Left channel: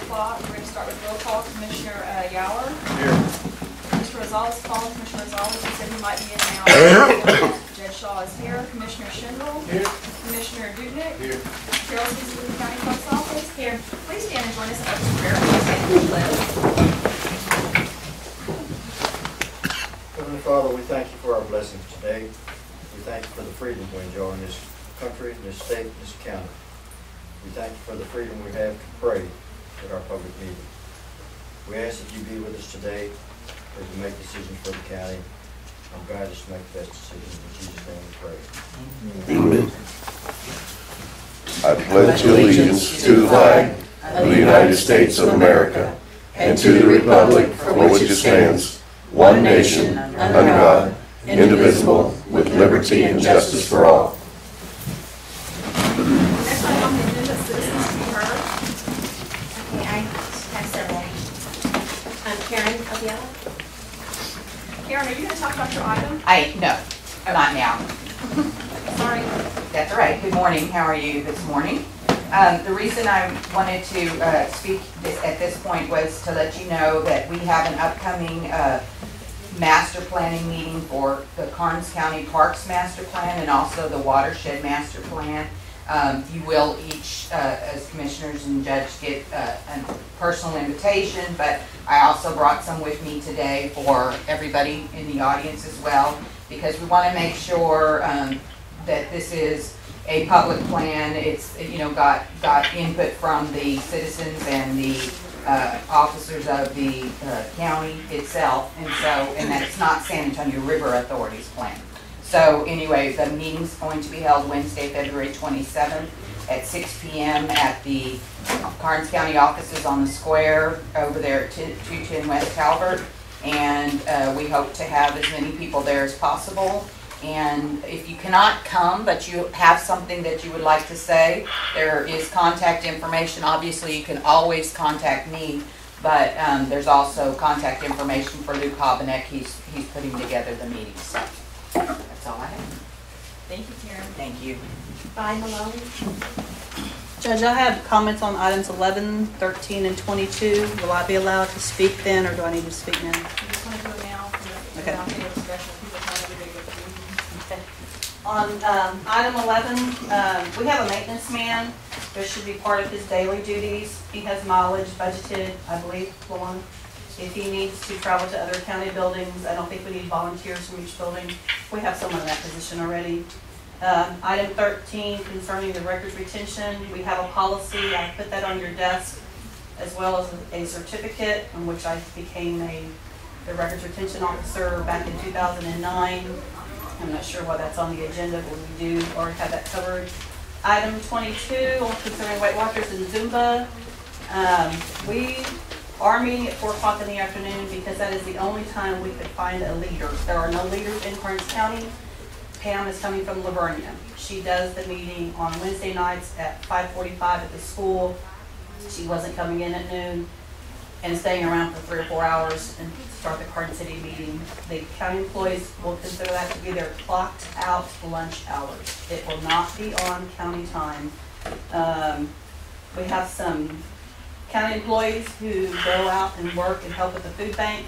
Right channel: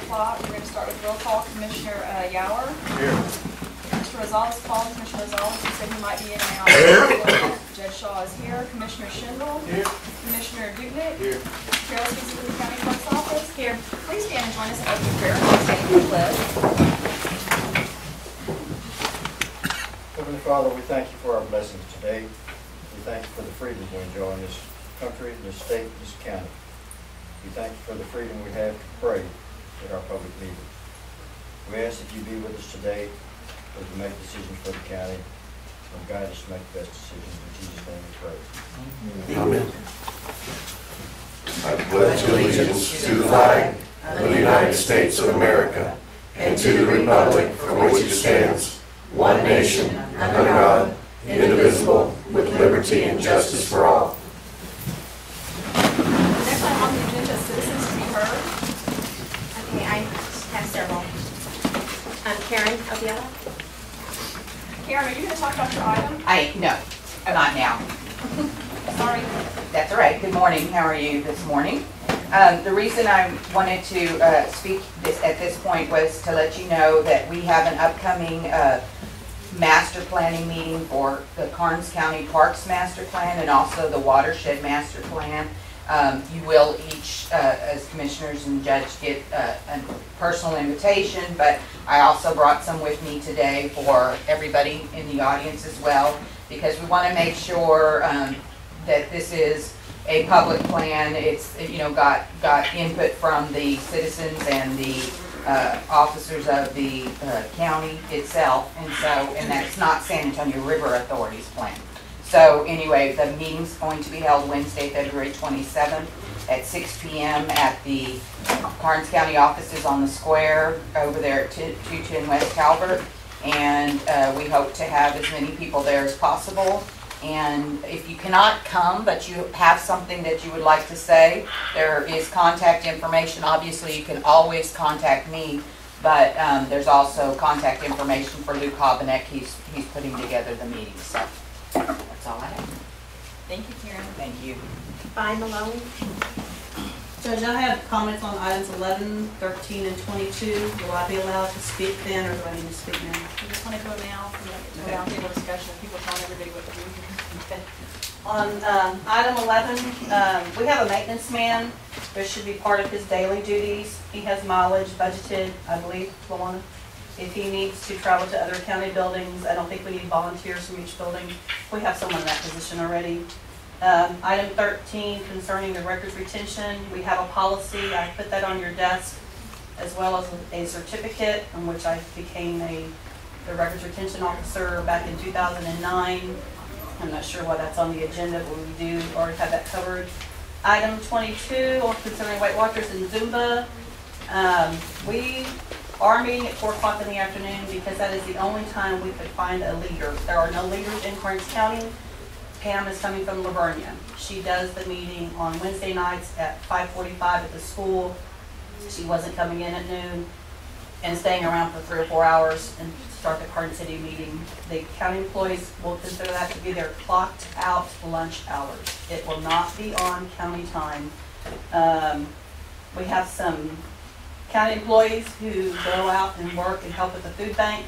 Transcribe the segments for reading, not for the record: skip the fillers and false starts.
O'clock. We're going to start with roll call. Commissioner Yower. Here. Commissioner Rosales called. Commissioner Rosales, he said he might be in and out. Judge Shaw is here. Commissioner Schindel. Here. Commissioner Duknick. Here. Carol Speaks with the County Clerk's Office. Here. Please stand and join us in opening prayer. Stand for the pledge. Heavenly Father, we thank you for our blessings today. We thank you for the freedom we enjoy in this country, this state, this county. We thank you for the freedom we have to pray at our public meetings. We ask that you be with us today as we make decisions for the county and guide us to make the best decisions. In Jesus' name we pray. Amen. I pledge allegiance to the flag of the United States of America and to the republic for which it stands, one nation, under God, indivisible, with liberty and justice for all. Next item on the agenda is citizens to be heard. Okay, I have several. Karen Obiella. Karen, are you going to talk about your item? No, not now. Sorry. That's all right. Good morning. How are you this morning? The reason I wanted to speak at this point was to let you know that we have an upcoming master planning meeting for the Karnes County Parks Master Plan and also the Watershed Master Plan. You will each, as commissioners and judge, get a personal invitation, but I also brought some with me today for everybody in the audience as well, because we want to make sure that this is a public plan. It's, you know, got input from the citizens and the officers of the county itself, and that's not San Antonio River Authority's plan. So anyway, the meeting's going to be held Wednesday, February 27th at 6 p.m. at the Karnes County offices on the square over there at 210 West Calvert. And we hope to have as many people there as possible. And if you cannot come, but you have something that you would like to say, there is contact information. Obviously, you can always contact me, but there's also contact information for Luke Hobenek. He's putting together the meeting. So that's all I have. Thank you, Karen. Thank you. Bye, Malone. Judge, I have comments on items 11, 13, and 22. Will I be allowed to speak then, or do I need to speak now? You just want to go now for the Okay. roundtable discussion. People telling everybody what to do. Okay. On item 11, we have a maintenance man. This should be part of his daily duties. He has mileage budgeted, I believe, Luana. If he needs to travel to other county buildings, I don't think we need volunteers from each building. We have someone in that position already. Item 13, concerning the records retention, we have a policy. I put that on your desk, as well as a certificate in which I became the records retention officer back in 2009. I'm not sure why that's on the agenda, but we do already have that covered. Item 22, concerning Weight Watchers and Zumba. We are meeting at 4 o'clock in the afternoon because that is the only time we could find a leader. There are no leaders in Karnes County. Pam is coming from Livonia. She does the meeting on Wednesday nights at 5:45 at the school. She wasn't coming in at noon and staying around for 3 or 4 hours and start the Karnes City meeting. The county employees will consider that to be their clocked out lunch hours. It will not be on county time. We have some county employees who go out and work and help with the food bank.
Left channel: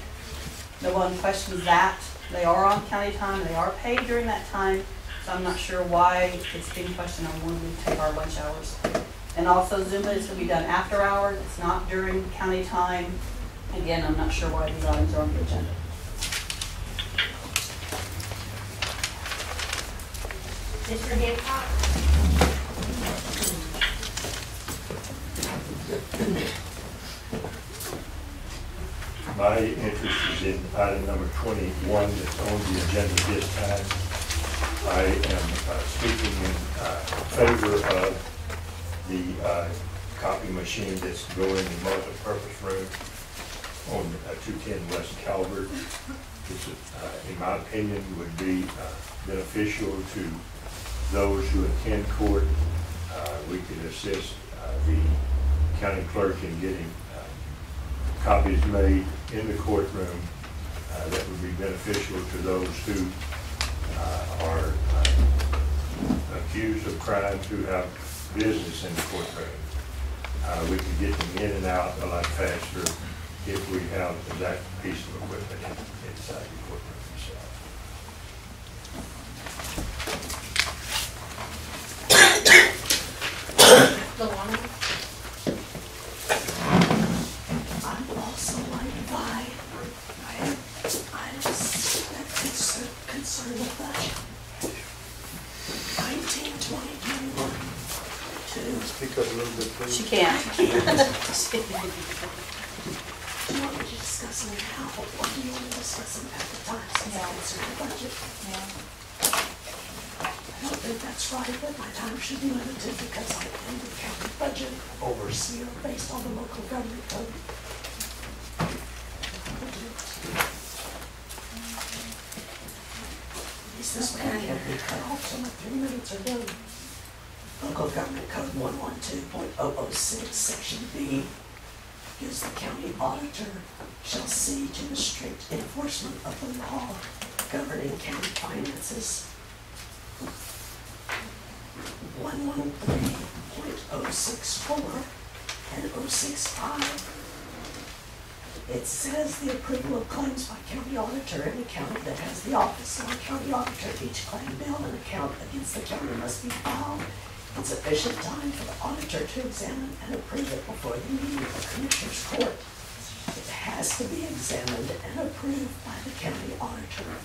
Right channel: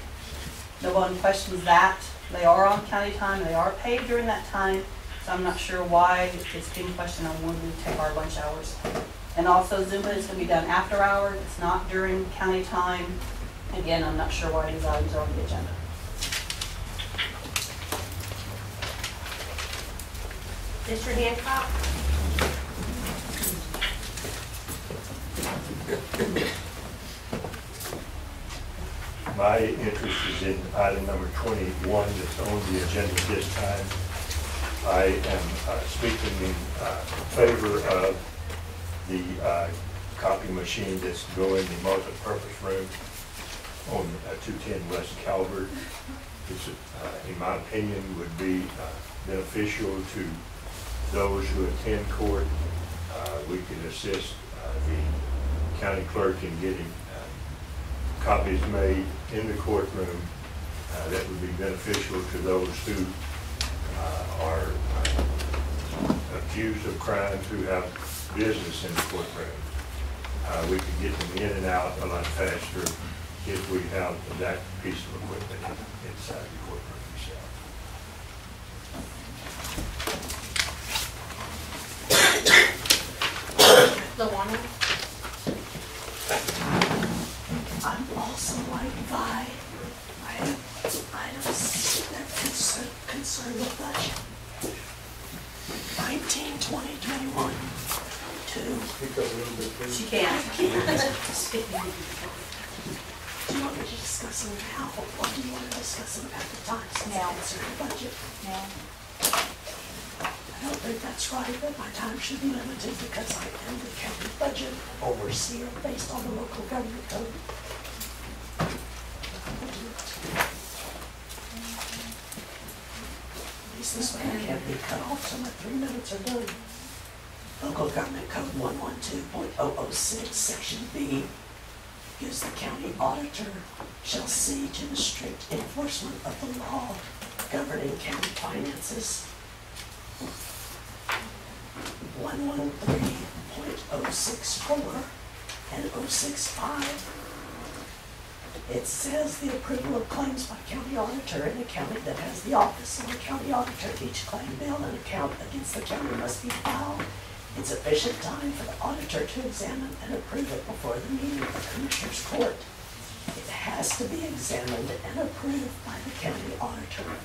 No one questions that. They are on county time. They are paid during that time. So I'm not sure why it's being questioned on when we take our lunch hours. And also Zumba is going to be done after hours. It's not during county time. Again, I'm not sure why these items are on the agenda. Mr. Hancock. My interest is in item number 21 that's on the agenda this time. I am speaking in favor of the copy machine that's going in the multi-purpose room on 210 West Calvert. It's, in my opinion, would be beneficial to those who attend court. We could assist the county clerk in getting copies made in the courtroom that would be beneficial to those who are accused of crimes who have business in the courtroom. We can get them in and out a lot faster if we have that piece of equipment inside the courtroom itself. Luana? I'm also like Vi. I have items that concern the budget. 19, 20, 21, 2. Speak up a little bit, please. She can't. Do you want me to discuss them now, or do you want to discuss them at the time since they concern the budget? Now. I don't think that's right, but my time should be limited because I am the county budget overseer based on the local government code. At least this way I can't be cut off till my 3 minutes are done. Local government code 112.006, section B, gives the county auditor shall see to the strict enforcement of the law governing county finances. 113.064 and 065. It says the approval of claims by county auditor in a county that has the office of the county auditor. Each claim, bill, and account against the county must be filed in sufficient time for the auditor to examine and approve it before the meeting of the Commissioners Court. It has to be examined and approved by the county auditor.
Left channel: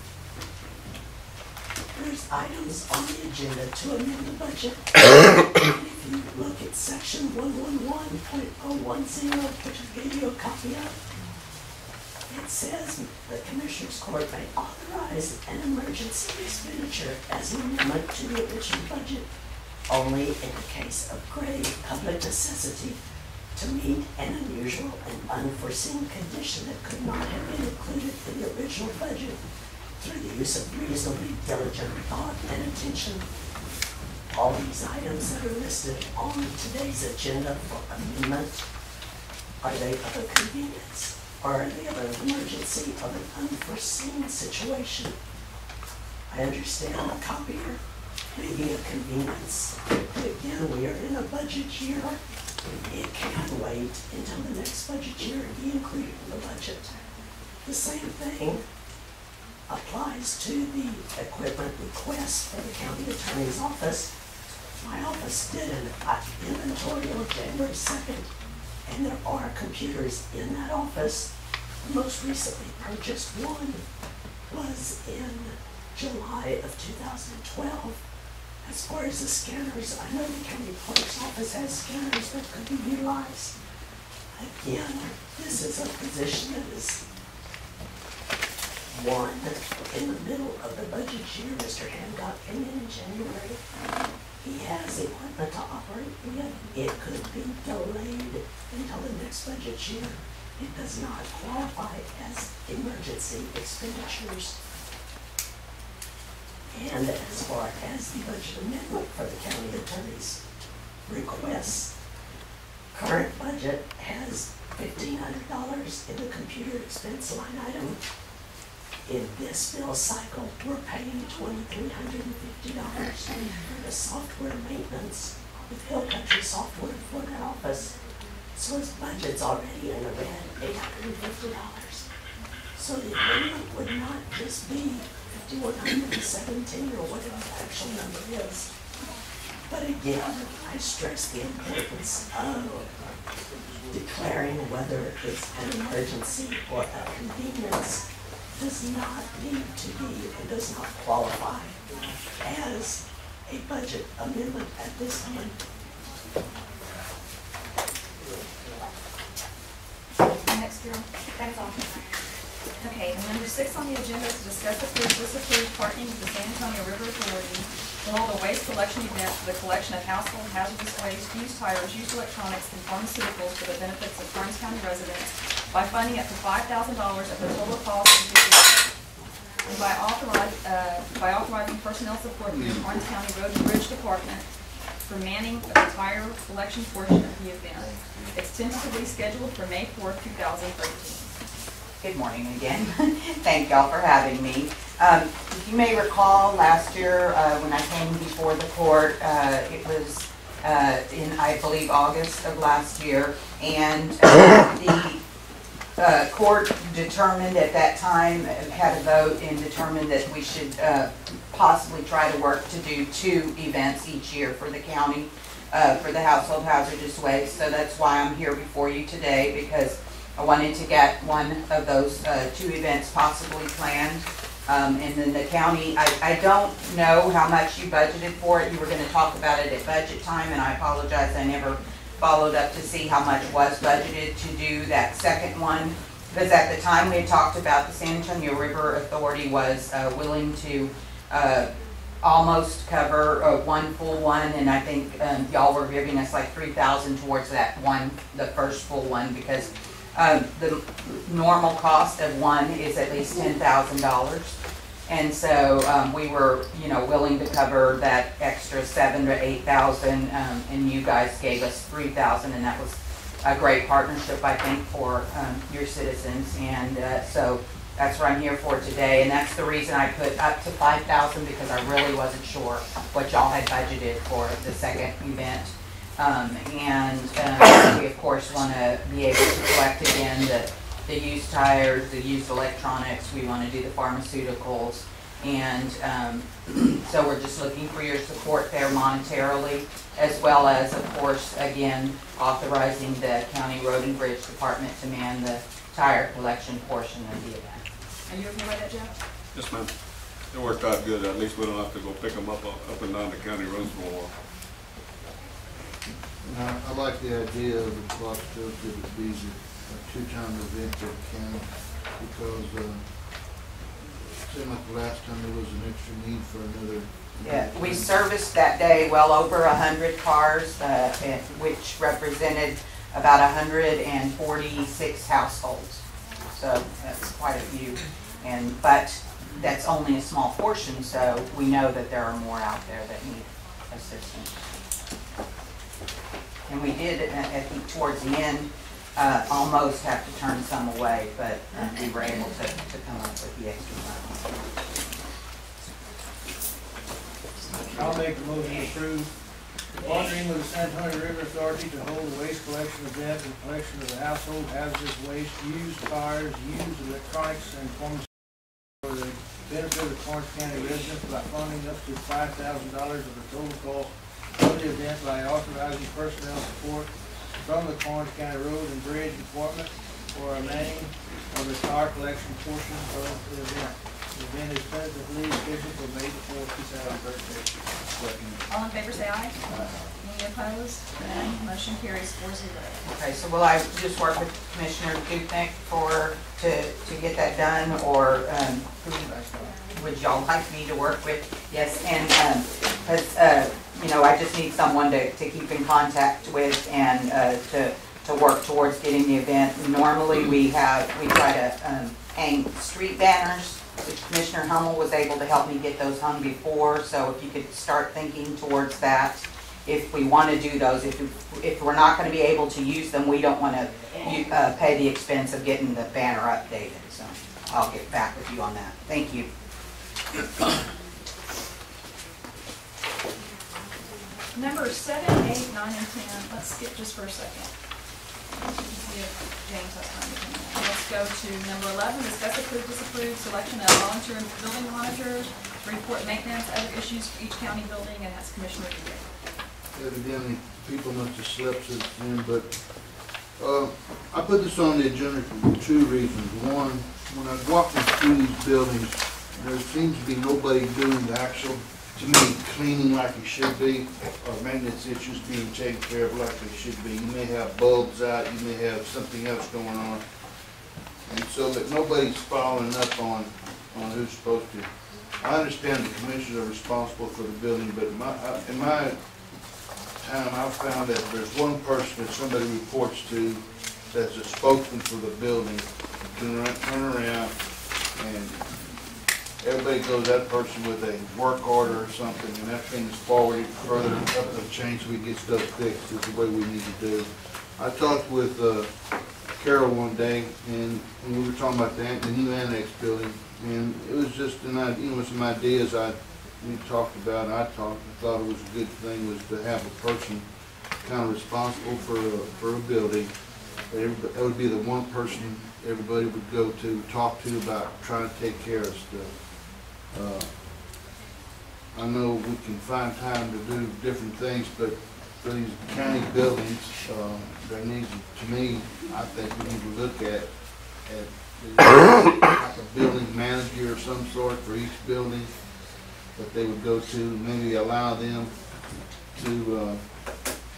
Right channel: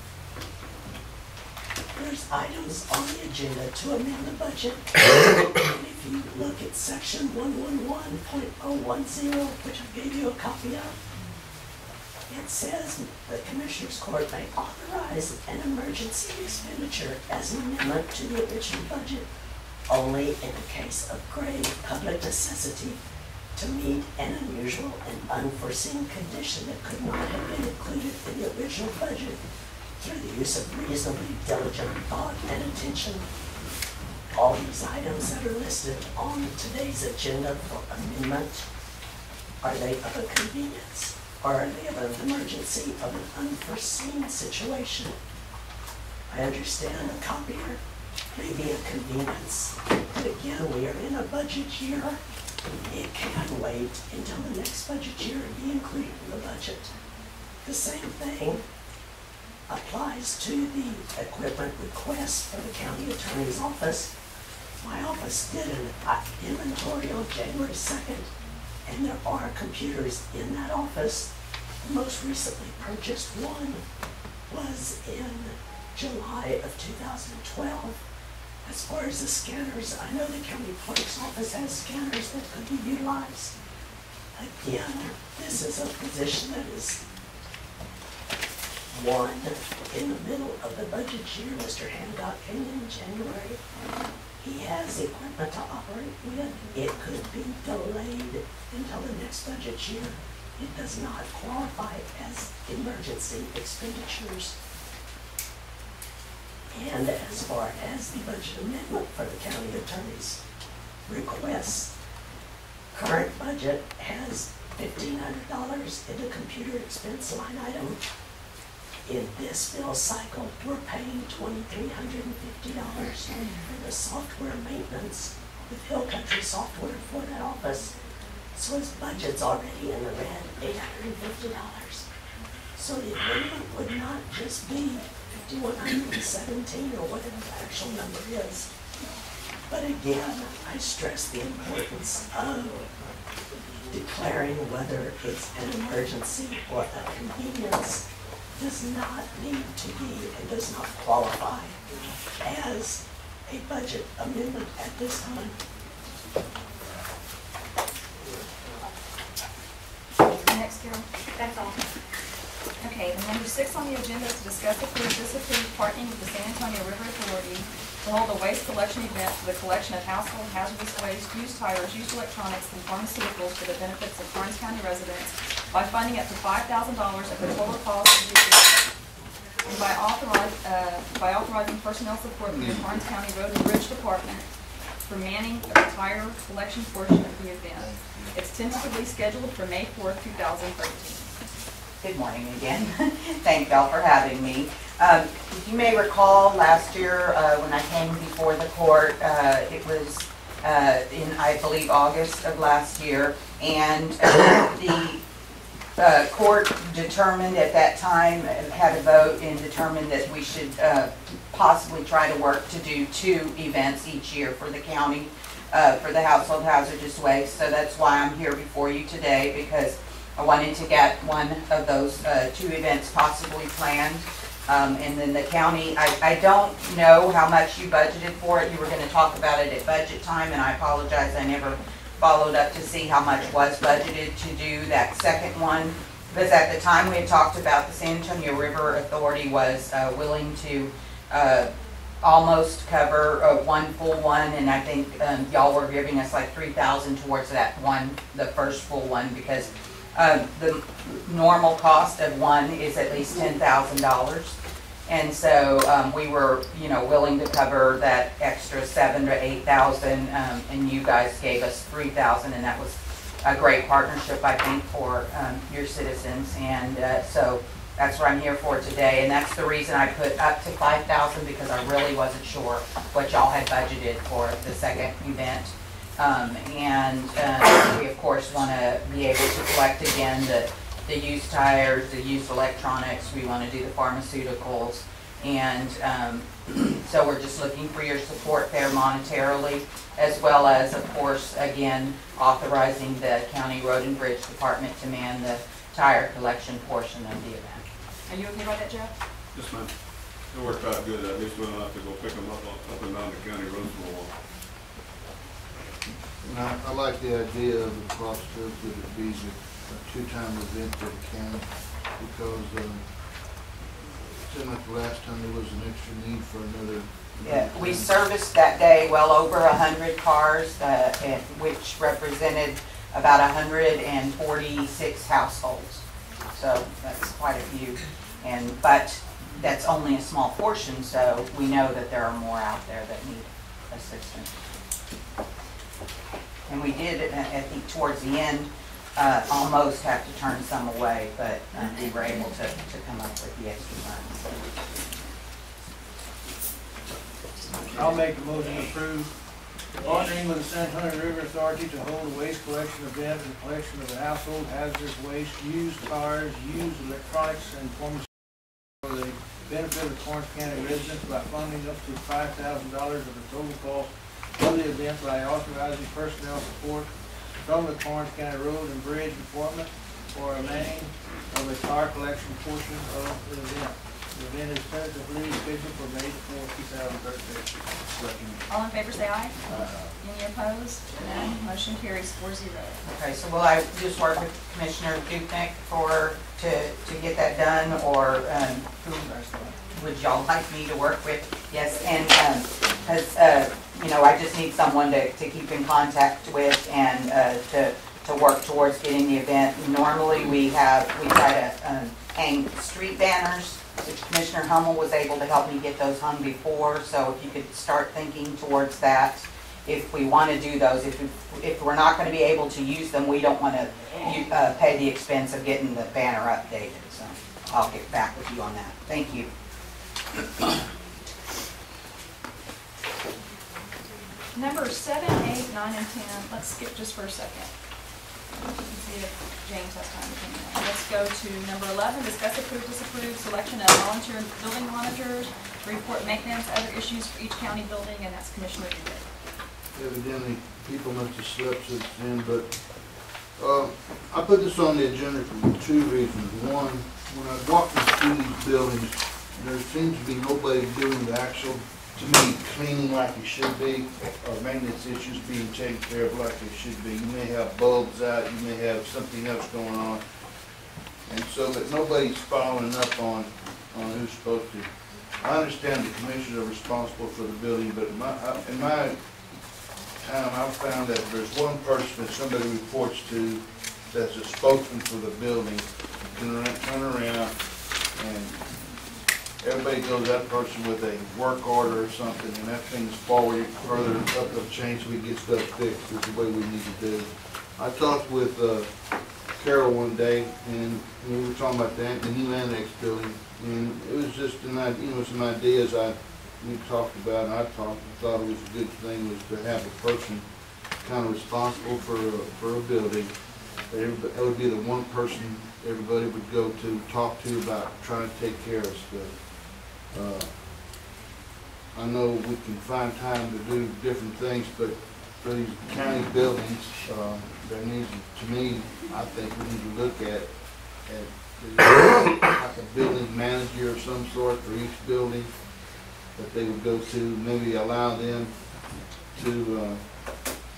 There's items on the agenda to amend the budget. And if you look at section 111.010, which I gave you a copy of, it says the Commissioners Court may authorize an emergency expenditure as an amendment to the original budget only in a case of grave public necessity to meet an unusual and unforeseen condition that could not have been included in the original budget through the use of reasonably diligent thought and attention. All these items that are listed on today's agenda for amendment, are they of a convenience or are they of an emergency of an unforeseen situation? I understand a copier may be a convenience, but again, we are in a budget year. It can wait until the next budget year and be included in the budget. The same thing applies to the equipment request for the county attorney's office. My office did an inventory on January 2nd, and there are computers in that office. The most recently purchased one was in July of 2012. As far as the scanners, I know the county clerk's office has scanners that could be utilized. Again, this is a position that is one in the middle of the budget year. Mr. Hancock came in January. He has equipment to operate with. It could be delayed until the next budget year. It does not qualify as emergency expenditures. And as far as the budget amendment for the county attorney's requests, current budget has $1,500 in the computer expense line item. In this bill cycle, we're paying $2,350 for the software maintenance with Hill Country Software for that office. So his budget's already in the red, $850. So the amendment would not just be $5,117 or whatever the actual number is. But again, I stress the importance of declaring whether it's an emergency or a convenience does not need to be and does not qualify as a budget amendment at this time. Next, Carol. That's all. Okay, and number 6 on the agenda is to discuss approve, disapprove parking with the San Antonio River Authority to hold a waste collection event for the collection of household hazardous waste, used tires, used electronics, and pharmaceuticals for the benefits of Karnes County residents by funding up to $5,000 of the total cost of the event, and by authorizing personnel support from the Karnes County Road and Bridge Department for manning of the tire collection portion of the event. It's tentatively scheduled for May 4th, 2013. Good morning again. Thank y'all for having me. You may recall last year when I came before the court, it was in, I believe, August of last year. And the court determined at that time, had a vote and determined that we should possibly try to work to do 2 events each year for the county for the household hazardous waste. So that's why I'm here before you today, because I wanted to get one of those 2 events possibly planned. And then the county, I don't know how much you budgeted for it. You were going to talk about it at budget time, and I apologize, I never followed up to see how much was budgeted to do that second one. Because at the time we had talked about, the San Antonio River Authority was willing to almost cover one full one, and I think y'all were giving us like $3,000 towards that one, the first full one, because the normal cost of one is at least $10,000. And so we were, willing to cover that extra $7,000 to $8,000, and you guys gave us $3,000, and that was a great partnership, I think, for your citizens. And so that's what I'm here for today, and that's the reason I put up to $5,000, because I really wasn't sure what y'all had budgeted for the second event. We of course want to be able to collect again the used tires, the used electronics. We want to do the pharmaceuticals, and so we're just looking for your support there monetarily, as well as, of course, again, authorizing the County Road and Bridge Department to man the tire collection portion of the event. Are you okay with that, Jeff? Yes, ma'am. It worked out good. At least we don't have to go pick them up and down the county roads for a while. I like the idea of the cost of it being a 2-time event that can, because it seemed like the last time there was an extra need for another. Yeah, we serviced that day well over 100 cars, which represented about 146 households. So that's quite a few, but that's only a small portion, so we know that there are more out there that need assistance. And we did, I think towards the end, almost have to turn some away, but we were able to come up with the extra money. I'll make the motion to approve partnering with the San Antonio River Authority to hold a waste collection event and collection of the household hazardous waste, used cars, used electronics, and pharmaceuticals for the benefit of the Karnes County residents by funding up to $5,000 of the total cost of the event by authorizing personnel support from the Karnes County Road and Bridge Department for a manning of the tire collection portion of the event. The event is tentatively scheduled for May 4, 2013. All in favor say aye. Any opposed? None. Motion carries 4-0. Okay, so will I just work with Commissioner Dupnick to get that done, or who would y'all like me to work with? Yes, and because I just need someone to keep in contact with and to work towards getting the event. Normally we try to hang street banners, which Commissioner Hummel was able to help me get those hung before. So if you could start thinking towards that, if we want to do those, if we're not going to be able to use them, we don't want to pay the expense of getting the banner updated. So I'll get back with you on that. Thank you. Numbers 7, 8, 9, and 10. Let's skip just for a second. See if James has time to come in. Let's go to number 11. Discuss, approve, disapprove selection of volunteer building monitors to report maintenance, other issues for each county building, and that's Commissioner Dupnick. Evidently, people must have slept since then, but I put this on the agenda for 2 reasons. One, when I walk through these buildings, there seems to be nobody doing the actual, to me, cleaning like it should be, or maintenance issues being taken care of like they should be. You may have bulbs out, you may have something else going on, and so, but nobody's following up on who's supposed to. I understand the commissioners are responsible for the building, but in my time, I've found that there's one person that somebody reports to that's a spokesman for the building, can turn around and everybody goes that person with a work order or something, and that thing's forwarded further up the chain so we get stuff fixed. Is the way we need to do. I talked with Carol one day, and we were talking about the new annex building, and it was just some ideas I we talked about, and I thought it was a good thing, was to have a person kind of responsible for a building. That would be the one person everybody would go to, talk to about trying to take care of stuff. I know we can find time to do different things, but for these county buildings, there needs, to me, I think we need to look at like a building manager of some sort for each building that they would go to, maybe allow them to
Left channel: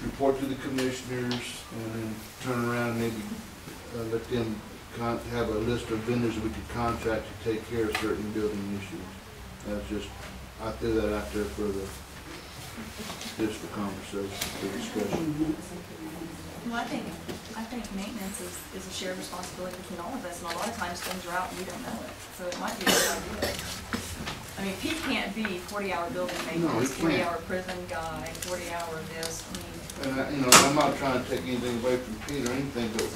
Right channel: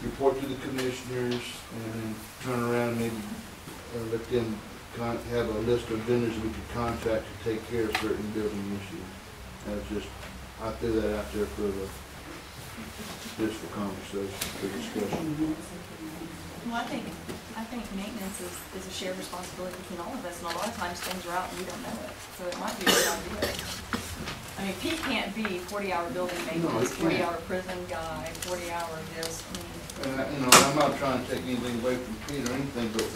report to the commissioners and then turn around and maybe let them have a list of vendors we could contact to take care of certain building issues. That's just, I threw that out there for conversation, for discussion. Well, I think maintenance is a shared responsibility between all of us, and a lot of times things are out and we don't know it, so it might be a good idea. I mean, Pete can't be 40-hour building maintenance, 40-hour prison guy, 40-hour this, I mean. And, you know, I'm not trying to take anything away from Pete or anything, but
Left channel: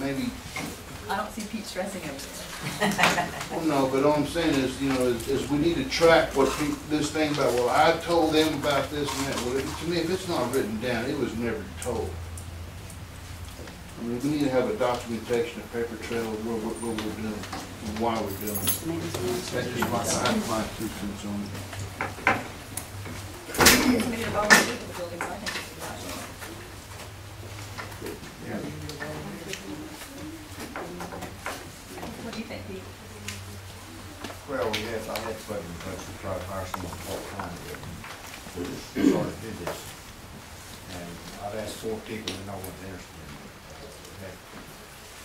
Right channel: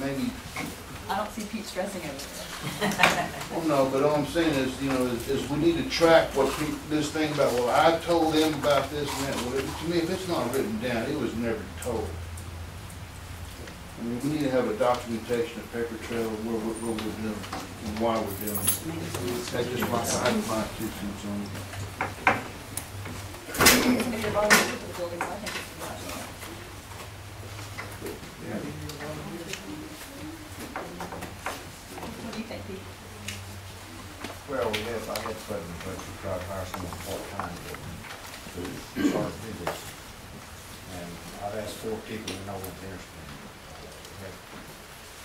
maybe. I don't see Pete stressing over there. Well, no, but all I'm saying is, you know, is we need to track what this thing about, well, I told them about this and that. Well, to me, if it's not written down, it was never told. I mean, we need to have a documentation, a paper trail of what we're doing and why we're doing it. That's just my 2 cents on it. Somebody to volunteer for the buildings, I think it's a good idea. Yeah. What do you think, Pete? Well, I had to put in the budget to try to hire someone part-time to sort of do this. And I've asked 4 people and no one's interested.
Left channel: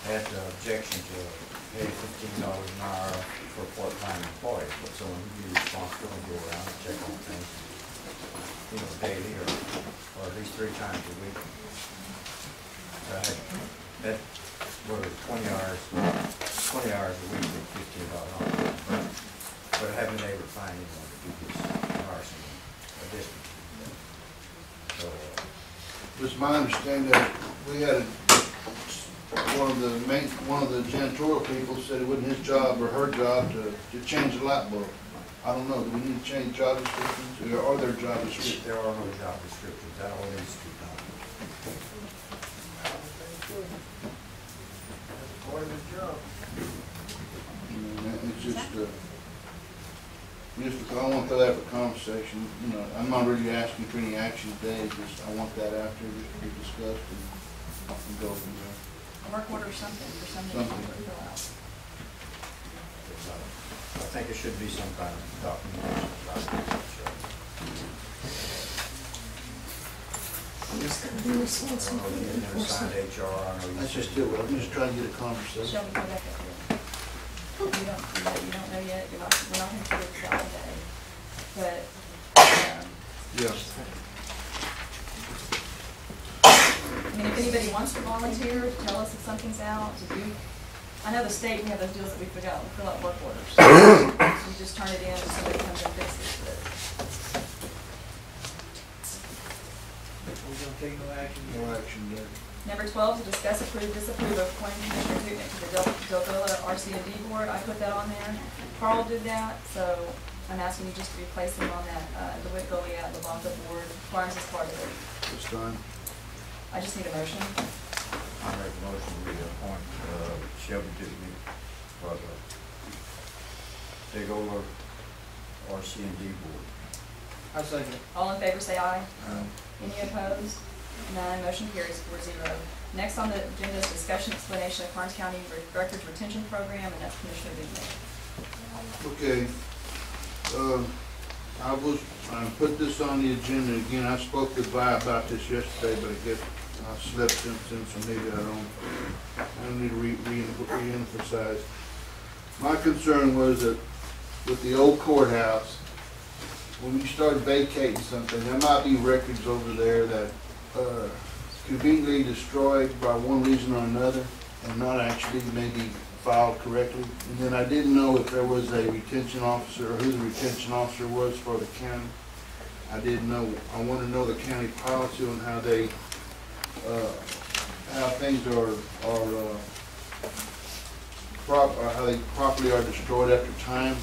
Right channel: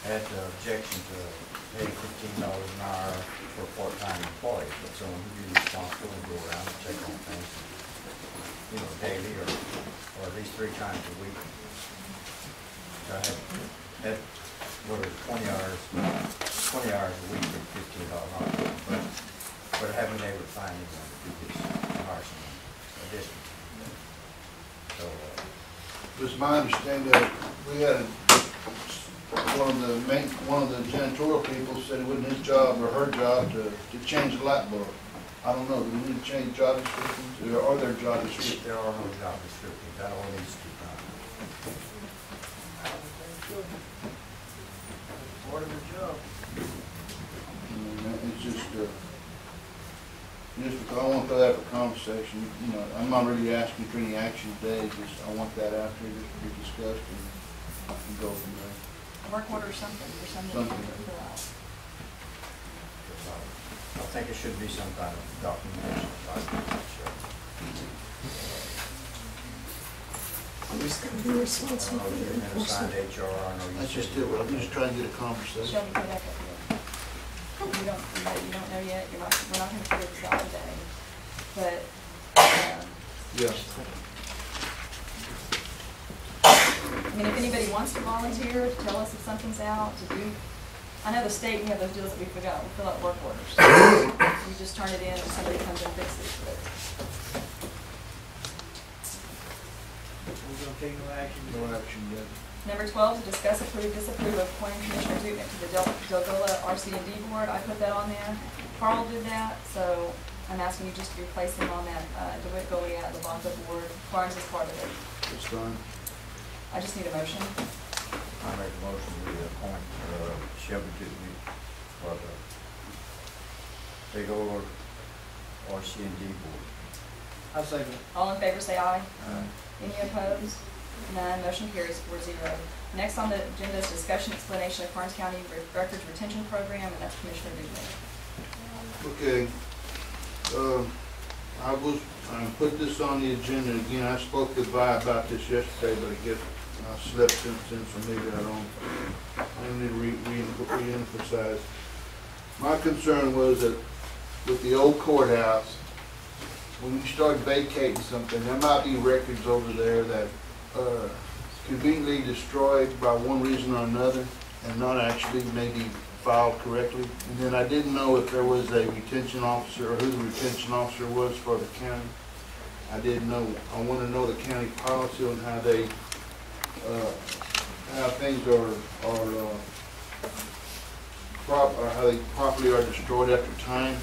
Had the objection to pay $15 an hour for a part-time employee, but someone who'd be responsible and go around and check on things, you know, daily or at least 3 times a week. So I had what was 20 hours a week for $15 an hour, but I haven't been able to find anyone to do this, to hire someone, a district. So It was my understanding that we had one of the janitorial people said it wasn't his job or her job to change the light bulb. I don't know, do we need to change job descriptions, or are there job descriptions? there are no job descriptions, that all needs to be done. Part of the job. It's just, I want that for conversation, you know, I'm not really asking for any action today, just, I want that out there just to be discussed and go from there. A work order or something, for something to fill out. I think it should be some kind of documentation. Who's gonna be responsible for the enforcement? That's just it, I'm just trying to get a conversation. Shelby, go back up here. You don't know yet, we're not gonna figure this out today, but, Yeah. I mean, if anybody wants to volunteer, to tell us if something's out, to do, I know the state, we have those deals that we forgot, we fill out work orders. We just turn it in and somebody comes and fixes it, We're gonna take no action. No action today. Number 12 is discuss, approve, disapprove of appointing Commissioner Dutnick to the Delgado RC&D board. I put that on there. Carl did that, so I'm asking you just to replace him on that DeWitt Goliath Levanta board. Karnes is part of it. It's fine. I just need a motion. I make a motion we appoint Shelby Dutnick for the Delgado RC&D board. I second it. All in favor say aye. Any opposed? None. Motion carries 4-0. Next on the agenda is discussion explanation of Karnes County Records Retention Program, and that's Commissioner Dutnick. Okay. I put this on the agenda again. I spoke with Vi about this yesterday, but I guess I slept since then, so maybe I need to re-emphasize. My concern was that with the old courthouse, when you start vacating something, there might be records over there that conveniently destroyed by one reason or another and not actually maybe filed correctly. And then I didn't know if there was a retention officer or who the retention officer was for the county. I didn't know. I want to know the county policy on how they, how things are how they properly are destroyed after time,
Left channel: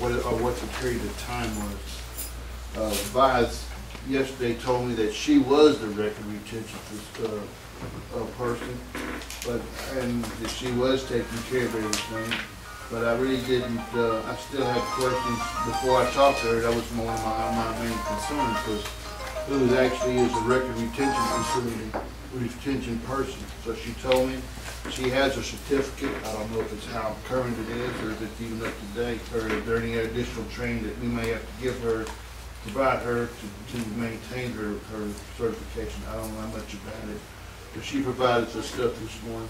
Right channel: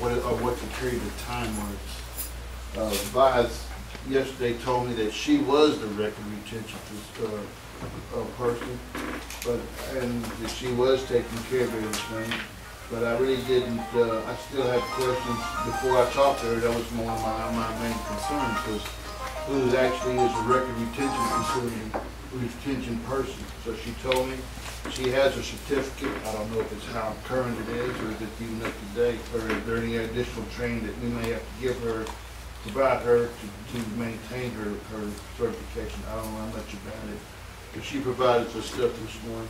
or what the period of time was. Vice yesterday told me that she was the record retention person, and that she was taking care of everything. But I really didn't, I still had questions before I talked to her. That was one of my main concerns, was who actually is a record retention person. So she told me she has a certificate. I don't know if it's how current it is or if it's even up to date, or is there any additional training that we may have to give her, provide her to maintain her certification. I don't know how much about it, but she provided the stuff this morning.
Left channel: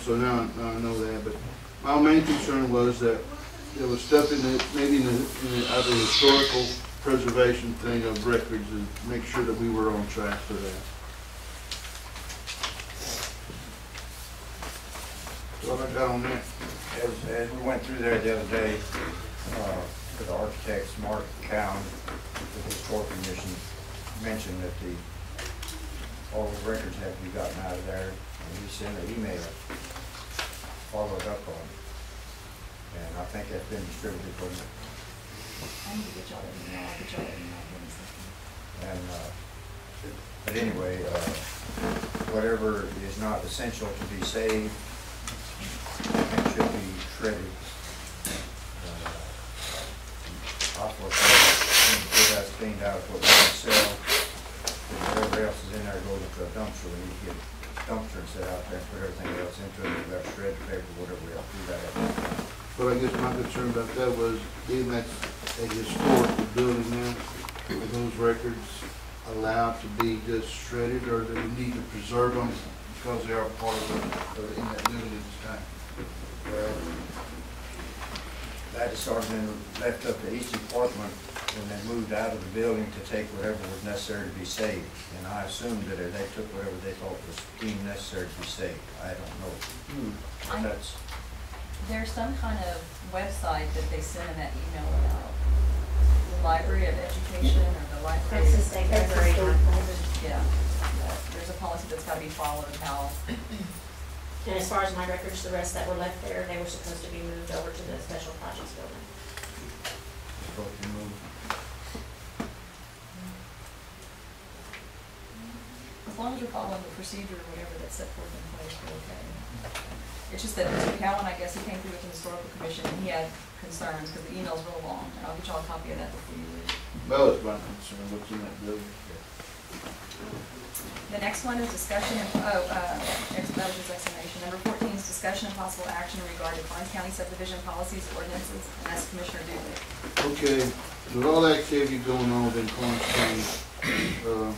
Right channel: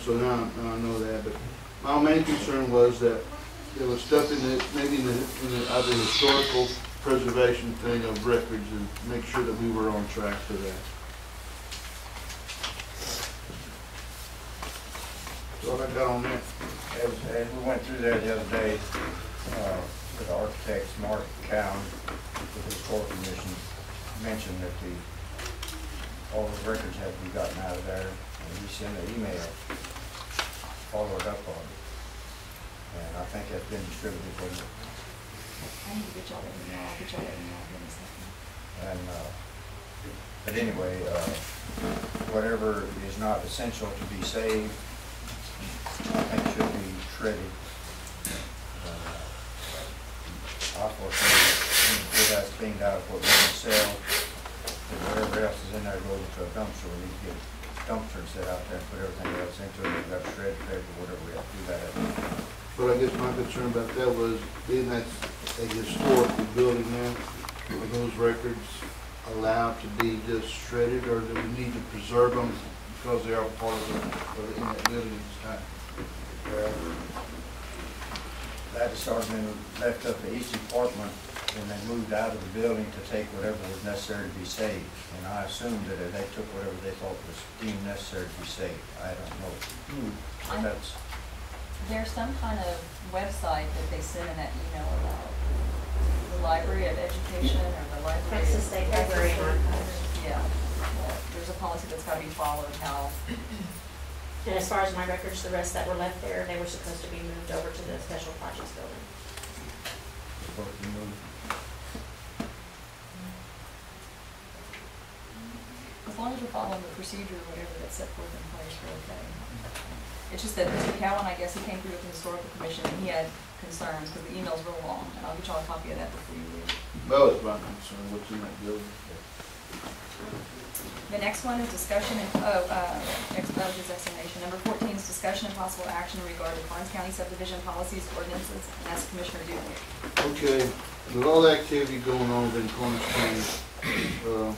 So now I know that. But my main concern was that there was stuff in the, maybe in the other historical preservation thing of records, and make sure that we were on track for that. That's all I got on that. As we went through there the other day, the architects, Mark Cowan, the Historical Commission, mentioned that all the records have to be gotten out of there, and we sent an email followed up on it. And I think that's been distributed for you. I need to get y'all that email. I'll get y'all that email in a second. And, but anyway, whatever is not essential to be saved, I think should be shredded. I foresee if that's cleaned out for what we can sell, and whatever else is in there goes into a dumpster. We need to get a dumpster and set out there and put everything else into it. We've got to shred the paper, whatever we have to do that. But I guess my concern about that was, being that's a historical building now, are those records allowed to be just shredded, or do we need to preserve them because they are part of in that building at this time? Well, that has sort of been left up to each department when they moved out of the building to take whatever was necessary to be saved. And I assumed that they took whatever they thought was deemed necessary to be saved. I don't know. But that's. There's some kind of website that they sent in that email about the Library of Education or the Library. Texas State Library and Archives. Yeah. Well, there's a policy that's got to be followed, how. And as far as my records, the rest that were left there, they were supposed to be moved over to the Special Projects Building. Supposed to be moved. As long as we're following the procedure or whatever that's set forth in place, we're okay. It's just that Mr. Cowan, I guess, he came through with the Historical Commission and he had concerns because the email's real long, and I'll get y'all a copy of that before you leave. That was my concern, what's in that building. The next one is discussion and, that was his explanation. Number 14 is discussion and possible action in regard to Karnes County subdivision policies, ordinances, and that's Commissioner Dudley. Okay, with all the activity going on within Karnes County,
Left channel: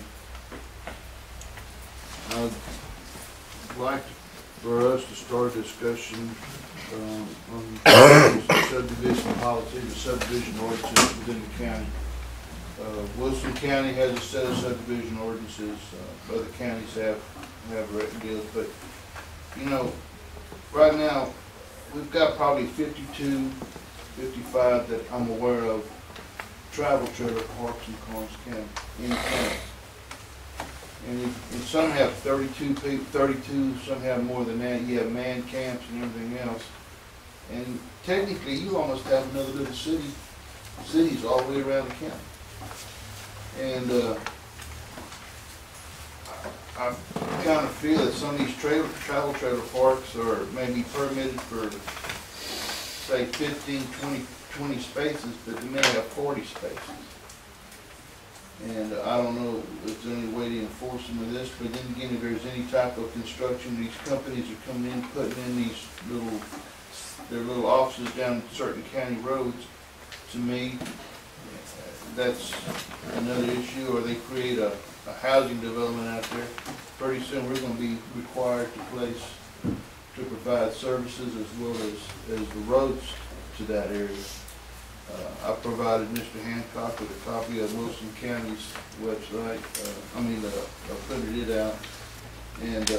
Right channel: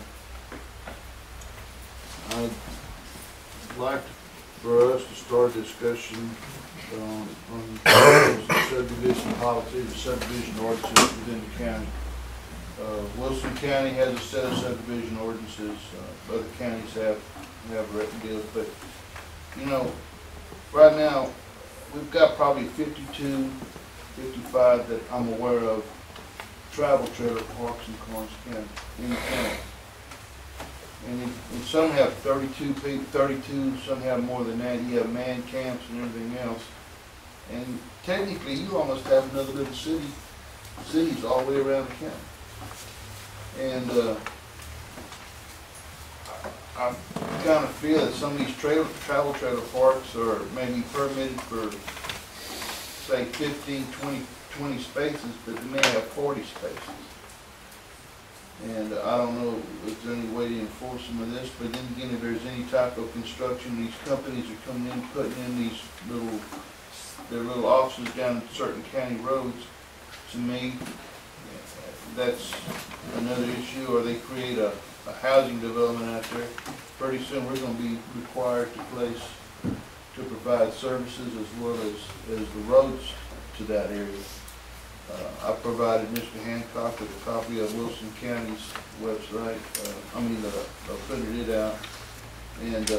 I'd like for us to start a discussion on subdivision policies or subdivision ordinances within the county. Wilson County has a set of subdivision ordinances. Other counties have written deals, but you know, right now we've got probably 52, 55 that I'm aware of travel trailer parks in Karnes County, in the county. And some have 32, some have more than that. You have man camps and everything else. And technically, you almost have another little cities all the way around the county. And I kind of feel that some of these travel trailer parks are maybe permitted for, say, 15, 20 spaces, but they may have 40 spaces. And I don't know if there's any way to enforce some of this, but then again, if there's any type of construction, these companies are coming in, putting in these their little offices down certain county roads, to me, that's another issue. Or they create a housing development out there. Pretty soon we're going to be required to provide services as well as the roads to that area. I provided Mr. Hancock with a copy of Wilson County's website. I printed it out, and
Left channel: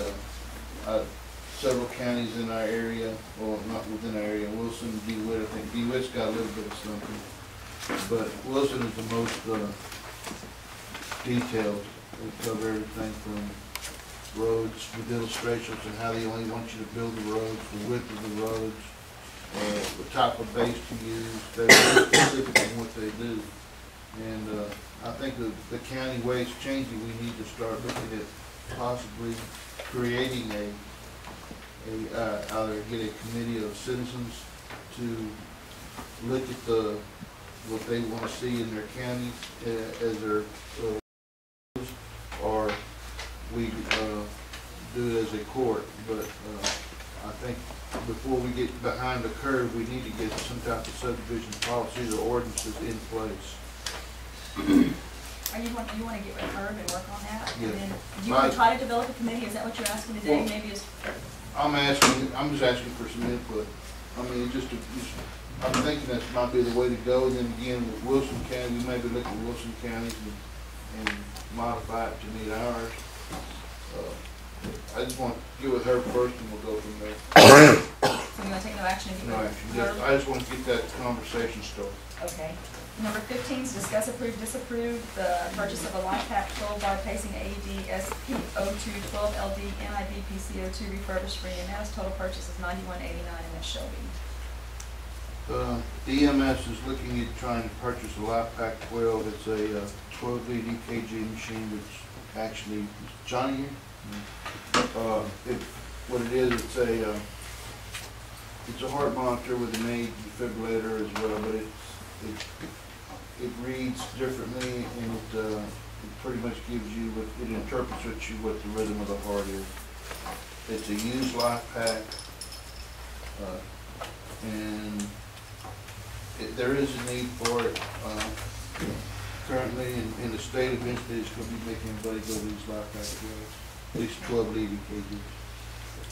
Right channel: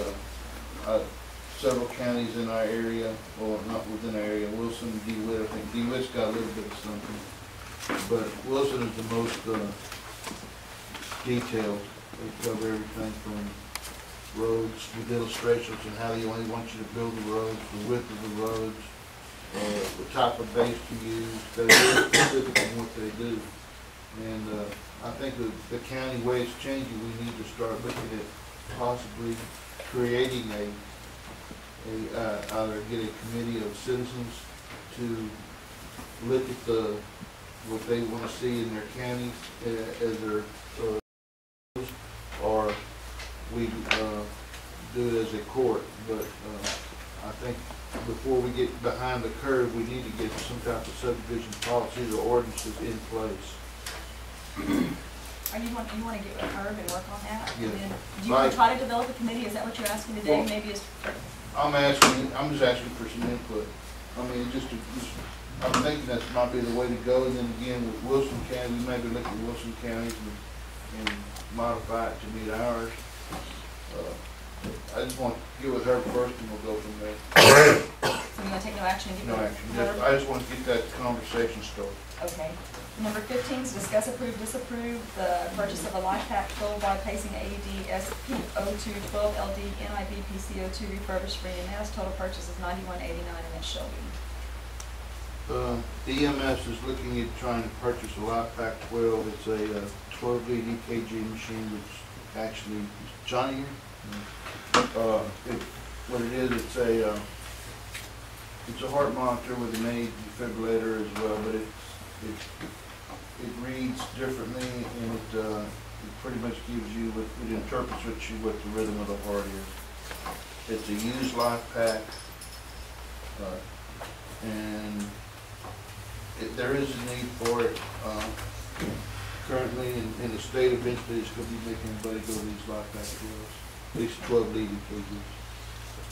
several counties in our area, or not within our area, Wilson, DeWitt. I think DeWitt's got a little bit of something, but Wilson is the most detailed. They cover everything from roads with illustrations and how they only want you to build the roads, the width of the roads, the type of base to use. They're very specific on what they do. And I think the county way it's changing, we need to start looking at possibly creating either get a committee of citizens to look at what they want to see in their counties as their, or we do it as a court. But I think before we get behind the curve, we need to get some type of subdivision policies or ordinances in place. Or you want to get with Herb and work on that? Yeah. And then, do you want to try to develop a committee? Is that what you're asking today? Well, Maybe it's, I'm just asking for some input. I mean, I'm thinking that might be the way to go, and then again, with Wilson County, we maybe look at Wilson County and modify it to meet ours. I just want to get with her first, and we'll go from there. so you want to take no action and get No with action, Herb? I just want to get that conversation started. Okay. Number 15 is discuss, approve, disapprove the purchase of a life pack 12 by pacing AED SP02 12LD NIB PCO2 refurbished for EMS. Total purchase is $91.89, and that's Shelby. EMS is looking at trying to purchase a Life Pack 12. It's a 12 lead EKG machine, which actually Johnny. What it is, it's a heart monitor with an aid defibrillator as well, but it reads differently, and it pretty much gives you it interprets what the rhythm of the heart is. It's a used Life Pack, and there is a need for it currently in the state. Eventually, it's going to be making everybody go to these Life Pack 12s, at least 12 lead EKGs.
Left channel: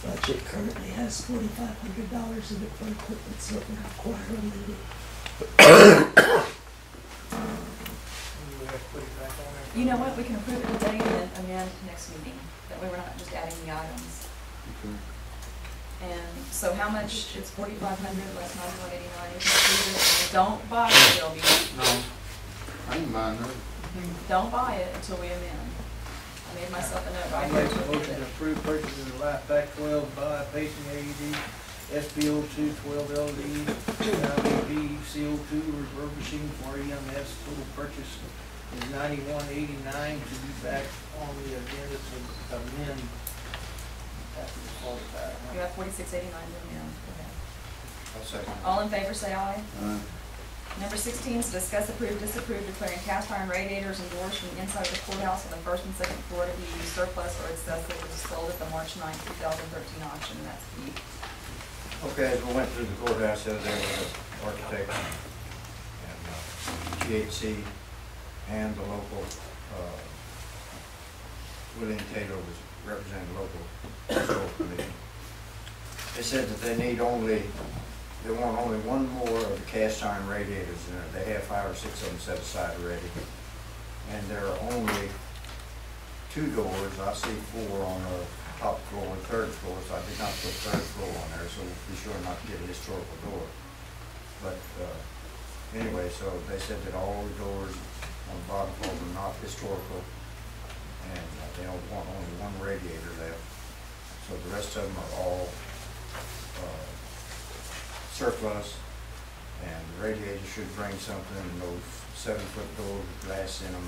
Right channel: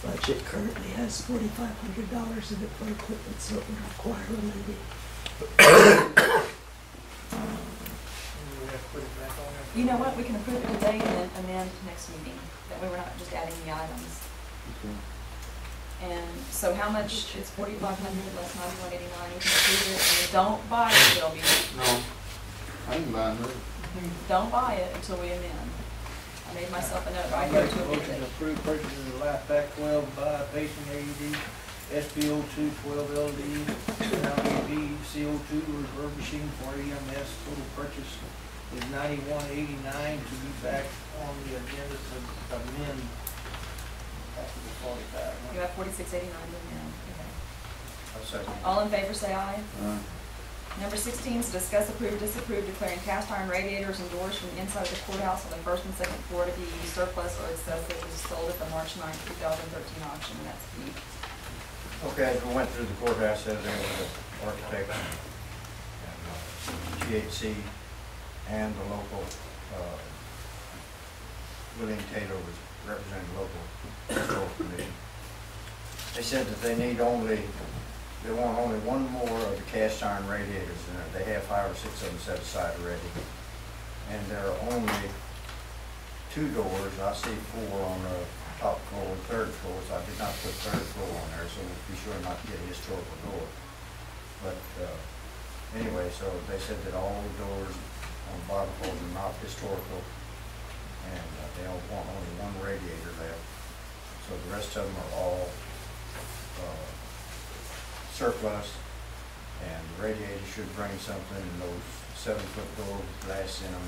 The budget currently has $4,500 in it for equipment, so it would require amending. We have to put it back on there. You know what? We can approve it today and then amend next meeting. That way we're not just adding the items. Okay. And so how much? It's $4,500 less $91.89. We can approve it. And don't buy it, Shelby. No, I ain't buying that. Don't buy it until we amend. I made myself a note right I'll here make to a amend motion to it. approve purchase of the Life Pack 12 by pacing AED SPO2 12LD NIB CO2 refurbishing for EMS. Total purchase is $91.89 to be back on the agenda to amend after the 45. You have $46.89 to amend. Okay. I'll second. All in favor, say aye. Aye. Number 16 is discuss, approve, disapprove declaring cast iron radiators and doors from the inside of the courthouse on the first and second floor to be surplus or excessive as sold at the March 9, 2013 auction, and that's Pete. Okay, as we went through the courthouse the other day with the architect and GHC and the local, William Taylor was representing the local historical commission. They said that they want only one more of the cast iron radiators in it. They have 5 or 6 of them set aside already. And there are only 2 doors. I see 4 on the top floor and 3rd floor, so I did not put 3rd floor on there, so we'll be sure not to get a historical door. But anyway, so they said that all the doors on the bottom floor were not historical, and they don't want only 1 radiator left. So the rest of them are all surplus, and the radiator should bring something, and those 7-foot doors with glass in them,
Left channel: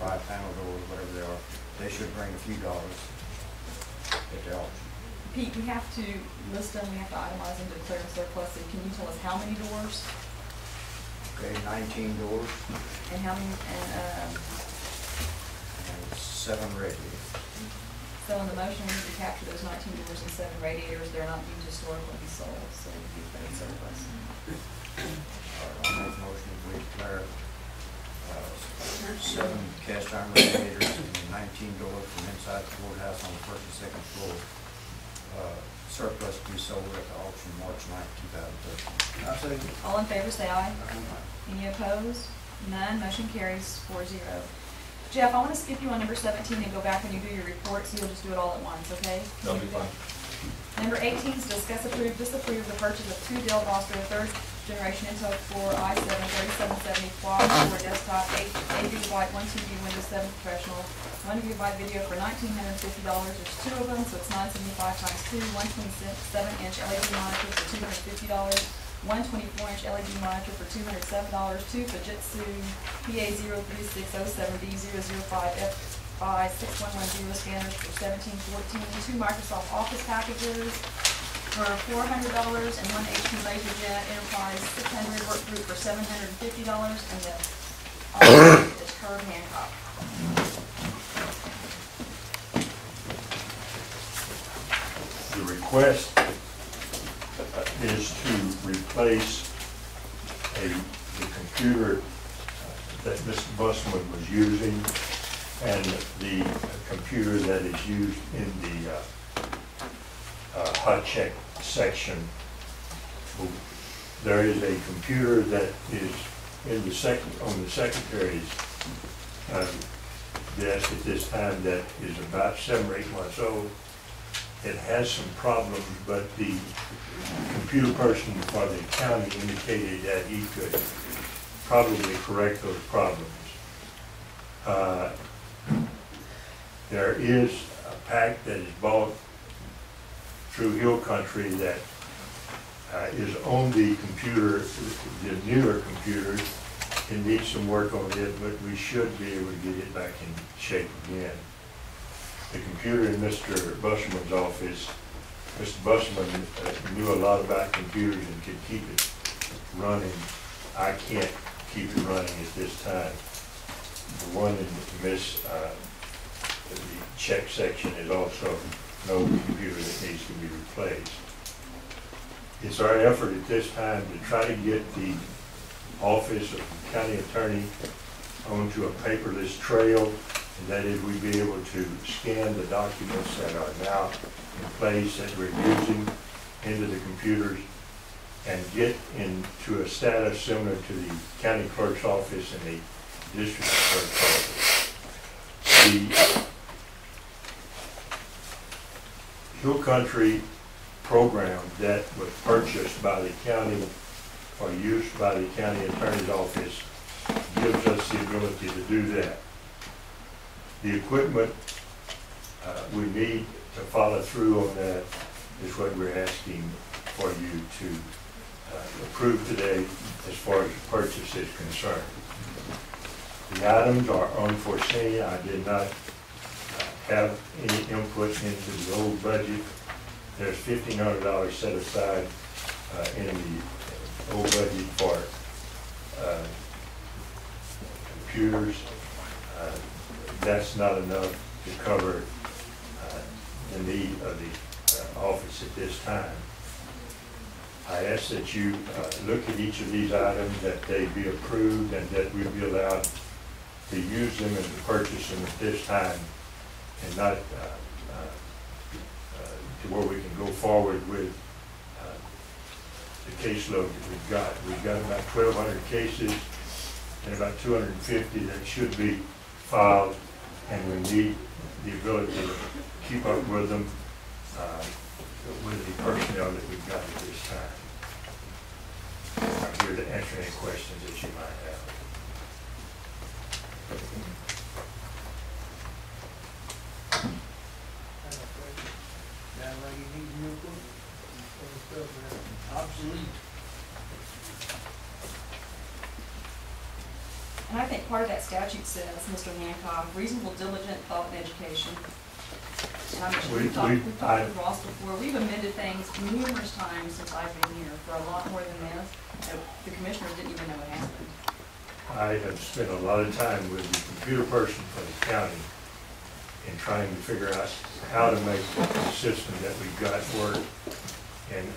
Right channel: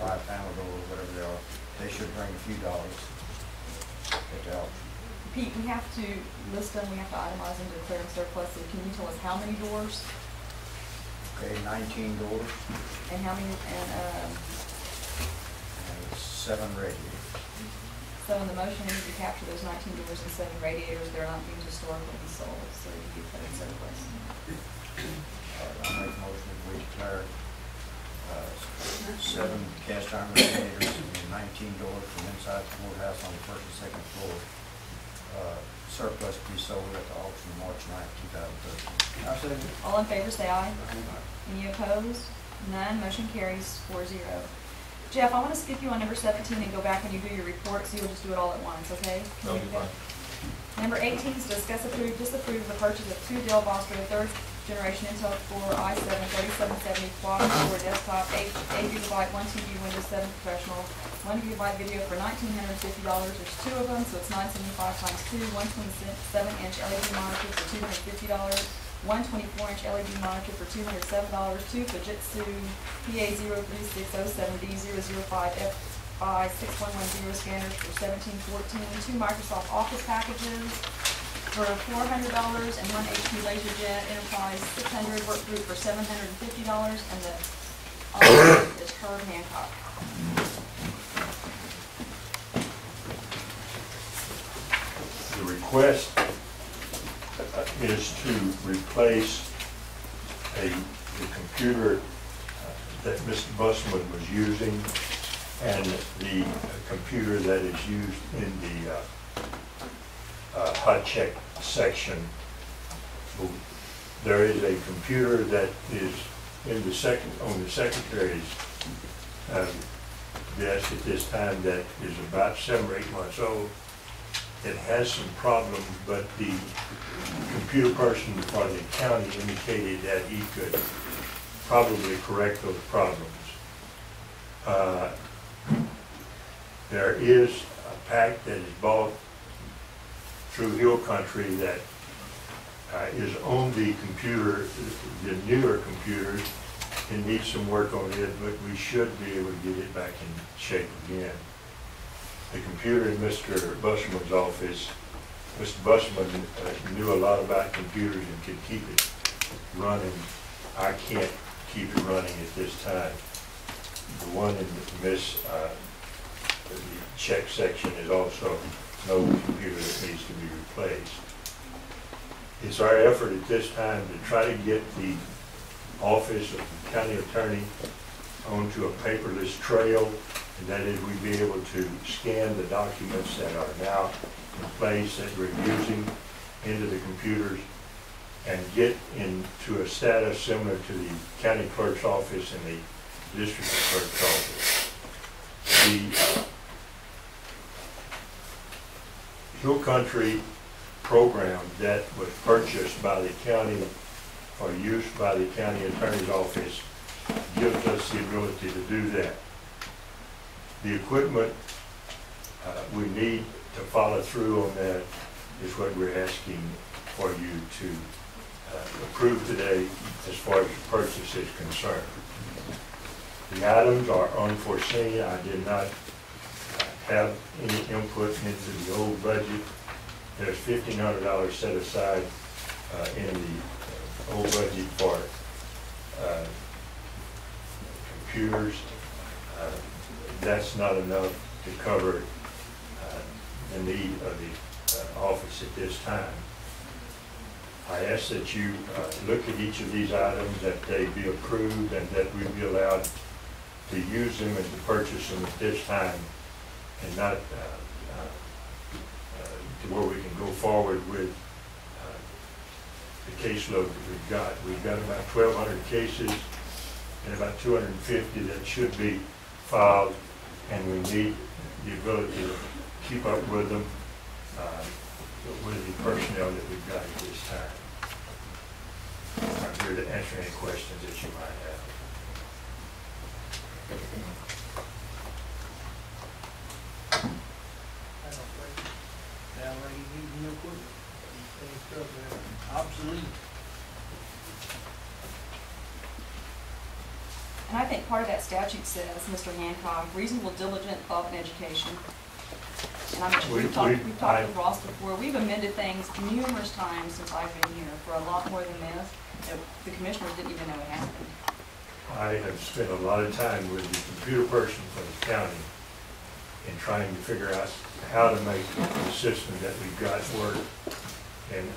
5-panel doors, whatever they are, they should bring a few dollars at the auction. Pete, we have to list them, we have to itemize them to declare them surplus, so can you tell us how many doors? Okay, 19 doors, And how many, and, and 7 radiators. so in the motion, we need to capture those 19 doors and 7 radiators. They're not deemed historical, be sold, so they can be declared surplus. All right, I'll make a motion if we declare 7 cast iron radiators and 19 doors from inside the courthouse on the 1st and 2nd floor, surplus to be sold at the auction March 9, 2013. I say, All in favor, say aye. Any opposed? None. Motion carries 4-0. Jeff, I want to skip you on number 17 and go back when you do your report, so you'll just do it all at once, okay? That'll be fine. Number 18 is discuss, approve, disapprove the purchase of 2 Dell Vostro 3rd generation Intel Core i7 3770 quad core desktop, 8 GB, 1 TB, Windows 7 Professional, 1 GB video for $1,950. There's 2 of them, so it's $975 times 2, 127-inch LED monitor for $250. one 24-inch LED monitor for $207, two Fujitsu PA03607D005FI6110 scanners for $1714, two Microsoft Office packages for $400, and one HP LaserJet Enterprise 600 work group for $750, and the author is Herb Hancock. The request is to replace the computer that Mr. Busman was using and the computer that is used in the hot check section. There is a computer that is in the on the secretary's desk at this time that is about 7 or 8 months old. It has some problems, but the computer person for the county indicated that he could probably correct those problems. There is a pack that is bought through Hill Country that is on the computer, the newer computers. It needs some work on it, but we should be able to get it back in shape again. The computer in Mr. Busman's office, Mr. Busman knew a lot about computers and could keep it running. I can't keep it running at this time. The one in the check section is also an old computer that needs to be replaced. It's our effort at this time to try to get the office of the county attorney onto a paperless trail, and that is we'd be able to scan the documents that are now in place that we're using into the computers and get into a status similar to the county clerk's office and the district clerk's office. The Hill Country program that was purchased by the county for use by the county attorney's office gives us the ability to do that. The equipment we need to follow through on that is what we're asking for you to approve today as far as the purchase is concerned. The items are unforeseen. I did not have any input into the old budget. There's $1,500 set aside in the old budget for computers. That's not enough to cover the need of the office at this time. I ask that you look at each of these items, that they be approved, and that we be allowed to use them and to purchase them at this time, and not to where we can go forward with the caseload that we've got. We've got about 1,200 cases and about 250 that should be filed, and we need the ability to keep up with them with the personnel that we've got at this time. I'm here to answer any questions that you might have. Sound like you need new equipment. Some stuff there obsolete. And I think part of that statute says, Mr. Hancock, reasonable, diligent, thought, and education. And I'm sure we've talked with Ross before. We've amended things numerous times since I've been here for a lot more than this. The commissioners didn't even know it happened. I have spent a lot of time with the computer person for the county in trying to figure out how to make the system that we've got work, and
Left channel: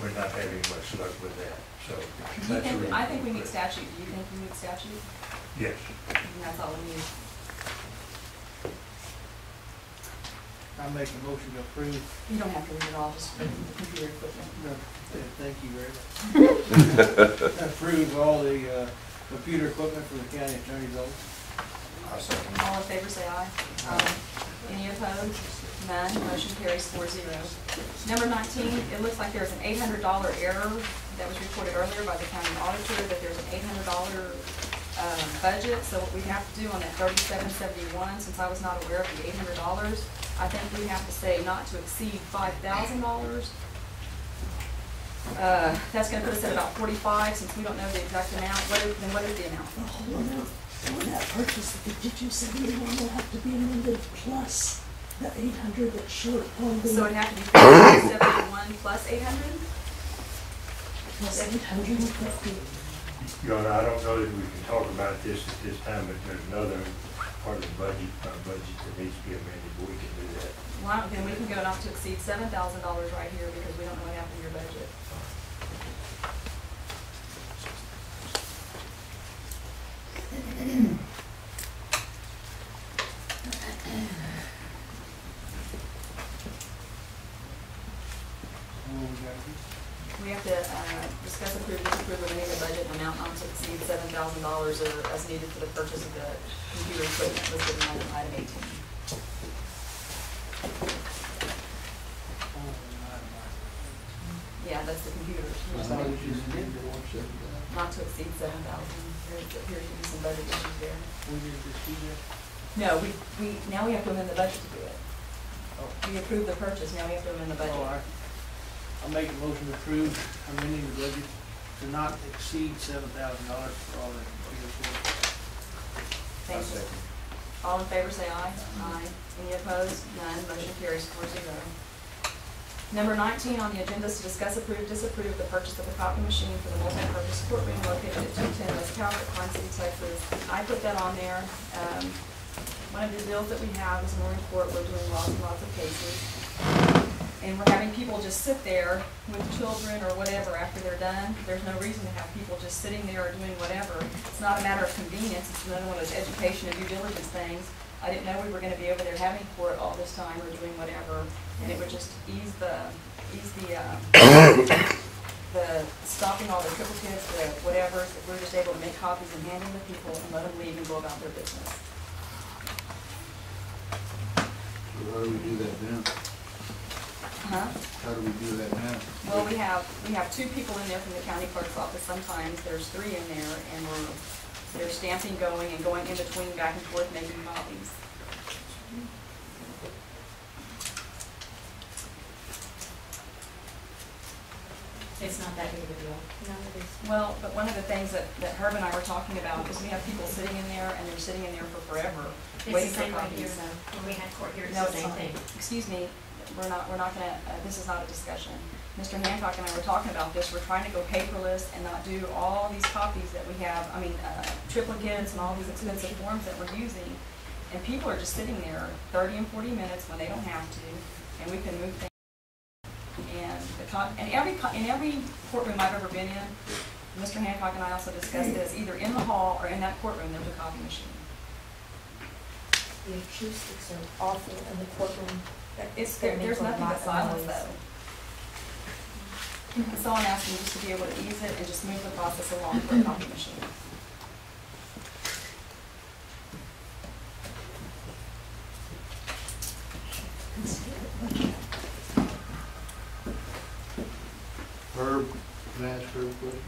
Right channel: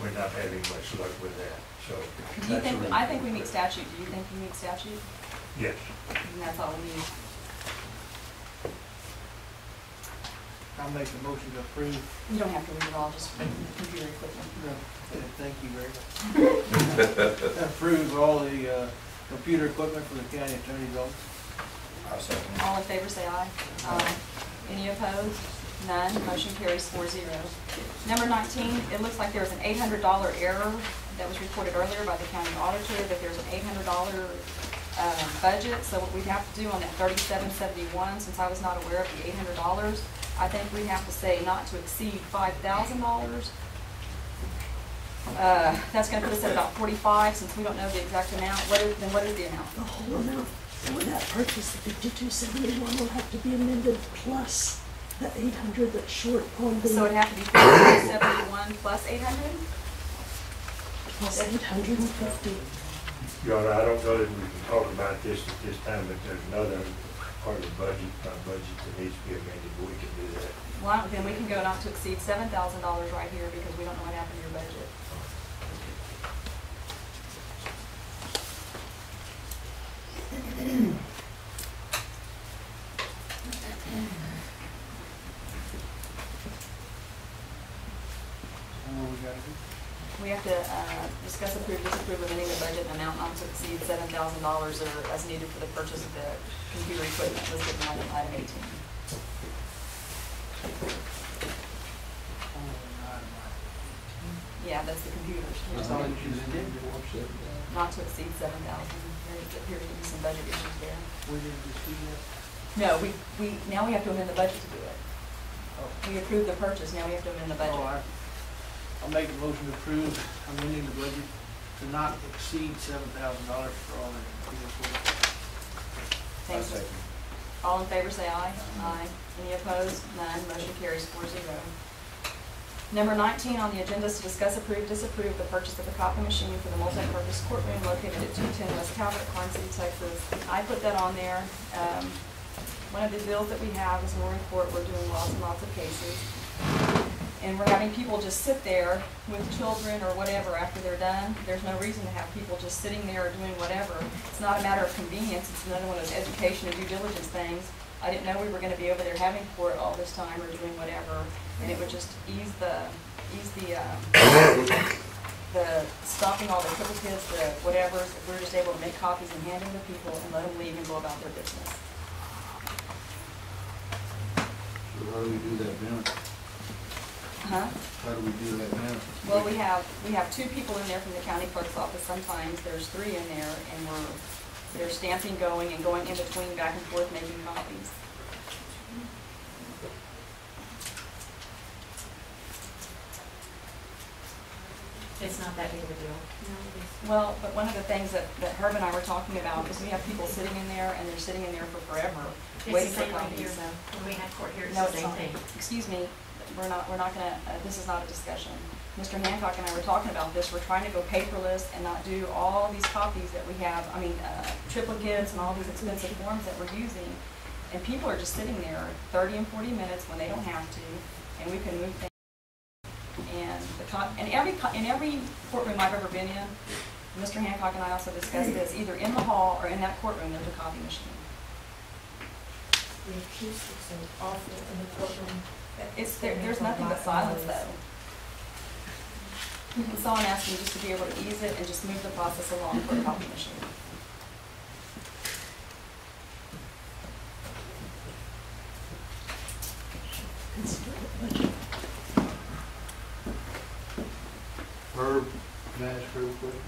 we're not having much luck with that. So I think we meet statute. Do you think you meet statute? Yes. And that's all we need. I'll make a motion to approve. You don't have to read it all, just the computer equipment. No, thank you very much. Approve all the computer equipment for the county attorney's office. I'll second. All in favor say aye. Aye. Any opposed? None. Motion carries 4-0. Number 19, it looks like there's an $800 error that was reported earlier by the county auditor, that there's an $800 budget. So what we have to do on that 3771, since I was not aware of the $800, I think we have to say not to exceed $5,000. That's gonna put us at about 45, since we don't know the exact amount. What is the amount? The whole amount for that purchase, the 5271 will have to be amended plus the 800 that's short on the. So it'd have to be 5271 plus 800? Plus 850. Your Honor, I don't know that we can talk about this at this time, but there's another part of the budget that needs to be amended, but we can do that. Well, then we can go not to exceed $7,000 right here, because we don't know what happened to your budget. We have to discuss, approve, disapprove amending the budget in amount not to exceed $7,000 or as needed for the purchase of the computer equipment listed in item 18. Yeah, that's the computers. Not to exceed 7,000. There appears to be some budget issues there. We didn't just do that. No, now we have to amend the budget to do it. We approved the purchase, now we have to amend the budget. I'll make a motion to approve amending the budget to not exceed $7,000 for all the computer equipment. Thank you. All in favor say aye. Aye. Any opposed? None. Motion carries 4-0. Number 19 on the agenda is to discuss, approve, disapprove the purchase of the copy machine for the multi-purpose courtroom located at 210 West Calvert, Karnes City, Texas. I put that on there. One of the bills that we have is we're in court, we're doing lots and lots of cases. And we're having people just sit there with children or whatever after they're done. There's no reason to have people just sitting there or doing whatever. It's not a matter of convenience, it's another one of those education and due diligence things. I didn't know we were going to be over there having court all this time or doing whatever, and it would just ease the stopping all the triplicates, the whatever, if we were just able to make copies and hand them to people and let them leave and go about their business. So how do we do that now? Huh? How do we do that now? Well, we have 2 people in there from the county clerk's office. Sometimes there's 3 in there, and they're stamping, going in between, back and forth, making copies. It's not that big of a deal. No, it is. Well, but one of the things that Herb and I were talking about is we have people sitting in there, and they're sitting in there for forever, waiting It's for the same right here, copies. though. When we had court here, it's No, the it's same not. thing. Excuse me, we're not gonna, this is not a discussion. Mr. Hancock and I were talking about this. We're trying to go paperless and not do all these copies that we have, triplicates and all these expensive forms that we're using. And people are just sitting there 30 and 40 minutes when they don't have to, and we can move things. And in every courtroom I've ever been in, Mr. Hancock and I also discussed this, either in the hall or in that courtroom, there's a copy machine. The acoustics are awful in the courtroom. There's nothing but silence though. So I'm asking just to be able to ease it and just move the process along for a copy machine. Herb, can I ask her a question?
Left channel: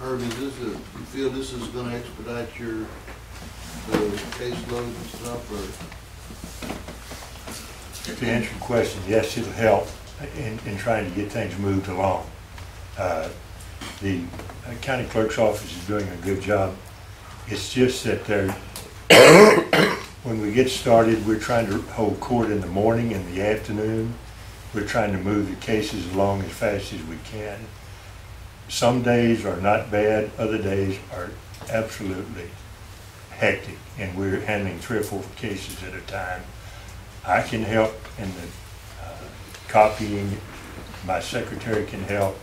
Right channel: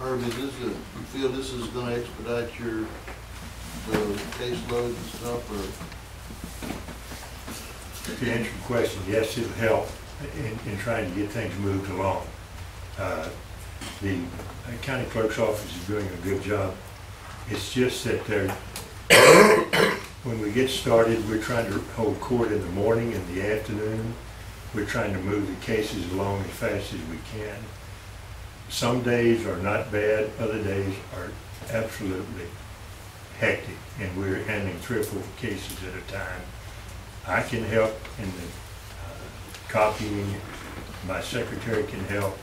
Herb, is this you feel this is gonna expedite the caseload and stuff, or? To answer your question, yes, it'll help in trying to get things moved along. The county clerk's office is doing a good job. It's just that when we get started, we're trying to hold court in the morning and the afternoon. We're trying to move the cases along as fast as we can. Some days are not bad, other days are absolutely hectic, and we're handling 3 or 4 cases at a time. I can help in the copying, my secretary can help,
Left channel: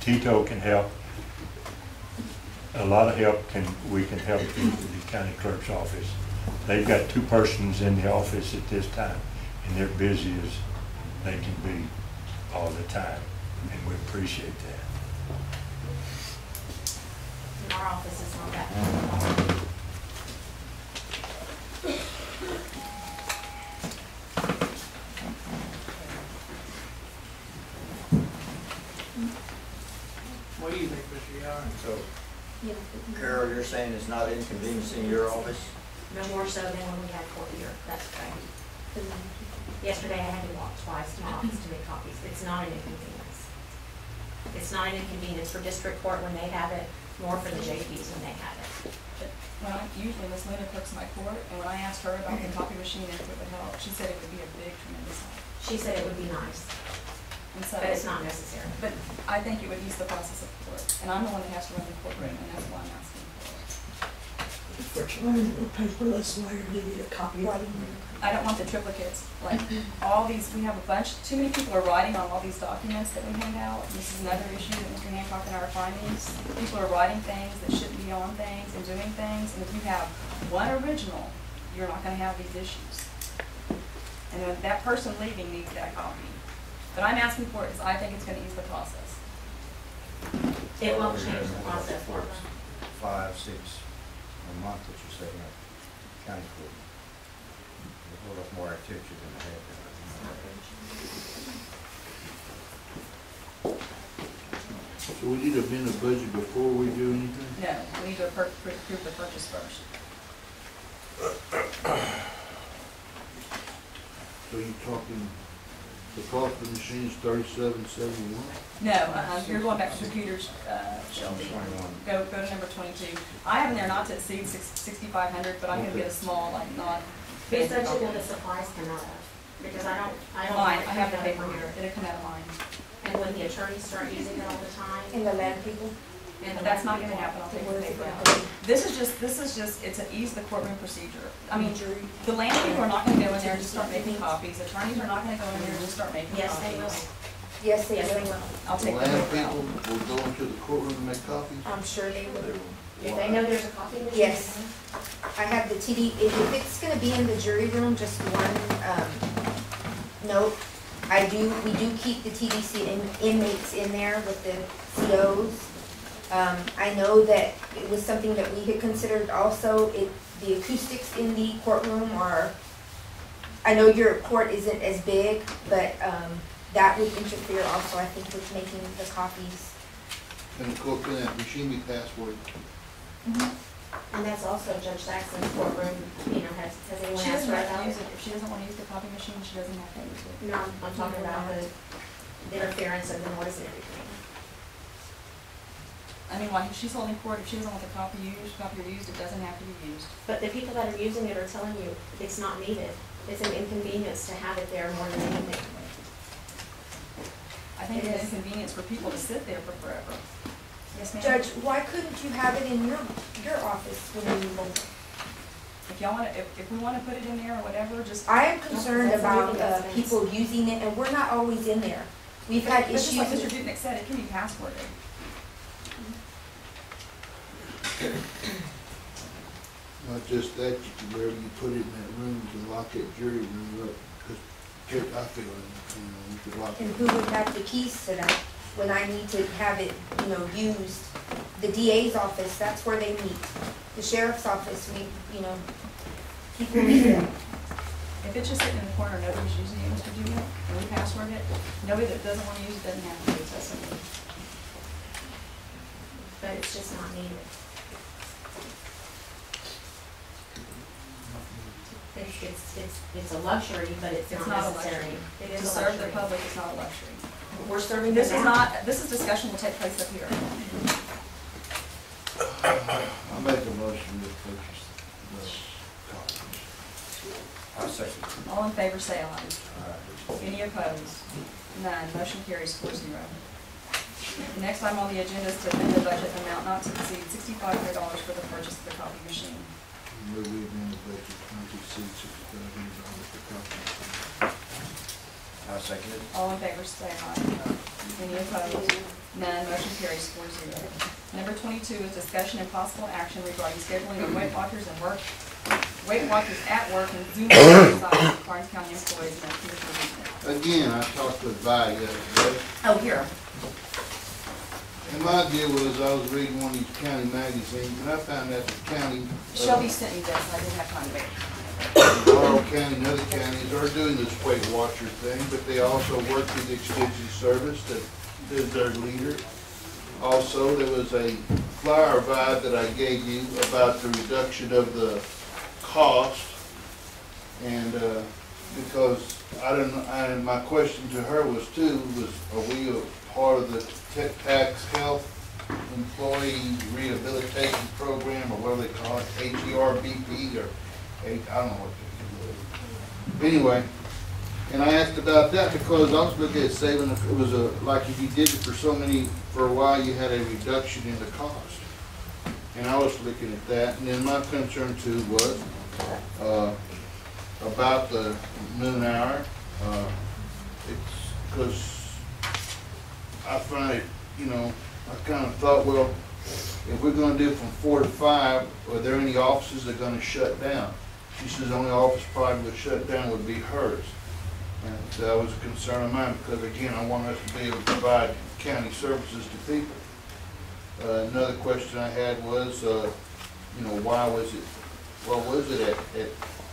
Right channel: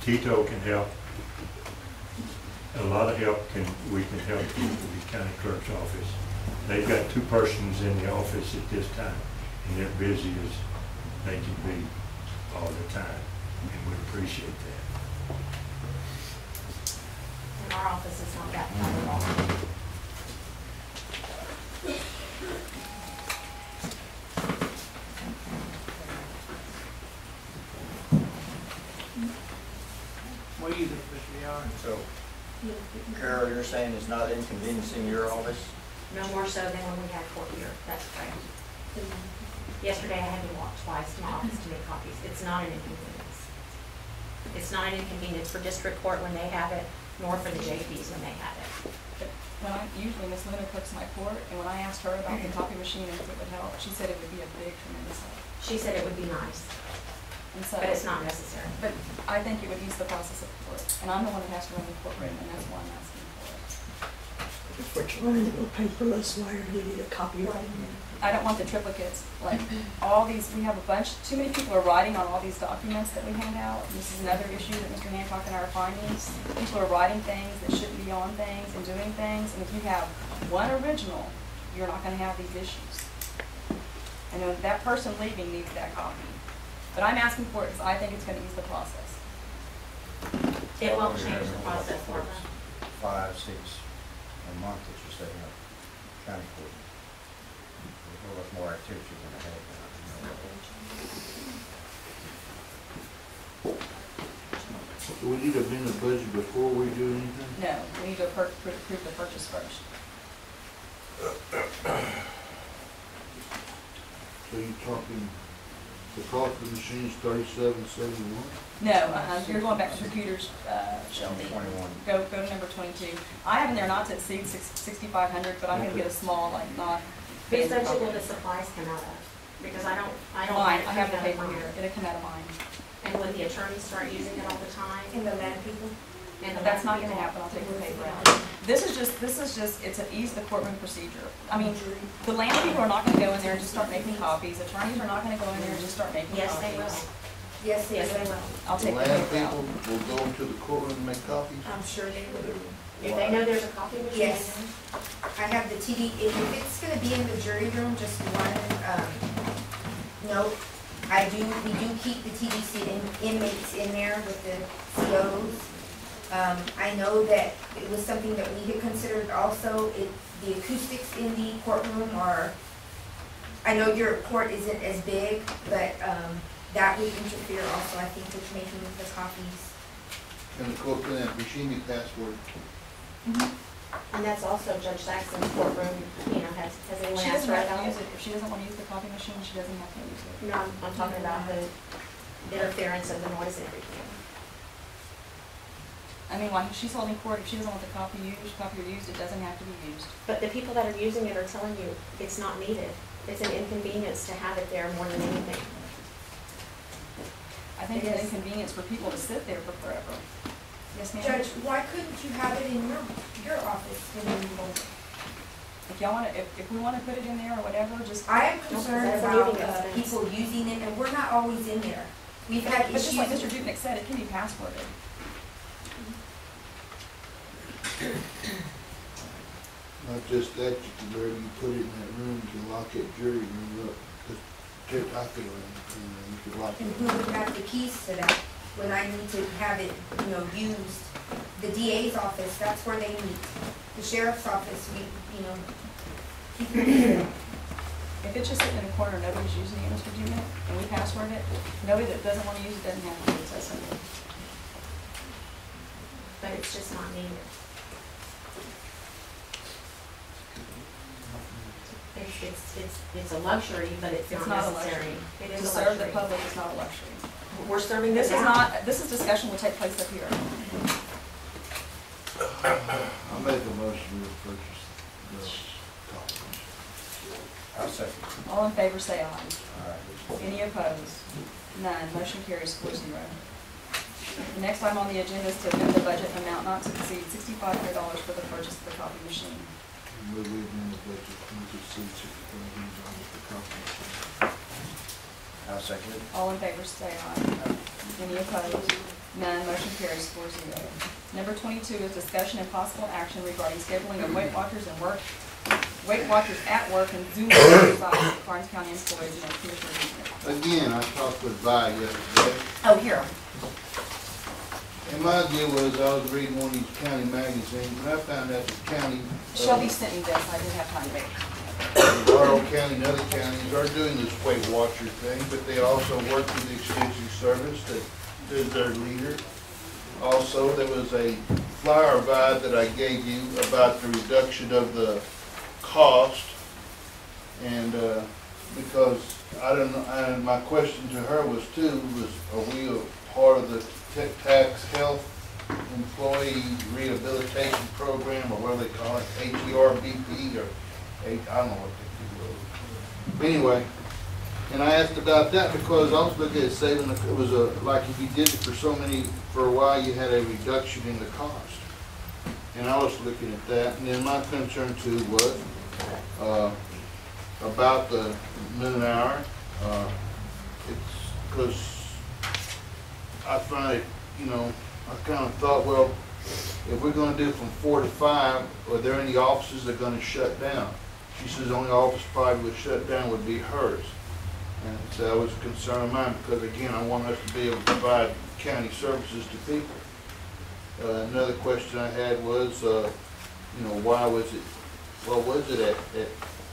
Tito can help. A lot of help we can help the county clerk's office. They've got 2 persons in the office at this time, and they're busy as they can be all the time, and we appreciate that. In our office, it's not that bad at all. What do you think, Mr. Yar? So, Carol, you're saying it's not inconveniencing your office? No more so than when we had court here, that's correct. Yesterday, I had to walk twice to my office to make copies. It's not an inconvenience. It's not an inconvenience for district court when they have it, nor for the JPs when they have it. But usually Miss Luna cooks my court, and when I asked her about the copy machine, if it would help, she said it would be a big, tremendous help. She said it would be nice, And so, but it's not necessary. But I think it would ease the process of court, and I'm the one that has to run the courtroom, and that's why I'm asking for it. If we're trying to go paperless, why do we need a copyright? I don't want the triplicates, like, all these, we have a bunch, too many people are writing on all these documents that we hand out. This is another issue that Mr. Hancock and I are finding. People are writing things that shouldn't be on things and doing things, and if you have one original, you're not gonna have these issues. And then that person leaving needs that copy. But I'm asking for it because I think it's gonna ease the process. It won't change the process, Martha. 5, 6 a month that you're setting up county court. There's a lot more activity than I had. So we need to amend the budget before we do anything? No, we need to approve the purchase first. So you're talking, the cost of the machine is $37.71? No, you're going back to computers, Shelby. 21. Go to number 22. I have in there not to exceed 6,500, but I'm gonna get a small, like, not. Whose budget will the supplies come out of? Because I don't. Mine, I have the coming out of paper mine. here, it'll come out of mine. And when the attorneys start using it all the time, And the land people? and the That's not people- gonna happen, I'll take the paper out. This is just, it's to ease the courtroom procedure. I mean, the land people are not gonna go in there and just start making copies, attorneys are not gonna go in there and just start making copies. Yes, they will. Yes, Yes, they will. I'll The take the land paper out. people will go into the courtroom and make copies? I'm sure they will. If they know there's a copy machine. Yes. I have the TD, if it's gonna be in the jury room, just one, note. We do keep the TDC inmates in there with the COs. I know that it was something that we had considered also, the acoustics in the courtroom are, I know your court isn't as big, but, that would interfere also, I think, with making the copies. Can that machine be password? And that's also Judge Saxon's courtroom, has anyone She asked doesn't her have about to use it? it, if she doesn't wanna use the copy machine, she doesn't have to use it. No, I'm talking about the interference of the noise and everything. I mean, like, if she's holding court, if she doesn't want the copy used, it doesn't have to be used. But the people that are using it are telling you it's not needed. It's an inconvenience to have it there more than anything. I think it's an inconvenience for people to sit there for forever. Yes, ma'am? Judge, why couldn't you have it in your office when you vote? If y'all wanna, if we wanna put it in there or whatever, just. I am concerned That's a about moving expense. people using it, and we're not always in there. We've had But just like Mr. issues. Dudnick said, it can be passworded. Not just that, you can, wherever you put it in that room, you can lock that jury room up, because I feel you could lock And it who up. would have the keys to that when I need to have it, used? The DA's office, that's where they meet. The sheriff's office, people meet there. If it's just sitting in the corner, nobody's using it, Mr. Dudnick, and we password it, nobody that doesn't wanna use it doesn't have to use it, so. But it's just not needed. It's a luxury, but it's It's not not a necessary. luxury. It To is a serve the luxury. public is not a luxury. We're serving this This is discussion will take place up here. I make a motion to purchase those copies. I'll second. All in favor, say aye. All right. Any opposed? None. Motion carries 4-0. The next item on the agenda is to amend the budget amount not to exceed $6,500 for the purchase of the copy machine. Move we amend the budget, not to exceed $6,000 for copy. I'll second it. All in favor, say aye. Any opposed? None. Motion carries 4-0. Number 22 is discussion and possible action regarding scheduling of Weight Watchers at work and Zoom exercise for Karnes County employees and Commissioner Dudnick. Again, I talked with Vi the other day, Oh, here. and my deal was, I was reading one of these county magazines, and I found out the county. Shelby sent me this. I didn't have time to wait. Laurel County and other counties are doing this Weight Watcher thing, but they also work with the Extension Service that is their leader. Also, there was a flyer vibe that I gave you about the reduction of the cost, and because I don't know, and my question to her was too, are we a part of the tax health employee rehabilitation program, or what do they call it, HERBP, or I don't know what they do. Anyway, and I asked about that because I was looking at saving, it was like if you did it for a while, you had a reduction in the cost. And I was looking at that, and then my concern too was, about the noon hour. It's because I find it, I kind of thought, well, if we're going to do from 4 to 5, are there any offices that are going to shut down? She says the only office probably would shut down would be hers. And so that was a concern of mine because, again, I want us to be able to provide county services to people. Another question I had was, why was it,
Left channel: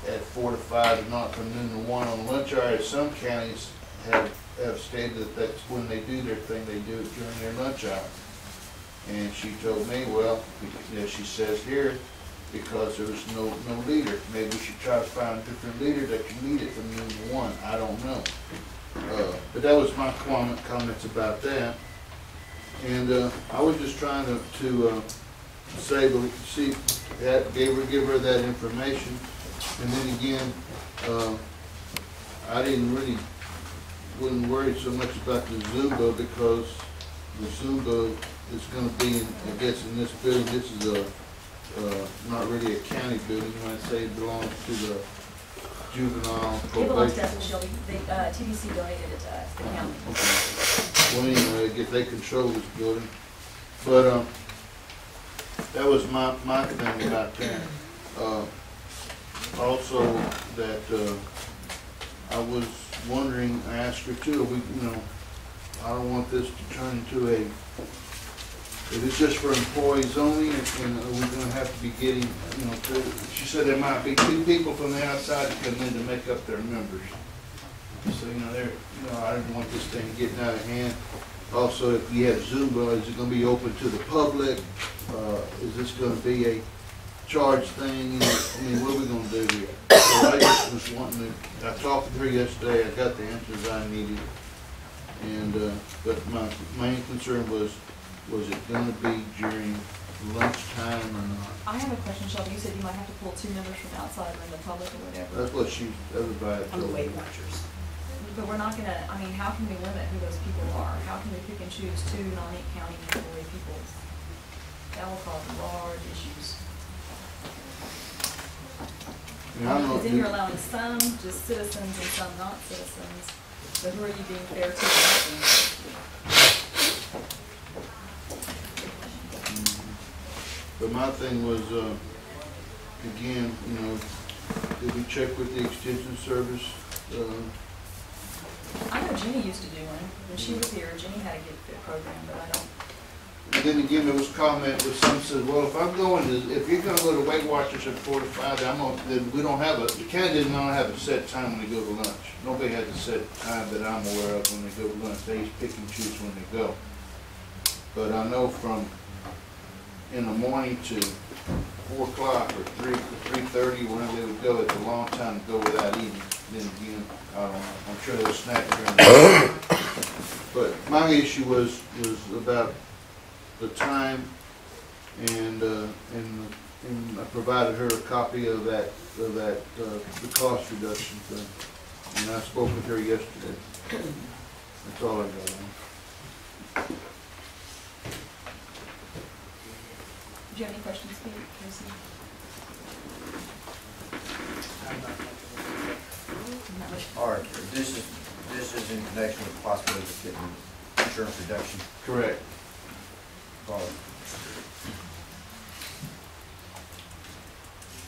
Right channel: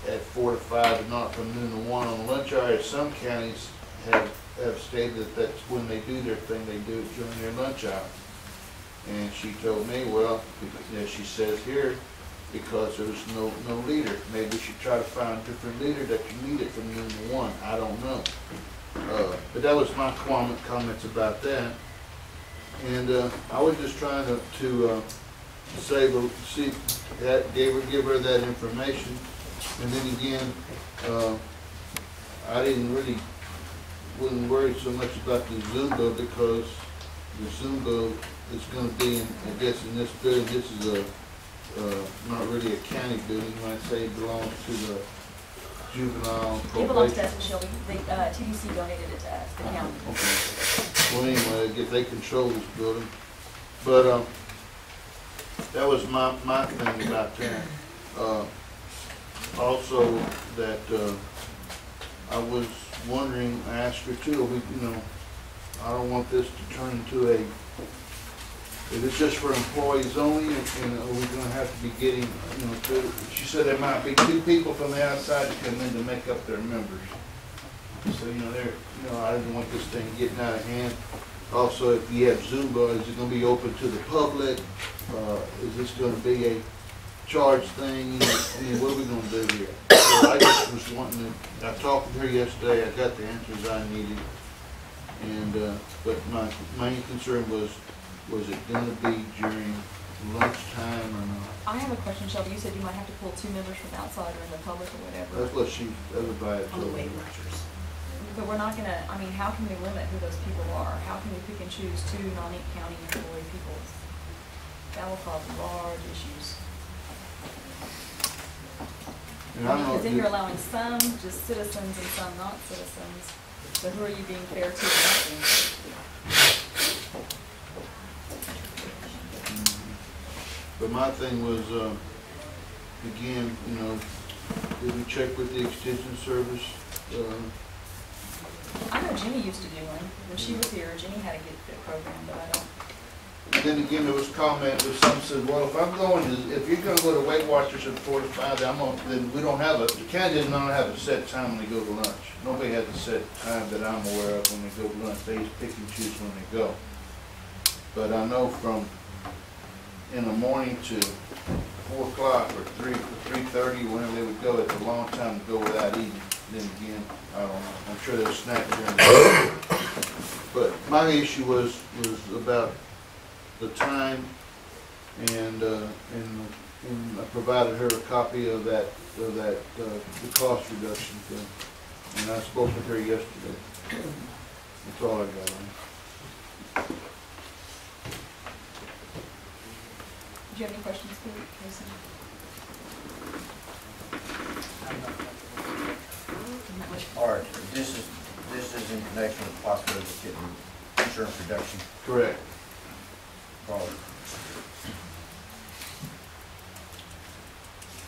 at 4 to 5 and not from noon to 1 on the lunch hour? Some counties have stated that that's when they do their thing, they do it during their lunch hour. And she told me, well, as she says here, because there was no leader. Maybe we should try to find a different leader that can lead it from noon to 1. I don't know. But that was my comments about that. And I was just trying to give her that information. And then again, I wasn't worried so much about the Zumba because the Zumba is going to be, I guess, in this building. This is not really a county building. You might say it belongs to the juvenile probation. It belongs to us, Shelby. The TDC donated it to us, the county. Okay. Well, anyway, I guess they control this building. But that was my thing about that. Also, that I was wondering, I asked her too, I don't want this to turn into if it's just for employees only, and are we going to have to be getting, she said there might be 2 people from the outside to come in to make up their members. So, I didn't want this thing getting out of hand. Also, if you have Zumba, is it going to be open to the public? Is this going to be a charge thing? What are we going to do here? So I just was wanting to, I talked with her yesterday, I got the answers I needed. And, but my main concern was it going to be during lunchtime or not? I have a question, Shelby. You said you might have to pull 2 members from outside or in the public or whatever. That's what everybody On the told me. Weight Watchers. But we're not gonna, how can we limit who those people are? How can we pick and choose 2 non-county employee people? That will cause large issues. Because then you're allowing some just citizens and some not citizens. So who are you being fair to and not being fair to? But my thing was, again, did we check with the extension service? I know Jenny used to do one. When she was here, Jenny had a Get Fit program, but I don't. And then again, there was comment with some said, well, if you're gonna go to Weight Watchers at 4 to 5, then we don't have the county does not have a set time when they go to lunch. Nobody has a set time that I'm aware of when they go to lunch. They just pick and choose when they go. But I know from in the morning to 4 o'clock or 3:30, whenever they would go, it's a long time to go without eating. Then again, I don't know. I'm sure they'll snack during the day. But my issue was about the time, and I provided her a copy of the cost reduction thing, and I spoke with her yesterday. That's all I got on. Do you have any questions, Casey? All right, this is in connection with the possibility of getting insurance reduction. Correct. Probably.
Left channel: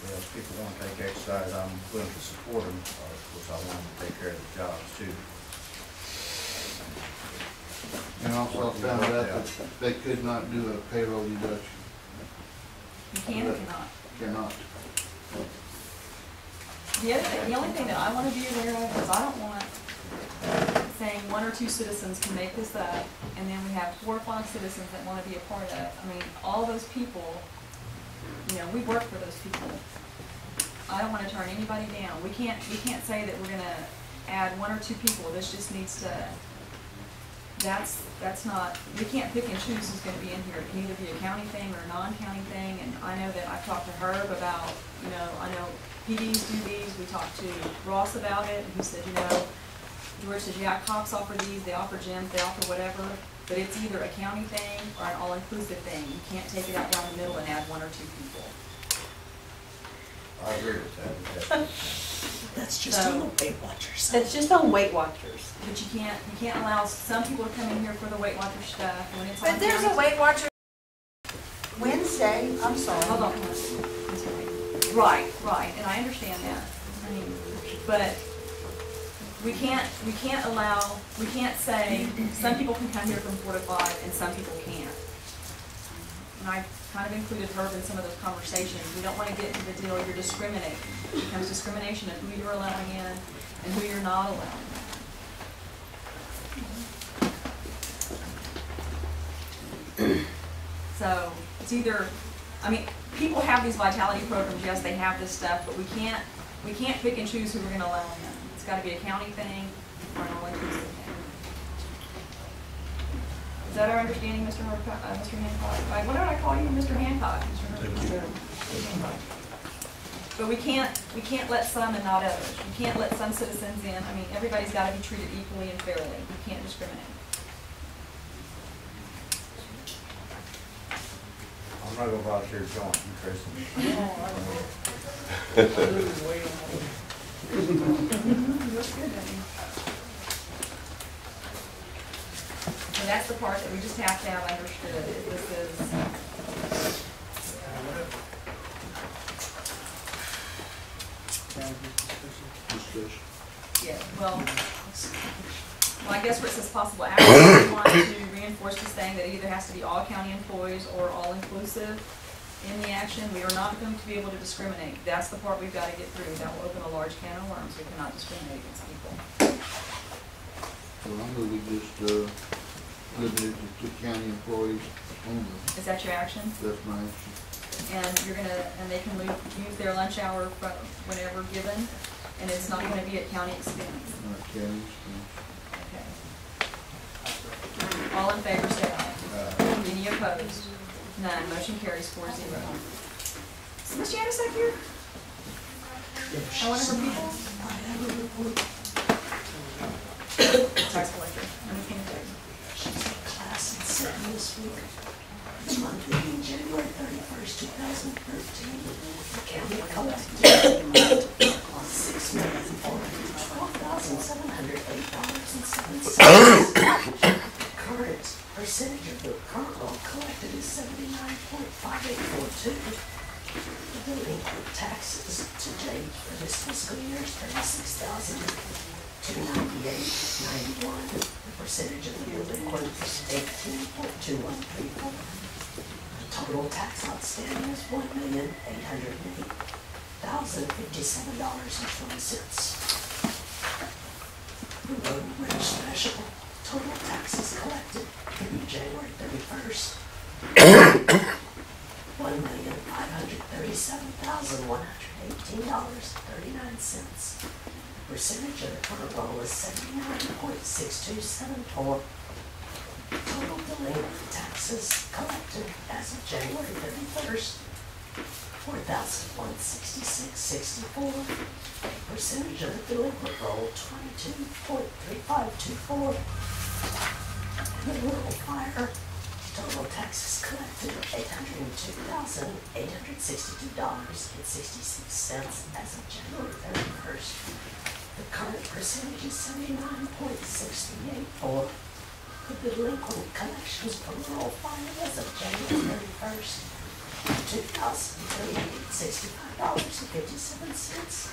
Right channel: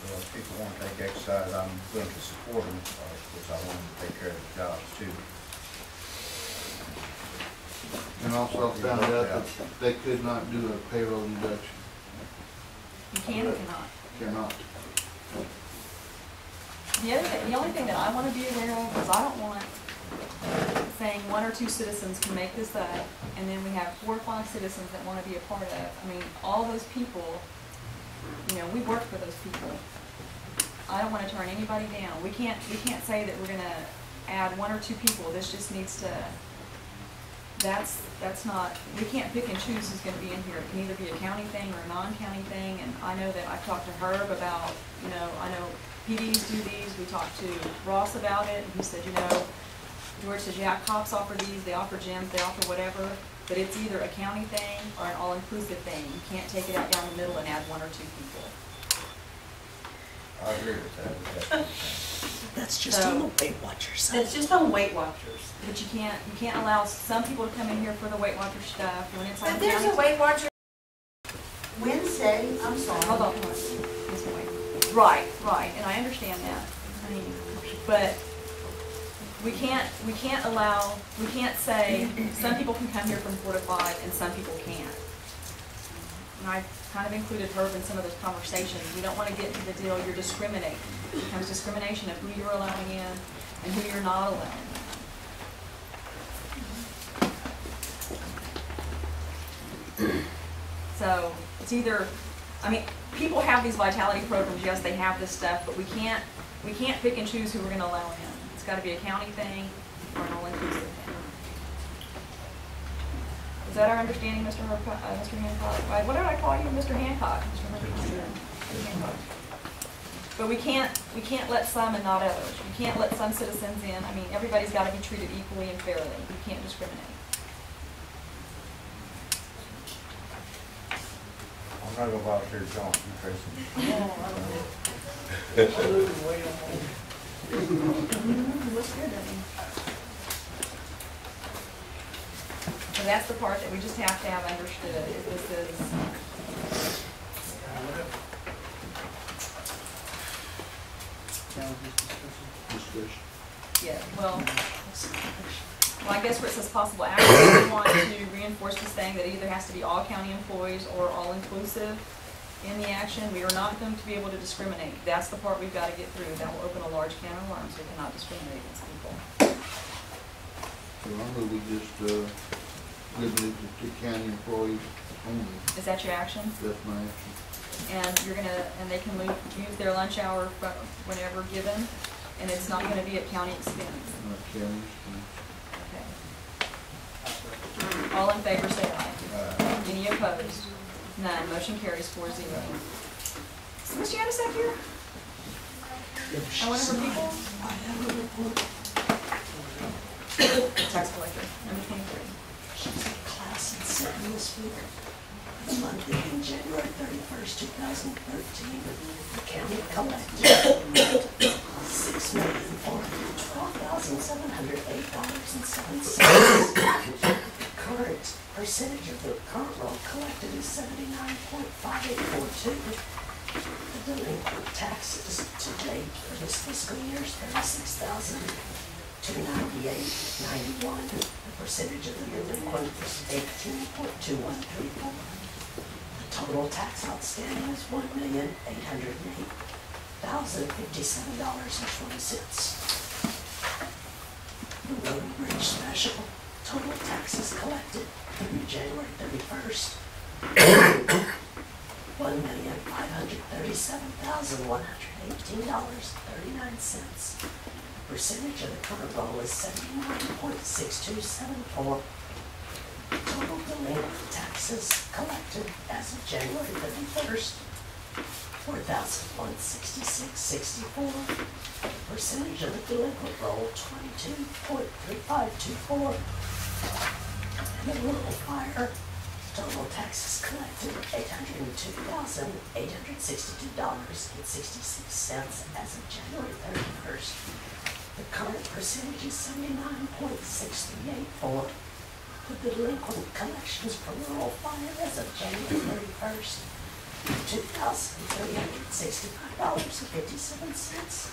Well, if people want to take exercise, I'm willing to support them, because I want them to take care of the jobs too. And also found out that they could not do a payroll deduction. You can or cannot? Cannot. The only thing that I want to be aware of is I don't want saying 1 or 2 citizens can make this up, and then we have 4 or 5 citizens that want to be a part of. All those people, we work for those people. I don't want to turn anybody down. We can't say that we're gonna add 1 or 2 people. This just needs to, that's not, we can't pick and choose who's gonna be in here. It can either be a county thing or a non-county thing, and I know that I've talked to Herb about, you know, I know PDs do these. We talked to Ross about it, and he said, you know, George says, yeah, cops offer these, they offer gyms, they offer whatever, but it's either a county thing or an all-inclusive thing. You can't take it out down the middle and add 1 or 2 people. I agree with that. That's just on the Weight Watchers. It's just on Weight Watchers. But you can't allow some people to come in here for the Weight Watcher stuff when it's on But there's county. a Weight Watcher Wednesday, I'm sorry. Hold on, Ms. White. Right, and I understand that. I mean, but we can't say some people can come here from 4 to 5 and some people can't. And I kind of included Herb in some of those conversations. We don't want to get into the deal you're discriminating. It becomes discrimination of who you're allowing in and who you're not allowing in. So it's either, I mean, people have these vitality programs, yes, they have this stuff, but we can't pick and choose who we're going to allow in. It's got to be a county thing or an all-inclusive thing. Is that our understanding, Mr. Hancock? What did I call you, Mr. Hancock? Mr. Hancock. But we can't let some and not others. We can't let some citizens in. I mean, everybody's got to be treated equally and fairly. You can't discriminate. I'm not gonna volunteer to join you, Tracy. Looks good, doesn't he? And that's the part that we just have to have understood, is this is, Discussion. yeah, well, I guess where it says possible action, we want to reinforce this thing that it either has to be all county employees or all inclusive in the action. We are not going to be able to discriminate. That's the part we've got to get through. That will open a large can of worms. We cannot discriminate against people. So I'm gonna be just, limited to county employees only. Is that your action? That's my action. And you're gonna, and they can use their lunch hour whenever given, and it's not gonna be at county expense. Not county expense. Okay. All in favor, say aye. Any opposed? None. Motion carries 4-0. Is Ms. Janusek here? One of her people? Tax collector, number 23. She's in class in Sydney this week. The month ending January 31st, 2013, the county collected $6,412,708.07. Current percentage of the current roll collected is 79.5842. The delinquent taxes to date for this fiscal year is $36,298.91. The percentage of the delinquent is 18.2134. The total tax outstanding is $1,808,057.20. The road and bridge special total taxes collected through January 31st, $1,537,118.39. The percentage of the current roll is 79.6274. Total delinquent taxes collected as of January 31st, $4,166.64. Percentage of the delinquent roll, 22.3524. And the rural fire, total taxes collected, $802,862.66 as of January 31st. The current percentage is 79.634. The delinquent collections for rural fire as of January 31st, $2,365.57.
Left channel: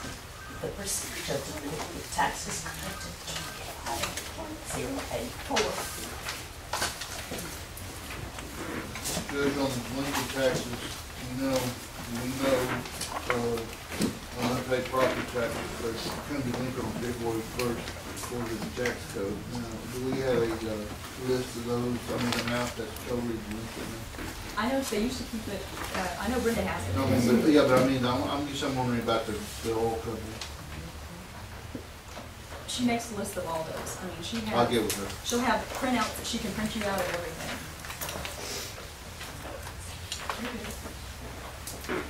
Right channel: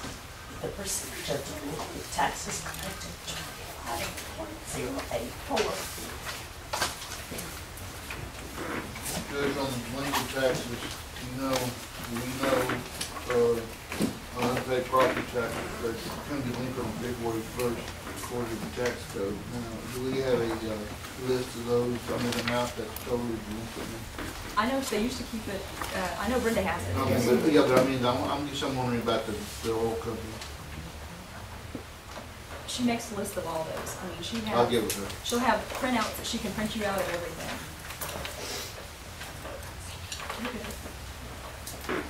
The percentage of delinquent taxes collected, 25.084. Judge, on the delinquent taxes, we know, unpaid property taxes, they come delinquent on February 1st, according to the tax code. Now, do we have a list of those, the amount that's totally delinquent now? I know they used to keep it, I know Brenda has it. I'm wondering about the oil company. She makes a list of all those. I mean, she has. I'll get with her. She'll have printouts that she can print you out of everything.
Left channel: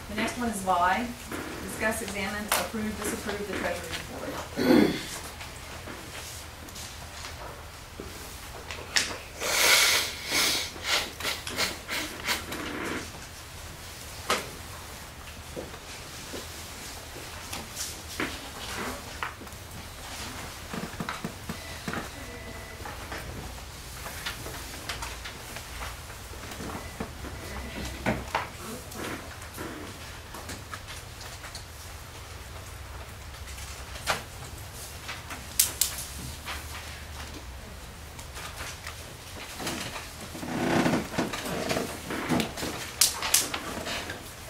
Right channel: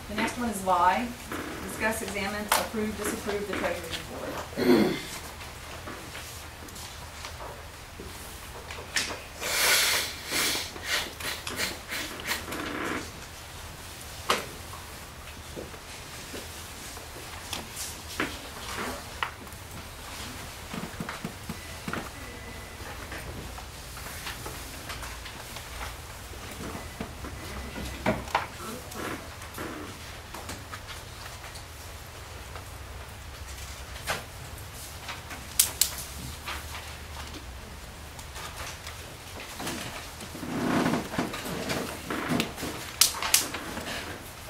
The next one is Vi. Discuss, examine, approve, disapprove the treasury report.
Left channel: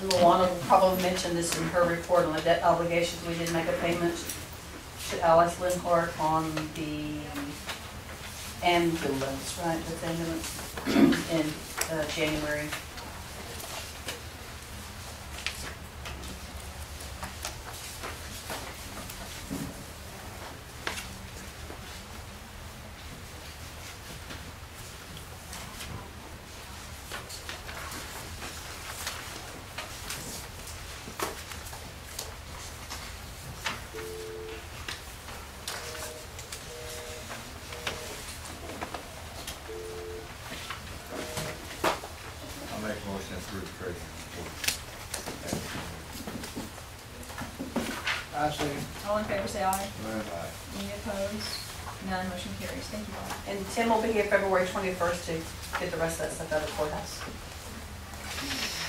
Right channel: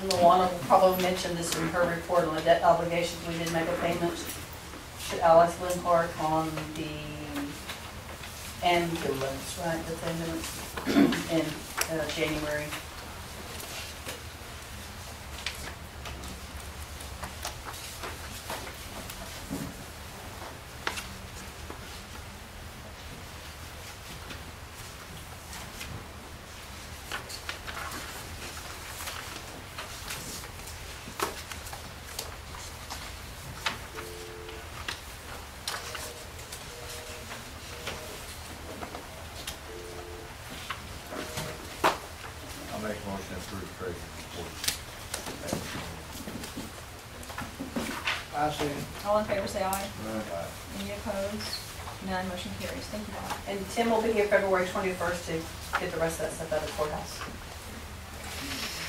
And Luana will probably mention this in her report on the debt obligations. We did make a payment to Alex Lindhart on the ambulance, right, the ambulance in January. I'll make a motion to approve the treasurer's report. I second. All in favor, say aye. Aye. Any opposed? None, motion carries. Thank you, Bob. And Tim will be here February 21st to get the rest of that stuff out of the courthouse.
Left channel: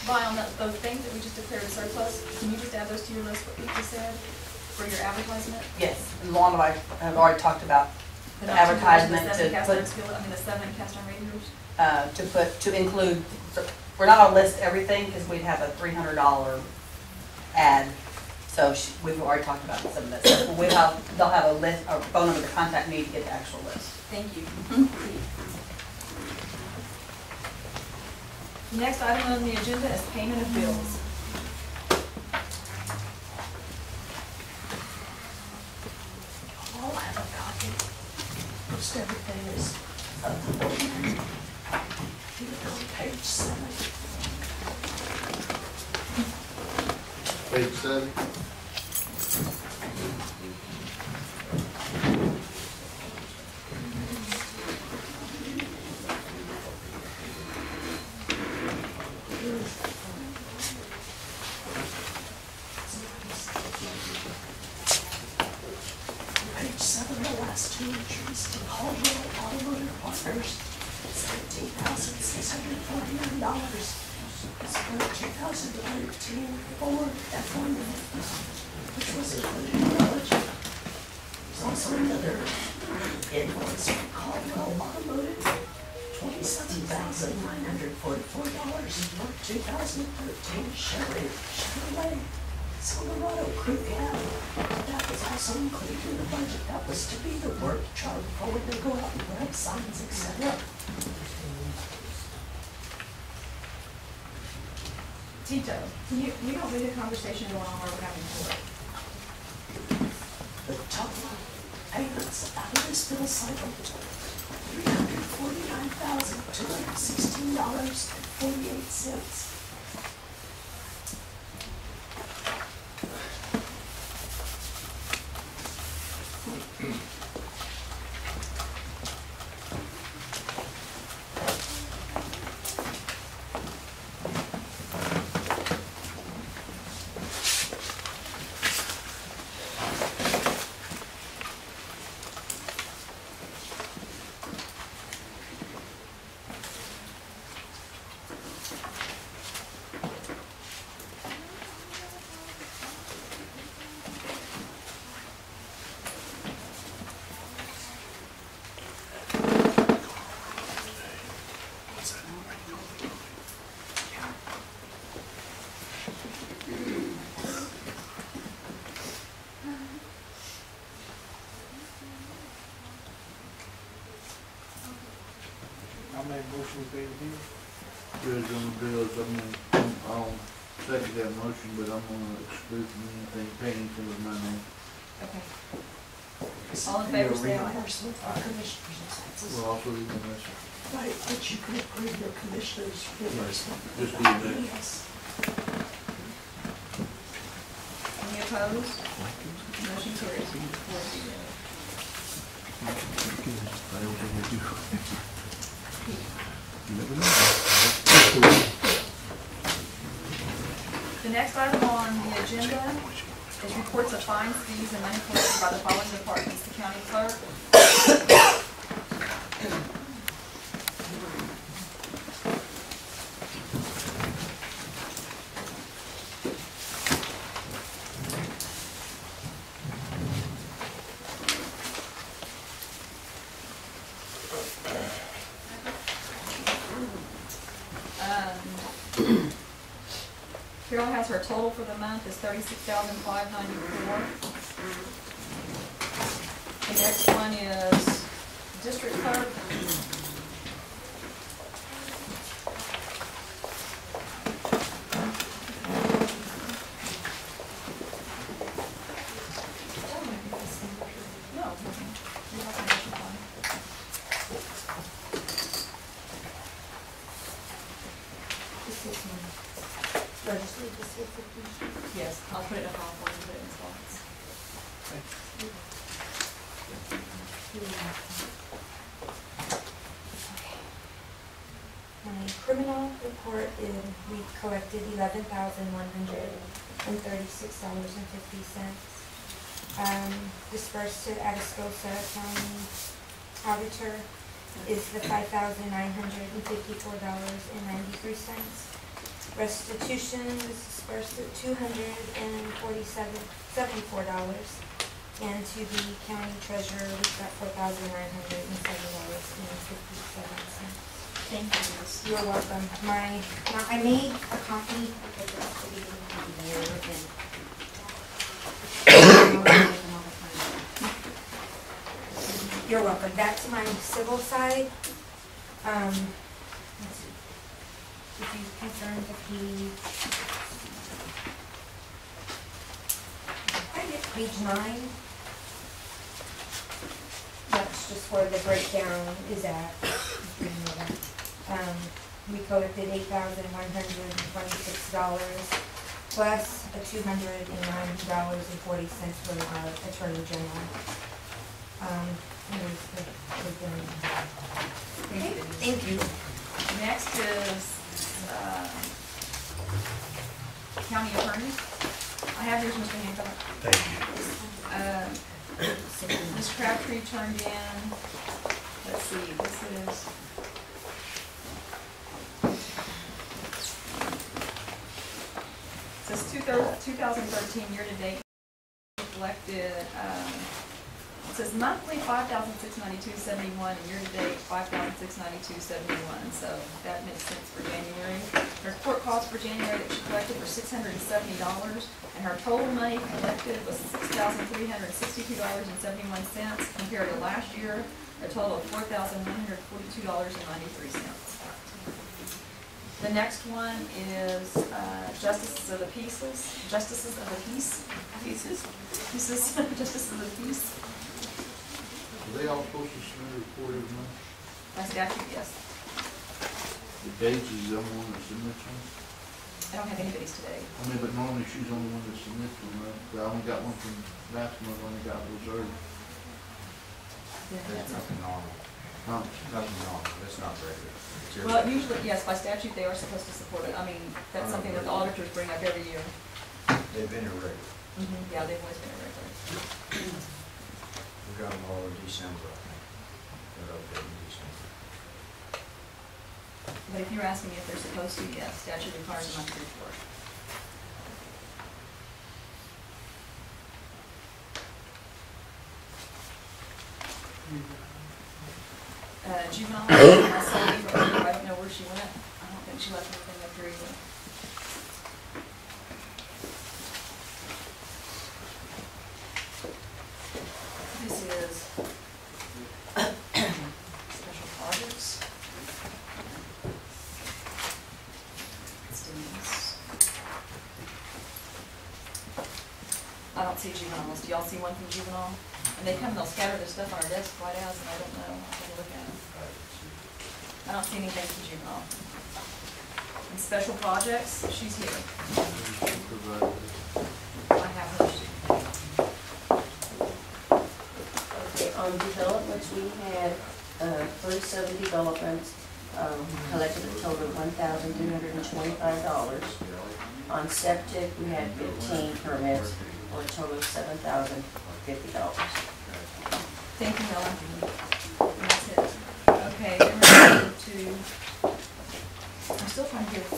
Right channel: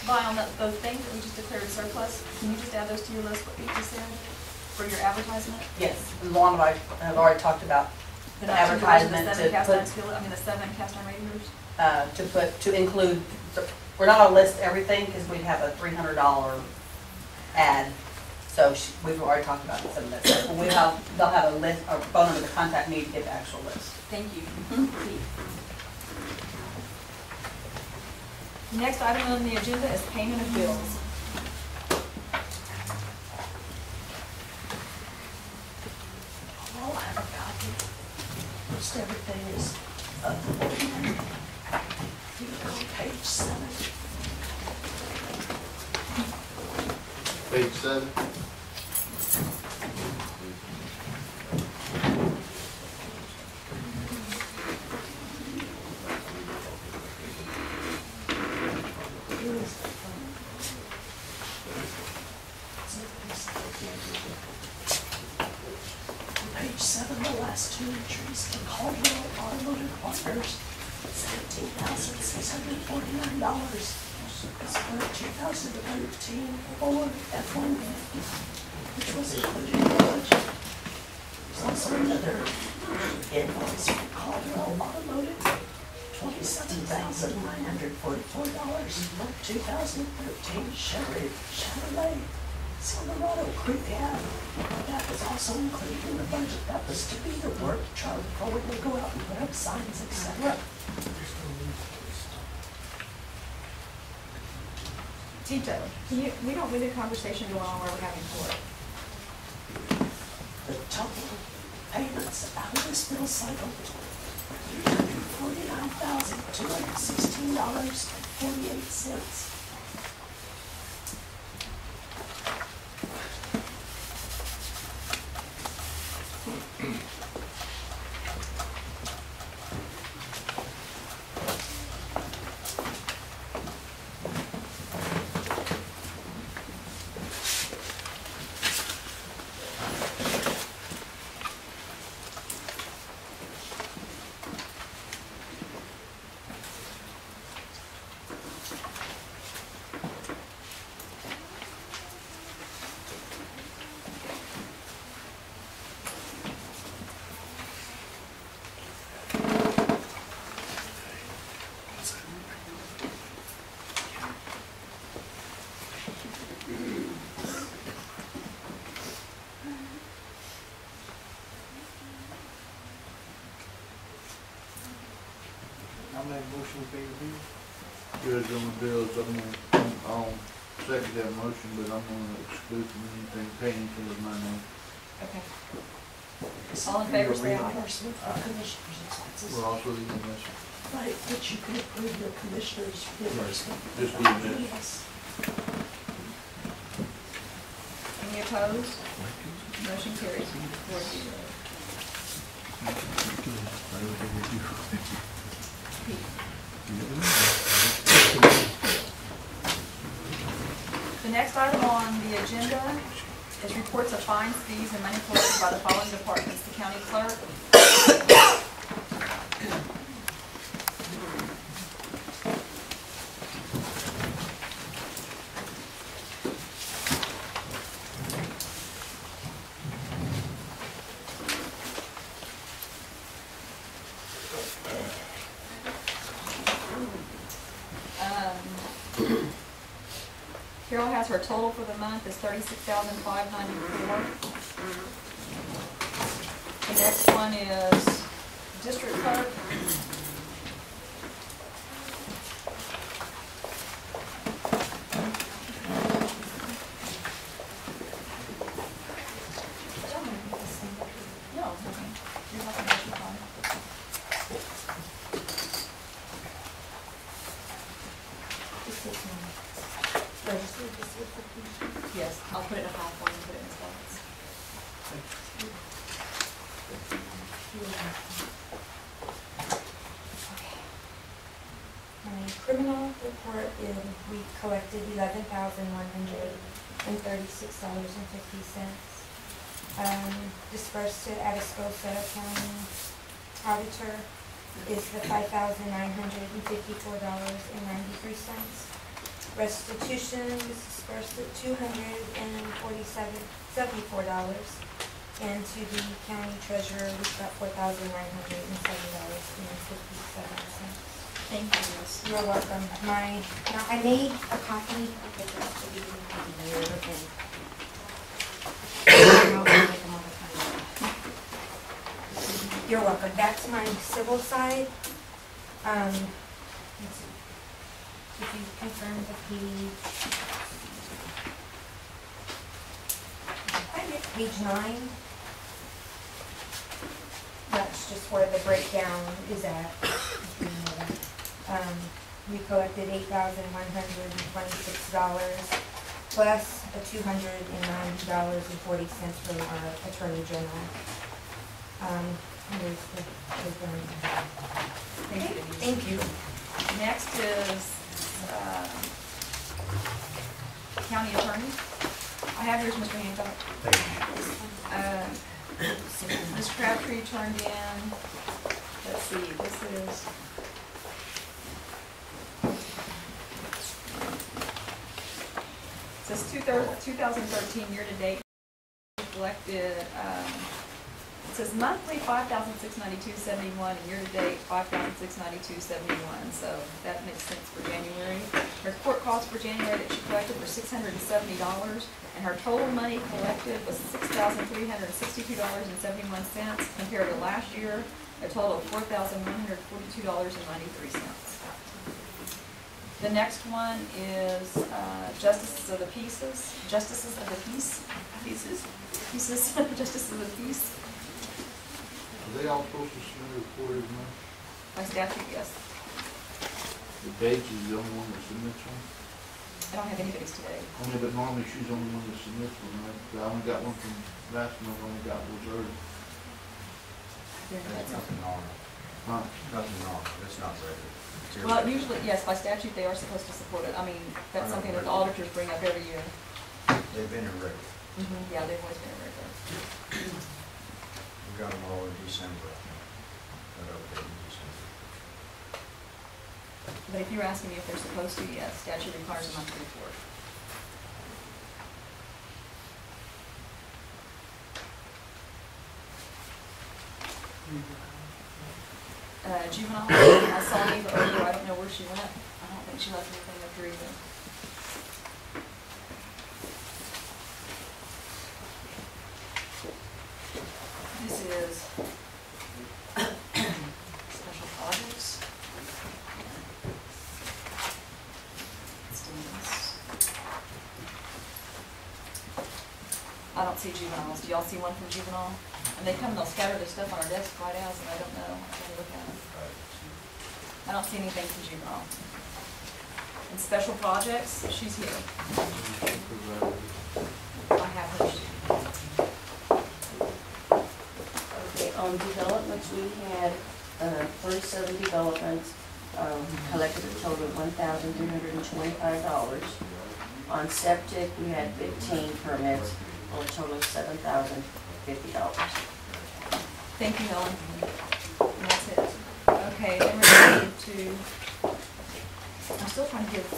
Vi, on those things that we just declared surplus, can you just add those to your list, what you just said, for your advertisement? Yes, and Luana and I have already talked about The the advertisement The 7 cast to iron skillet, I mean, the 7 cast iron radiators? put, to include, we're not gonna list everything because we'd have a $300 ad. So we've already talked about some of that stuff. But they'll have a list, or phone number to contact me to get the actual list. Thank you. The next item on the agenda is payment of bills. All have a copy. Most everything is up to date. You look on page 7. Page 7. Page 7, the last two entries, to Caldwell Automotive Partners, $17,649. It's for 2013 Ford F-150, which was included in the budget. There's also another invoice from Caldwell Automotive, $27,944 for 2013 Chevrolet Silverado Crew Cab. That was also included in the budget. That was to be the work charge for when they go out and put up signs, etc. Tito, we don't need a conversation going on where we're having court. The total payments out of this bill cycle, $349,216.48. I'll make a motion to pay the bill. Judge, on the bills, I'll second that motion, but I'm gonna exclude from anything, pay anything with my name. Okay. All in favor, say aye. Reimbursement for commissioners' expenses. We're also leaving this. Right, but you can approve your commissioners' reimbursement. Just leave that. Yes. Any opposed? Motion carries 4-0. The next item on the agenda is reports of fines, fees, and money collected by the following departments: the county clerk, Carol has her total for the month is $36,594. The next one is district clerk. No, nothing. You're not gonna issue fine. This is mine. Register this with the commission. Yes, I'll put it in a file for you and put it in his box. Okay. My criminal report is we collected $11,136.50. Dispersed to Atascosa County Auditor is the $5,954.93. Restitution was dispersed at $247.74, and to the county treasurer, we've got $4,907.57. Thank you, Miss. You're welcome. Now I made a copy of the rest of the year, and I'll make them all the time. You're welcome. That's my civil side. Let's see. If you confirm the page 9, that's just where the breakdown is at. If you know that. We collected $8,126 plus a $290.40 from our Attorney General. Here's the Thank you, Denise. Thank you. Next is county attorney. I have yours, Mr. Hancock. Thank you. Ms. Crabtree turned in, let's see, this is, it says 2013 year-to-date collected, it says monthly $5,692.71 and year-to-date $5,692.71, so that makes sense for January. Her court costs for January that she collected were $670, and her total money collected was $6,362.71 compared to last year, a total of $4,142.93. The next one is justices of the peace, justices of the peace. Are they all supposed to submit a report every month? By statute, yes. The Gage is the only one that submits one? I don't have anybody's today. I mean, but normally she's the only one that submits one, right? I only got one from last month, I only got reserved. There's nothing normal, Huh? nothing normal, it's not regular. It's Well, irregular. usually, yes, by statute, they are supposed to support it. I mean, that's something that the auditors bring up every year. They've been irregular. Yeah, they've always been irregular. We got them all in December, I think. Got okay in December. But if you're asking me if they're supposed to, yes, statute requires a monthly report. Juvenile, I saw Eva earlier, I don't know where she went. I don't think she left anything up here either. This is special projects. I don't see juveniles. Do y'all see one from juvenile? I And they come and they'll scatter their stuff on our desk right out, and I don't know, I gotta look at them. I don't see anything from juvenile. And special projects, she's here. I have her. Okay, on developments, we had 37 developments, collected a total of $1,325. On septic, we had 15 permits, for a total of $7,050. Thank you, Helen. And that's it. Okay, then we're going to, I'm still trying to give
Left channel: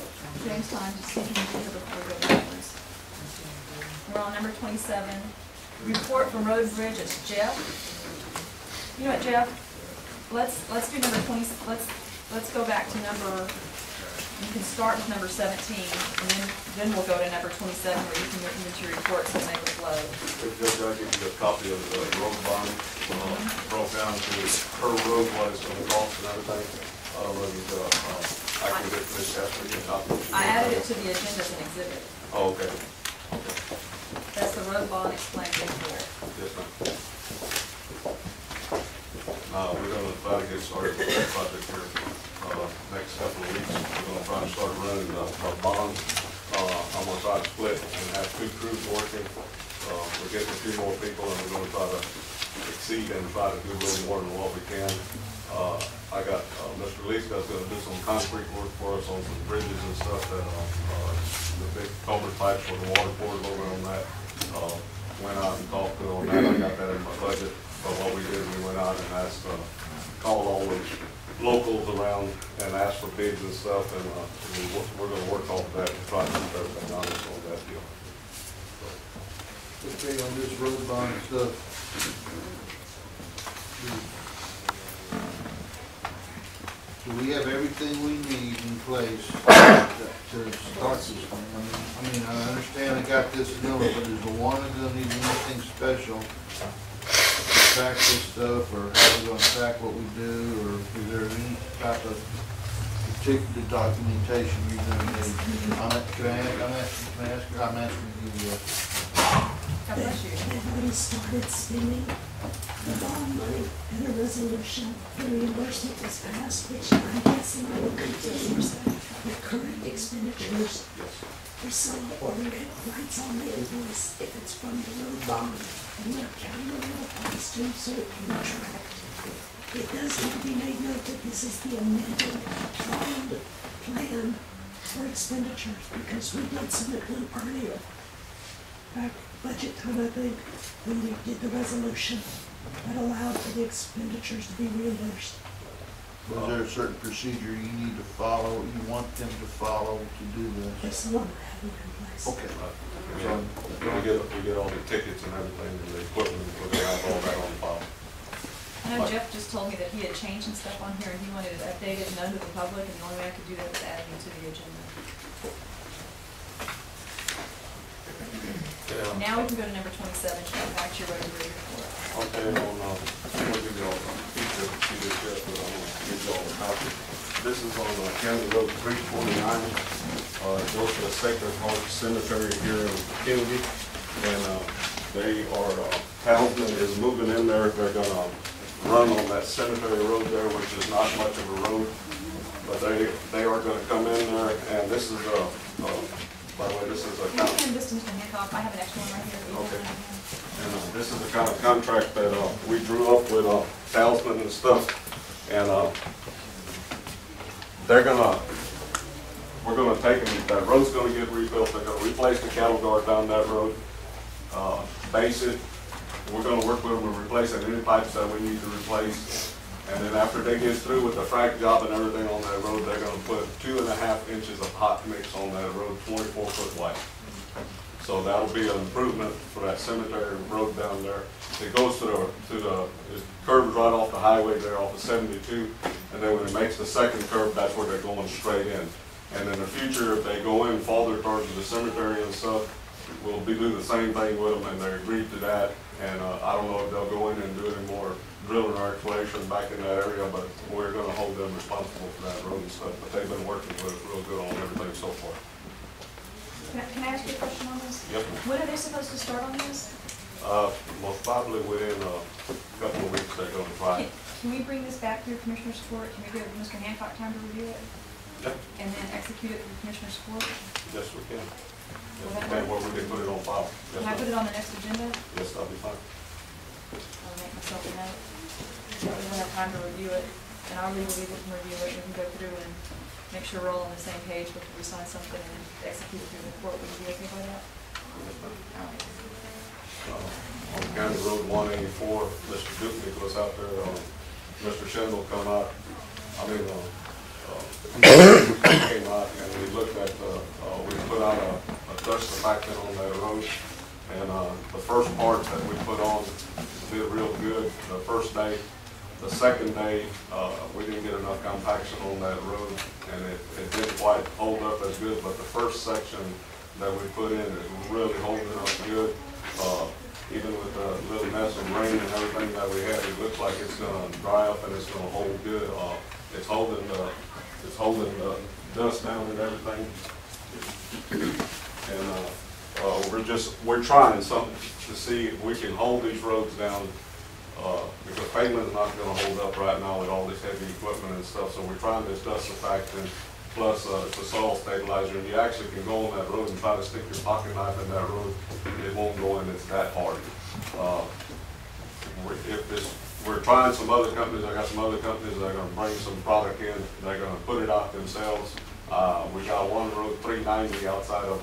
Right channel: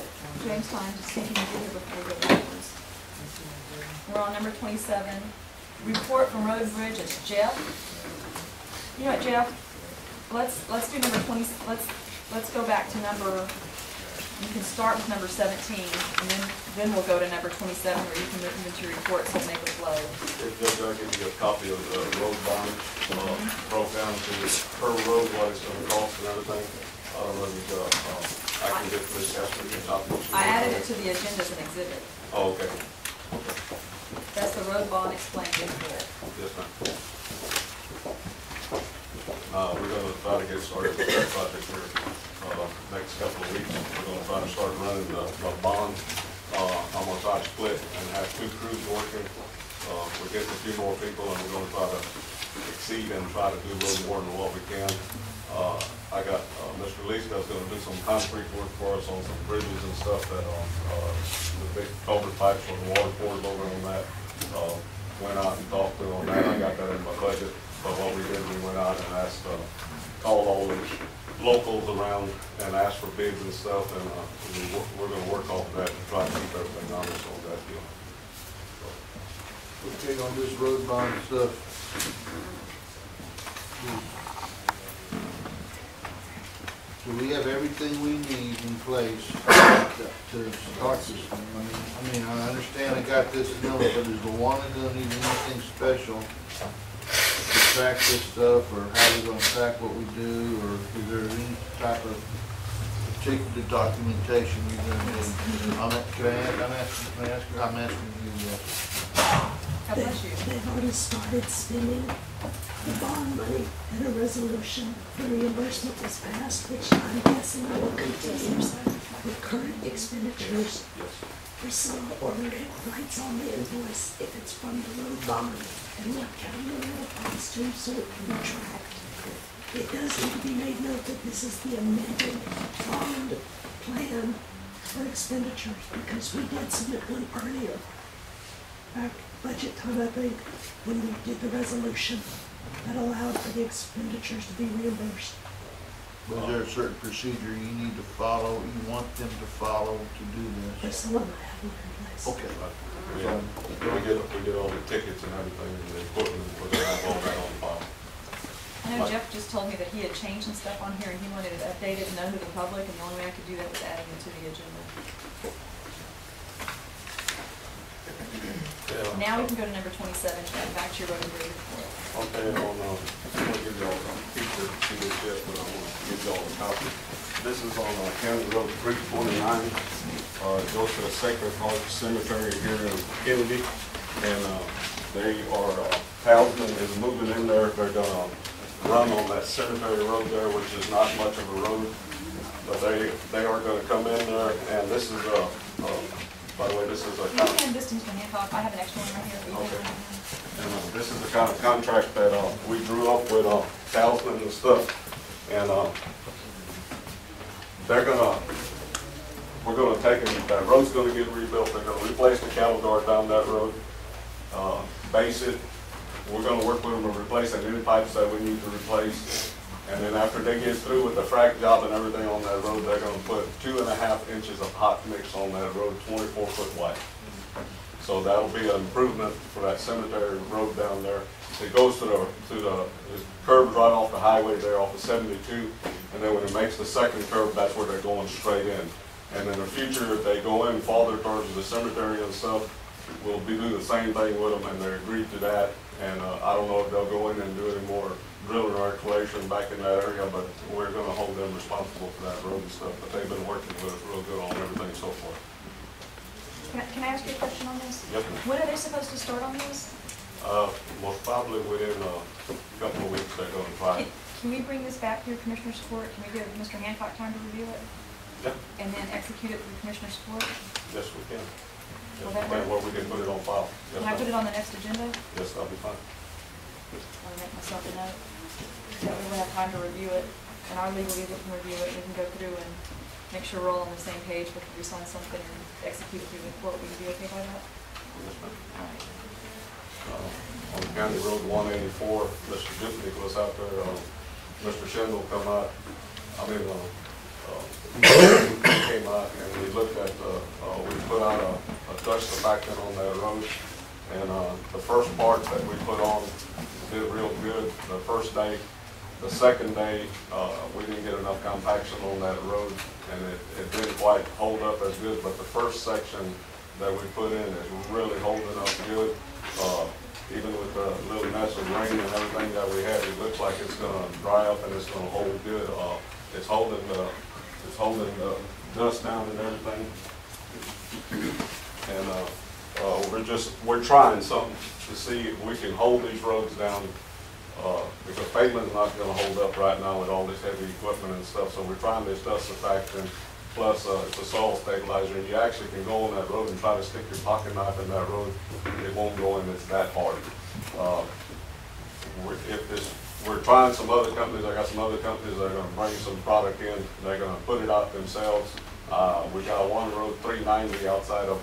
James time to see if he can get here before we go backwards. We're on number 27. Report from Road and Bridge, it's Jeff. You know what, Jeff? Let's do number 20, let's go back to number, you can start with number 17, and then we'll go to number 27 where you can move into your report so make it flow. If Judge, I'll give you a copy of the road bond, broke down to per road what it's gonna cost and everything. I don't know if you, I can get this, ask for your copy. I added it to the agenda as an exhibit. Oh, okay. That's the road bond explained in full. Yes, ma'am. We're gonna try to get started with that project here, next couple of weeks. We're gonna try to start running a bond, I'm gonna try to split and have 2 crews working. We're getting a few more people and we're gonna try to exceed and try to do a little more than what we can. I got, Mr. Leeska's gonna do some concrete work for us on some bridges and stuff that, the big culvert pipes for the water poured over on that. Went out and talked to them on that. I got that in my budget. But what we did, we went out and asked, called all the locals around and asked for bids and stuff, and we're going to work off of that and try to keep everything honest on that deal. Okay, on this road bond stuff, so we have everything we need in place to start this thing. I mean, I understand I got this deal, but is the one that doesn't need anything special to track this stuff, or how we're gonna track what we do, or is there any type of particular documentation you're gonna need? I'm asking you, yes. God bless you. They've already started spending the bond money, and a resolution for reimbursement was passed, which I'm guessing will continue with current expenditures. For some, overhead lights on the invoice if it's from the road bond, and what county road it applies to, so it can be tracked. It does need to be made note that this is the amended bond plan for expenditures, because we did submit one earlier, back budget time, I think, when we did the resolution that allowed for the expenditures to be reimbursed. Was there a certain procedure you need to follow, you want them to follow to do this? There's some of them I have in place. Okay. We get all the tickets and everything, and the equipment, we're gonna have all that on file. I know Jeff just told me that he had changed some stuff on here and he wanted it updated and known to the public, and the only way I could do that was adding it to the agenda. Yeah. Now we can go to number 27, back to your road and bridge report. Okay, I'm gonna give y'all a piece of this yet, but I'm gonna give y'all a copy. This is on County Road 329. It goes to the Sacred Heart Cemetery here in Kennedy, and they are, Townsend is moving in there. They're gonna run on that cemetery road there, which is not much of a road, but they are gonna come in there, and this is by the way, this is a Can you hand this to Mr. Hancock? I have an extra one right here. Okay. And this is the kind of contract that we drew up with Townsend and stuff, and we're gonna take them. That road's gonna get rebuilt. They're gonna replace the cattle guard down that road, base it. We're gonna work with them to replace any pipes that we need to replace. And then after they get through with the frac job and everything on that road, they're gonna put 2.5 inches of hot mix on that road, 24 foot wide. So that'll be an improvement for that cemetery road down there. It goes to the it curves right off the highway there off of 72, and then when it makes the second curve, that's where they're going straight in. And in the future, if they go in farther towards the cemetery and stuff, we'll be doing the same thing with them, and they agreed to that. And I don't know if they'll go in and do any more drilling or exploration back in that area, but we're gonna hold them responsible for that road and stuff. But they've been working with us real good on everything so far. Can I ask you a question on this? Yes, ma'am. When are they supposed to start on this? Most probably within a couple of weeks, they're gonna try. Can we bring this back through Commissioner's Court? Can we give Mr. Hancock time to review it? Yeah. And then execute it through Commissioner's Court? Yes, we can. Will Yes, that we can, work? where we can put it on file. Yes, Can I ma'am. put it on the next agenda? Yes, that'll be fine. I'll make myself a note. That way we'll have time to review it, and our legal people can review it, we can go through and make sure we're all on the same page before we sign something and execute it through the court. Would you be okay by that? Yes, ma'am. All right. On County Road 184, Mr. Dupnick was out there, Mr. Schindel come out, he came out and we looked at, we put out a dust surfactant on that road. And the first part that we put on did real good the first day. The second day, we didn't get enough compaction on that road, and it didn't quite hold up as good, but the first section that we put in is really holding up good. Even with the little mess of rain and everything that we had, it looks like it's gonna dry up and it's gonna hold good. It's holding the dust down and everything. And we're trying something to see if we can hold these roads down, because pavement is not gonna hold up right now with all this heavy equipment and stuff, so we're trying this dust surfactant, plus it's a soil stabilizer, and you actually can go on that road and try to stick your pocket knife in that road, it won't go in, it's that hard. We're trying some other companies, I got some other companies that are gonna bring some product in, they're gonna put it out themselves. We got one road, 390, outside of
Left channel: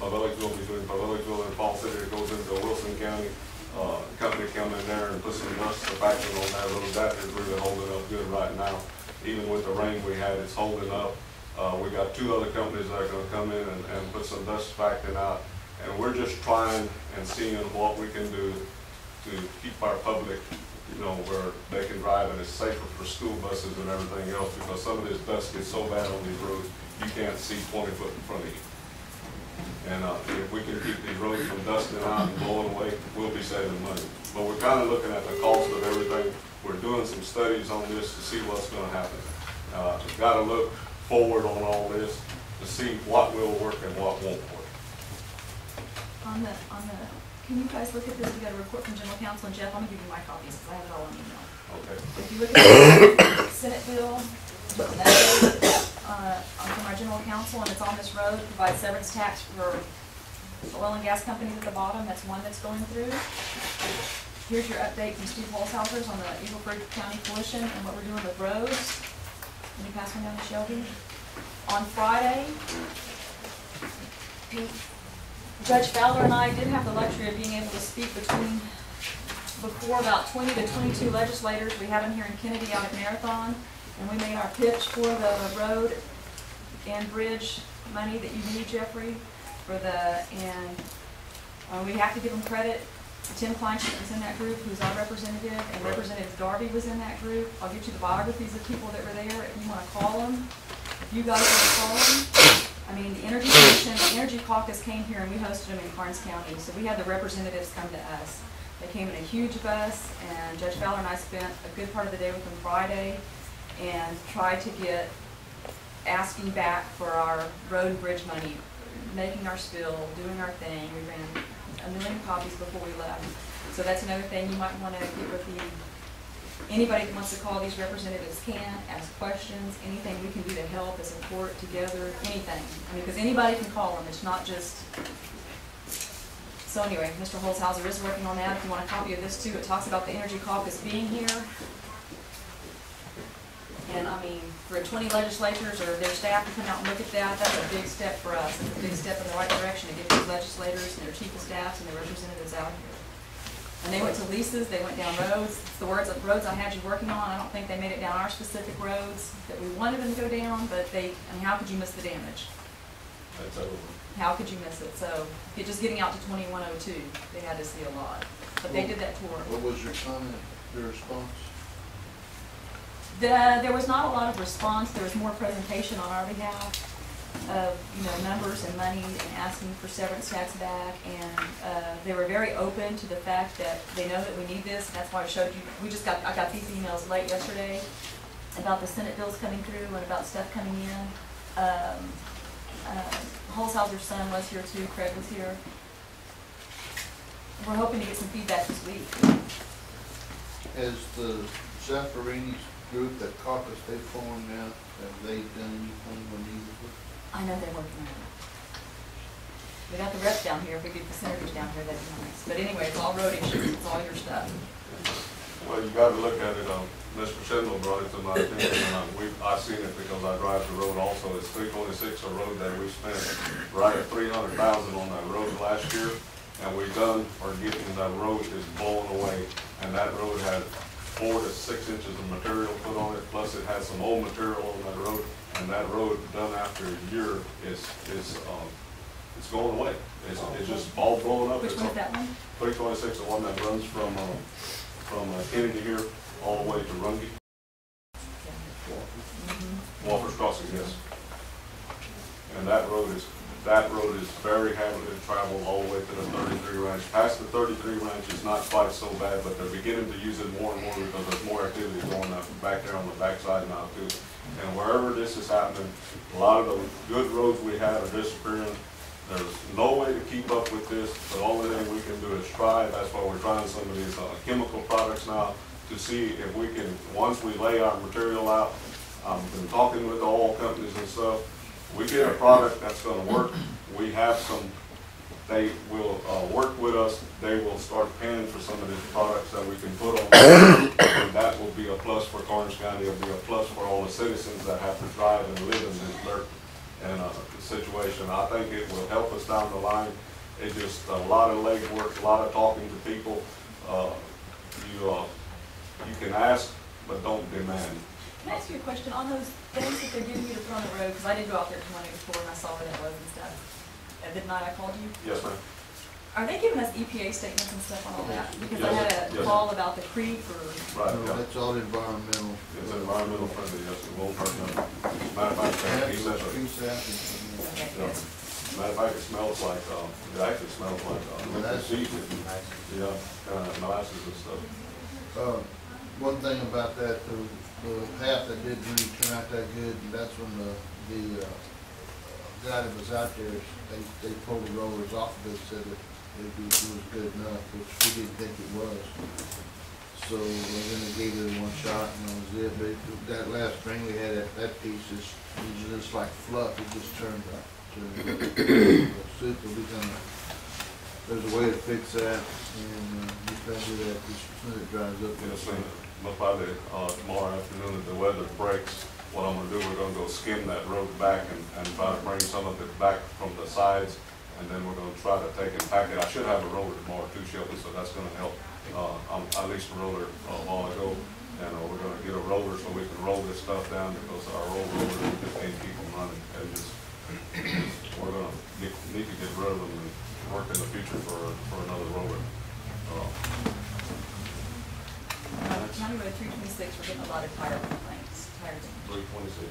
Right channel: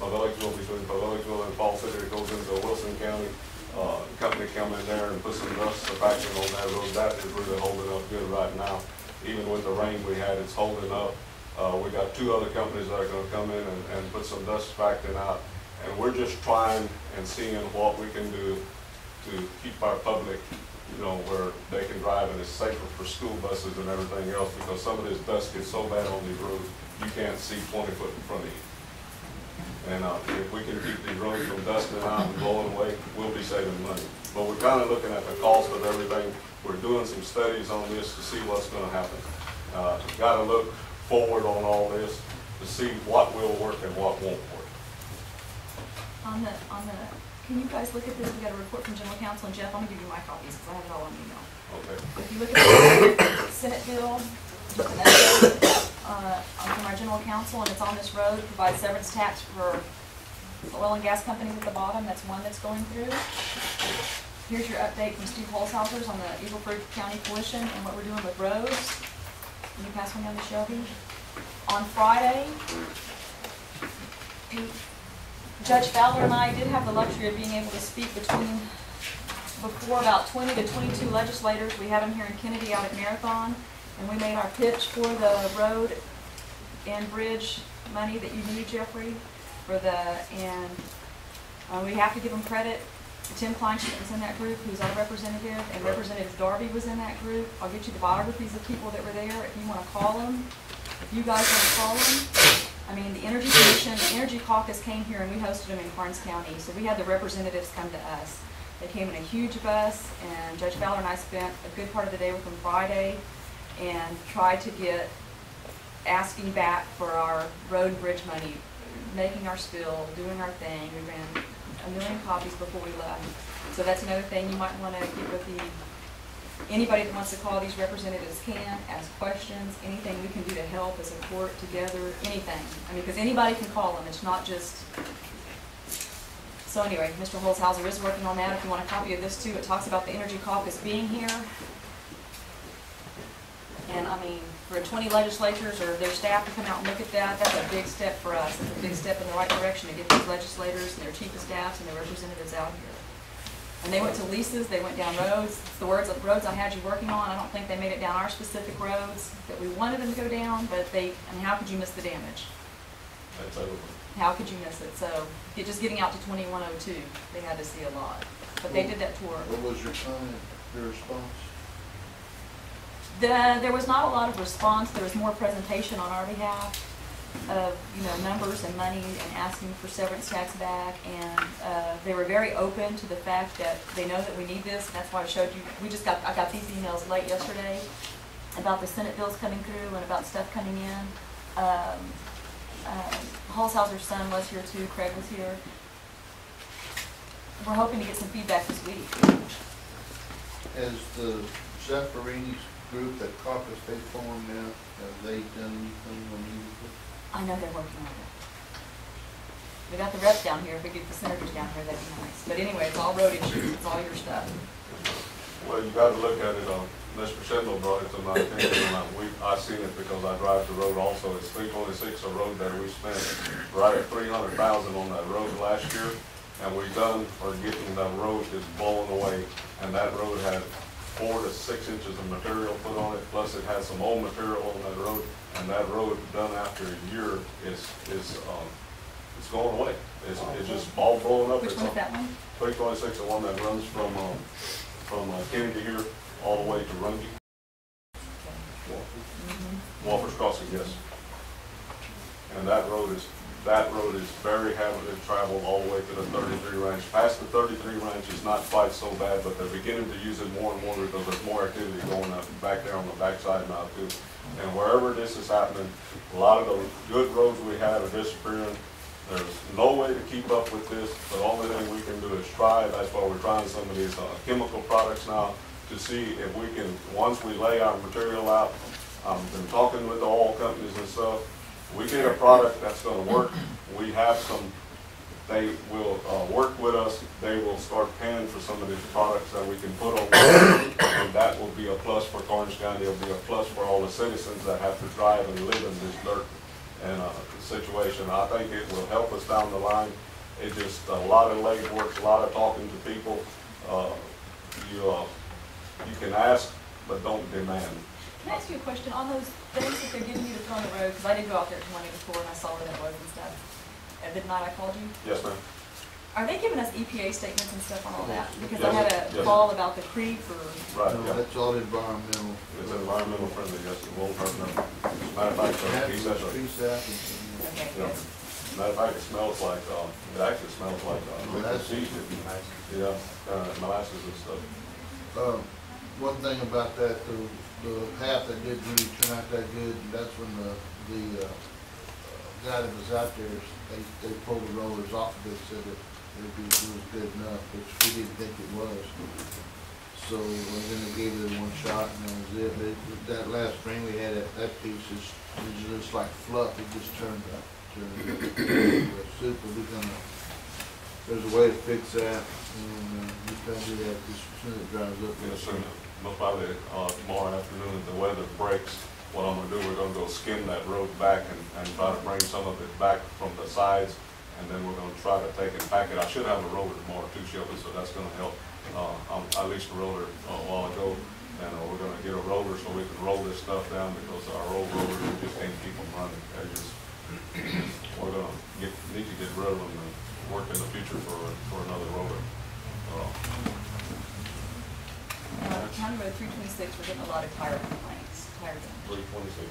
Pavellicsville, between Pavellicsville and Fall City, that goes into Wilson County. Company come in there and put some dust surfactant on that road. That is really holding up good right now. Even with the rain we had, it's holding up. We got two other companies that are gonna come in and put some dust surfactant out. And we're just trying and seeing what we can do to keep our public, where they can drive and it's safer for school buses and everything else, because some of this dust gets so bad on these roads, you can't see 20 foot in front of you. And if we can keep these roads from dusting out and blowing away, we'll be saving money. But we're kind of looking at the cost of everything. We're doing some studies on this to see what's going to happen. Got to look forward on all this to see what will work and what won't work. Can you guys look at this? We got a report from General Counsel, and Jeff, I'm gonna give you my copies because I have it all on email. Okay. If you look at the Senate bill, from our General Counsel, and it's on this road, provides severance tax for oil and gas companies at the bottom. That's one that's going through. Here's your update from Steve Holzhauser's on the Eagle Ford County Coalition and what we're doing with roads. Can you pass one down to Shelby? On Friday, Judge Fowler and I did have the luxury of being able to speak before about 20 to 22 legislators. We had them here in Kennedy out at Marathon, and we made our pitch for the road and bridge money that you need, Jeffrey, and we have to give them credit. Tim Kleinschmidt was in that group, who's our representative, and Representative Darby was in that group. I'll get you the biographies of people that were there if you want to call them. If you guys want to call them. I mean, the Energy Commission, the Energy Caucus came here and we hosted them in Karnes County. So we had the representatives come to us. They came in a huge bus, and Judge Fowler and I spent a good part of the day with them Friday and tried to get asking back for our road and bridge money, making our spill, doing our thing. We ran 1 million copies before we left. So that's another thing you might want to get with anybody that wants to call these representatives can, ask questions, anything we can do to help as a court together, anything. I mean, because anybody can call them, it's not just. So anyway, Mr. Holzhauser is working on that. If you want a copy of this too, it talks about the Energy Caucus being here. And I mean, for 20 legislators or their staff to come out and look at that, that's a big step for us. It's a big step in the right direction to get these legislators and their chief of staffs and their representatives out here. And they went to leases, they went down roads. The roads I had you working on, I don't think they made it down our specific roads that we wanted them to go down, but I mean, how could you miss the damage? That's over. How could you miss it? So just getting out to 2102, they had to see a lot. But they did that tour. What was your comment, your response? There was not a lot of response. There was more presentation on our behalf of numbers and money and asking for severance tax back, and they were very open to the fact that they know that we need this, and that's why I showed you. I got these emails late yesterday about the Senate bills coming through and about stuff coming in. Holzhauser's son was here too. Craig was here. we're hoping to get some feedback this week. Has the Zaffarini's group that caucus they formed now, have they done anything unusual? I know they're working on it. We got the reps down here. If we get the senators down here, that'd be nice. But anyway, it's all road issues. It's all your stuff. Well, you gotta look at it, Mr. Schindler brought it to my attention, and I seen it because I drive the road also. It's 326, a road that we spent right at 300,000 on that road last year, and we done, or getting, that road is blown away, and that road had 4 to 6 inches of material put on it, plus it has some old material on that road, and that road done after a year is it's going away. It's just all blown up. Which one is that one? 326, the one that runs from Kennedy here all the way to Runge. Walker's Crossing, yes. And that road is very heavily traveled all the way to the 33 Ranch. Past the 33 Ranch is not quite so bad, but they're beginning to use it more and more because there's more activity going up back there on the backside now too. And wherever this is happening, a lot of the good roads we had are disappearing. There's no way to keep up with this. The only thing we can do is try. That's why we're trying some of these chemical products now to see if we can, once we lay our material out, I've been talking with the oil companies and stuff, we get a product that's going to work. We have some, they will work with us. They will start paying for some of these products that we can put on, and that will be a plus for Karnes County. It'll be a plus for all the citizens that have to drive and live in this dirt and situation. I think it will help us down the line. It's just a lot of legwork, a lot of talking to people. You can ask, but don't demand. Can I ask you a question on those things that they're giving you to put on the road? Because I did go out there 2 days before and I saw where that was and stuff. At midnight I called you. Yes, ma'am. Are they giving us EPA statements and stuff on all that? Because Yes, I had a yes. call about the creek or. Right, No, yeah. that's all environmental. It's environmental friendly, yes, it won't hurt them. Matter of fact, he said, Tree sap and- Okay, yeah. good. Matter of fact, it smells like, it actually smells like, Molasses. seed. Yeah, molasses and stuff. One thing about that, the half that didn't really turn out that good, and that's when the guy that was out there, they pulled the rollers off of it, said that it was good enough, which we didn't think it was. So, and then they gave it one shot and that was it. But that last spring we had, that piece was just like fluff, it just turned out. Soup, there's a way to fix that, and you can do that as soon as it dries up. Yes, and most probably tomorrow afternoon, if the weather breaks, what I'm gonna do, we're gonna go skim that road back and try to bring some of it back from the sides, and then we're gonna try to take and pack it. I should have a roller tomorrow too, Shelby, so that's gonna help. I leased a roller a while ago, and we're gonna get a roller so we can roll this stuff down because our old rollers, we just can't keep them running. We're gonna need to get rid of them and work in the future for another roller. County Road 326, we're getting a lot of tire complaints, tire damage. 326.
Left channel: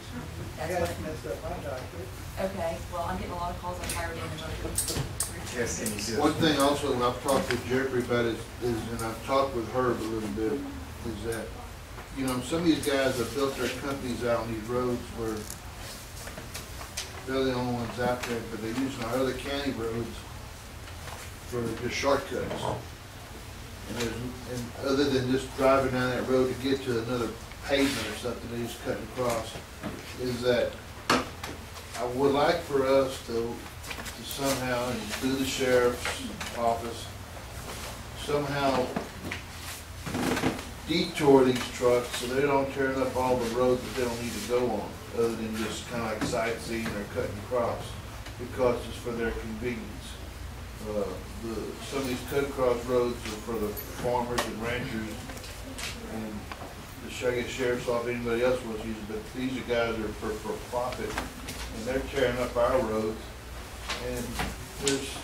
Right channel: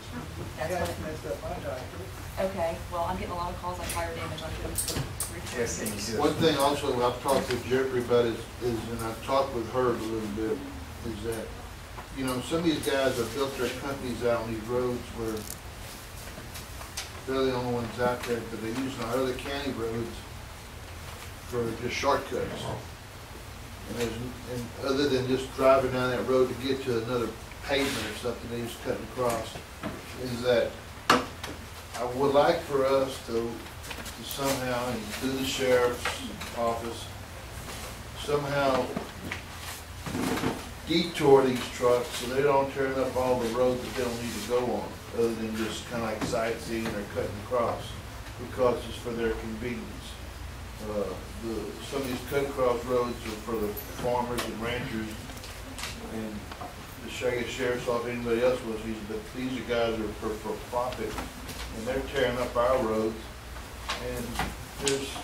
That's Yeah, what it's messed up my tire too. Okay, well, I'm getting a lot of calls on tire damage on 326. One thing also I've talked to Jeffrey about is, and I've talked with Herb a little bit, is that, you know, some of these guys have built their companies out on these roads where they're the only ones out there, but they're using our other county roads for just shortcuts. And other than just driving down that road to get to another pavement or something, they just cutting across, is that I would like for us to somehow, through the sheriff's office, somehow detour these trucks so they don't turn up all the roads that they don't need to go on, other than just kind of like sightseeing or cutting across, because it's for their convenience. Some of these cut across roads are for the farmers and ranchers, and the sheriff's office, anybody else was using, but these are guys that are for profit, and they're tearing up our roads, and there's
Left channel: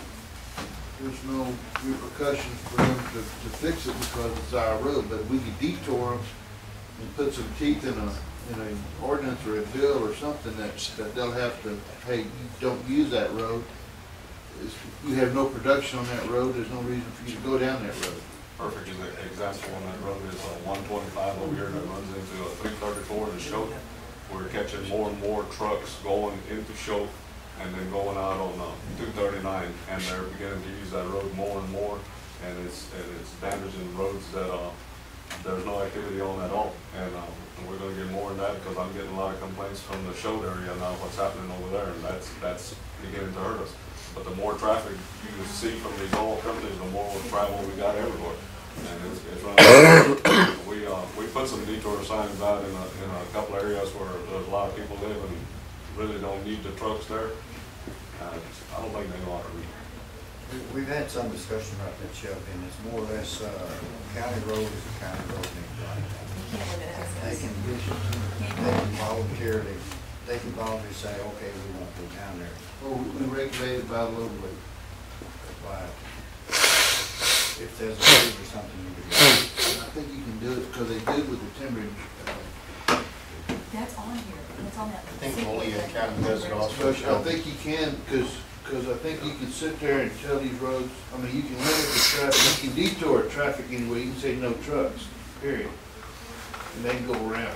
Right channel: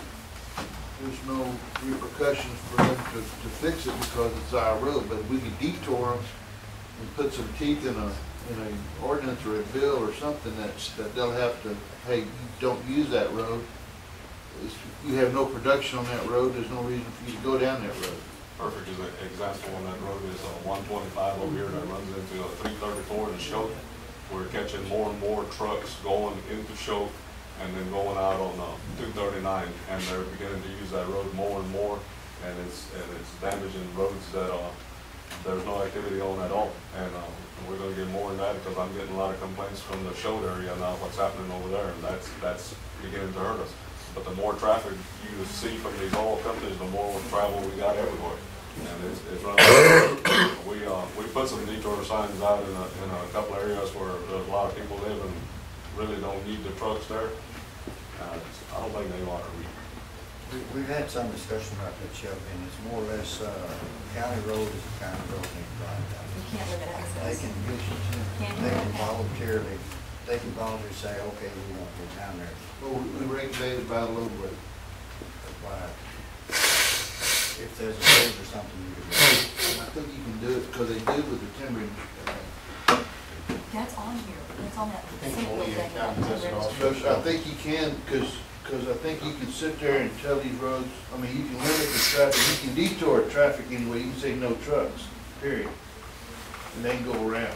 no repercussions for them to fix it because it's our road, but we could detour them and put some teeth in an ordinance or a bill or something that they'll have to, hey, you don't use that road. You have no production on that road, there's no reason for you to go down that road. Perfect example on that road is 125 over here that runs into 334 in Choate. We're catching more and more trucks going into Choate and then going out on 239, and they're beginning to use that road more and more. and it's damaging roads that, there's no activity on at all. And we're gonna get more in that, because I'm getting a lot of complaints from the Shoal area now, what's happening over there, and that's beginning to hurt us. But the more traffic you see from these oil companies, the more travel we got everywhere. And it's running. We put some detour signs out in a couple areas where there's a lot of people live and really don't need the trucks there. I don't think they ought to read. We've had some discussion about that, Shelby, and it's more or less, county road is a county road, and they drive down. You can't live in They access. can, Can't do they that. can voluntarily, they can voluntarily say, okay, we won't go down there. Well, we regulated by the load rate. That's why, if there's a wave or something, you could do it. I think you can do it, because they did with the timber. That's on here. That's on that. think single only in thing. county does it also. But I think you can, because I think you can sit there and tell these roads, I mean, you can limit the traffic, you can detour traffic anyway, you can say no trucks, period. And they can go around.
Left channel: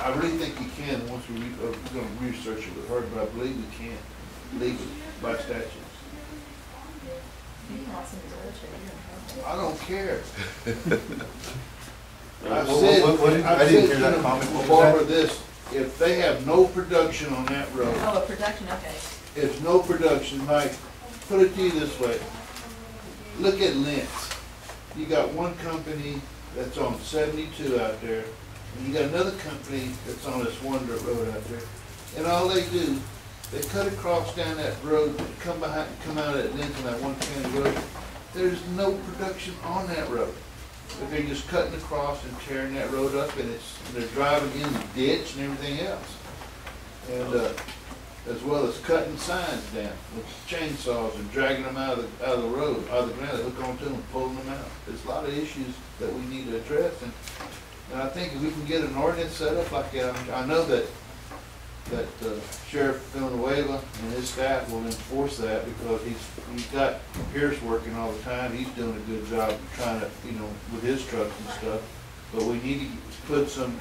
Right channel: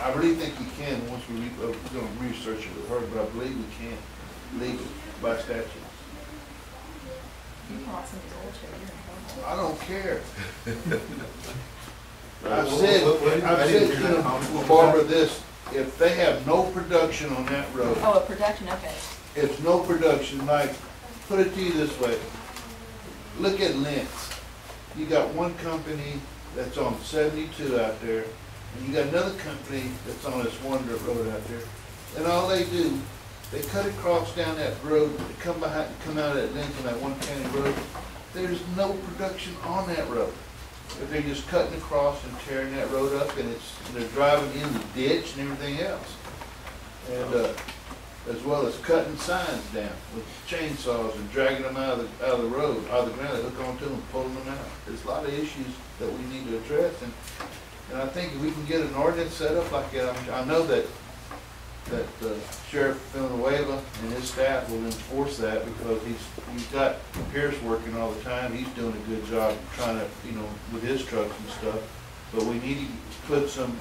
I really think you can, once we're gonna research it with her, but I believe we can, legally, by statute. You can also use oil shade, you're in trouble. I don't care. I've What- said, I didn't hear that, you Tommy. know, What was Barbara, this, if they have no production on that road, Oh, a production, okay. it's no production, like, put it to you this way. Look at Lentz. You got one company that's on 72 out there, and you got another company that's on this one dirt road out there. And all they do, they cut across down that road, they come out at Lentz on that one county road. There's no production on that road. But they're just cutting across and tearing that road up, and they're driving in the ditch and everything else. And, as well as cutting signs down with chainsaws and dragging them out of the road, out of the ground, they hook onto them and pulling them out. There's a lot of issues that we need to address, and I think if we can get an ordinance set up like that, I know that Sheriff Villanueva and his staff will enforce that, because he's got Pierce working all the time. He's doing a good job trying to, with his trucks and stuff. But we need to put some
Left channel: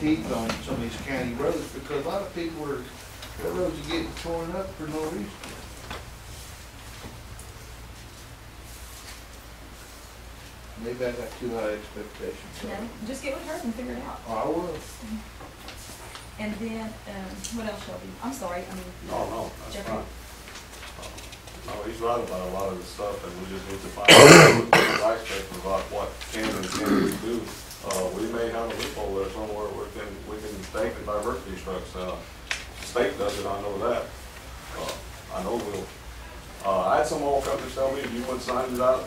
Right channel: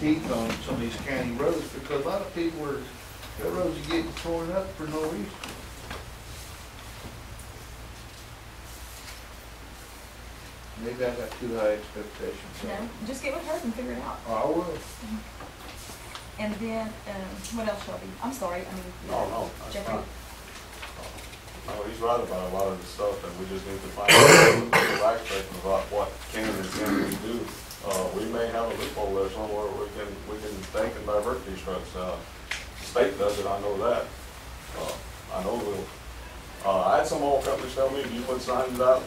teeth on some of these county roads, because a lot of people their roads are getting torn up for no reason. Maybe I got too high expectations. No, just get with her and figure it out. Oh, I will. And then, what else, Shelby? I'm sorry, I mean. No, that's Jeffrey. fine. No, he's right about a lot of the stuff, and we just need to find out the aspect about what can and can't we do. We may have a loophole there somewhere we can take and divert these trucks. The state does it, I know that. I know we'll. I had some oil companies tell me, if you put signs out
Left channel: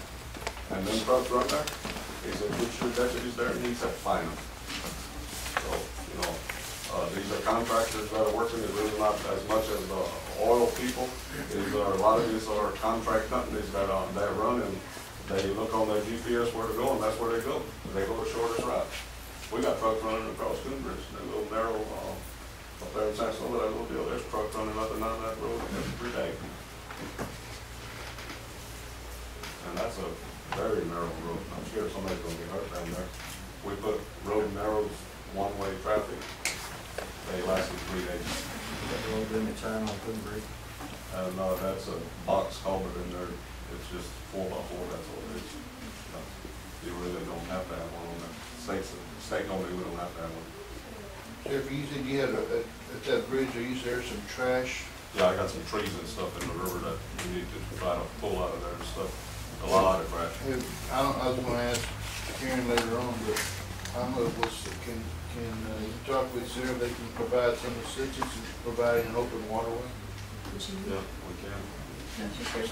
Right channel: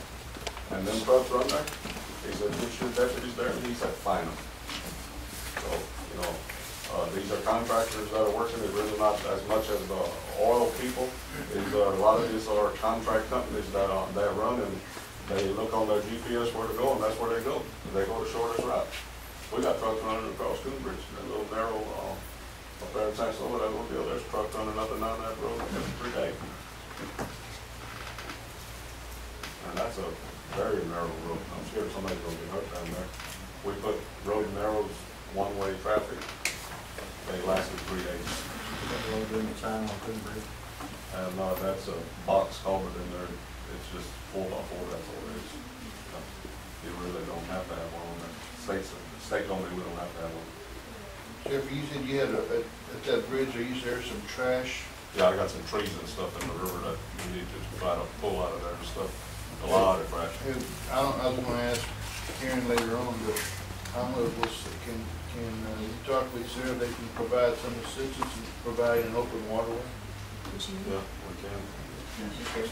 and them trucks run there, he said, put your deputies there, and he said, fine them. So, these are contractors that are working, it's really not as much as the oil people. A lot of these are contract companies that run, and they look on their GPS where to go, and that's where they go. They go the shortest route. We got trucks running across Coonbridge, that little narrow, up there in San Solo, that little deal, there's trucks running up and down that road every day. And that's a very narrow road. I'm sure somebody's gonna get hurt down there. We put road narrows, one-way traffic. They lasted 3 days. Got a load limit sign on Coonbridge. And that's a box culvert in there. It's just 4x4, that's all it is. You really don't have to have one on there. State told me we don't have to have one. Sheriff, you said you had at that bridge, there some trash. Yeah, I got some trees and stuff in the river that we need to try to pull out of there and stuff. A lot of trash. I was gonna ask Karen later on, but I don't know can you talk with Sarah, they can provide some assistance in providing an open waterway? Yeah, we can.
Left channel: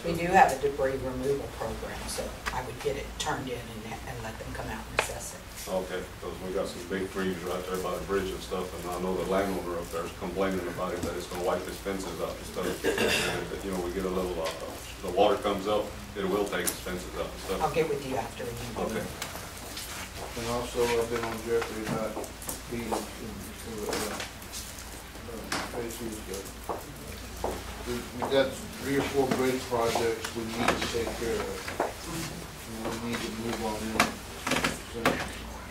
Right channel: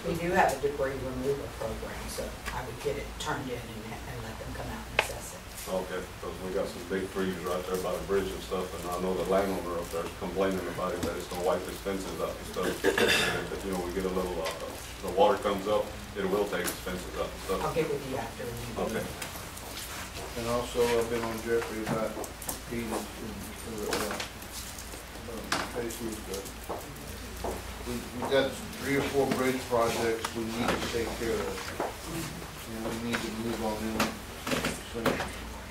We do have a debris removal program, so I would get it turned in and let them come out and assess it. Okay, because we got some big trees right there by the bridge and stuff, and I know the landowner up there is complaining about it, that it's gonna wipe his fences out and stuff. And, we get a little, the water comes up, it will take his fences out and stuff. I'll get with you after. Okay. And also, I've been on Jeffrey about feeding, we got 3 or 4 bridge projects we need to take care of. And we need to move on in. So,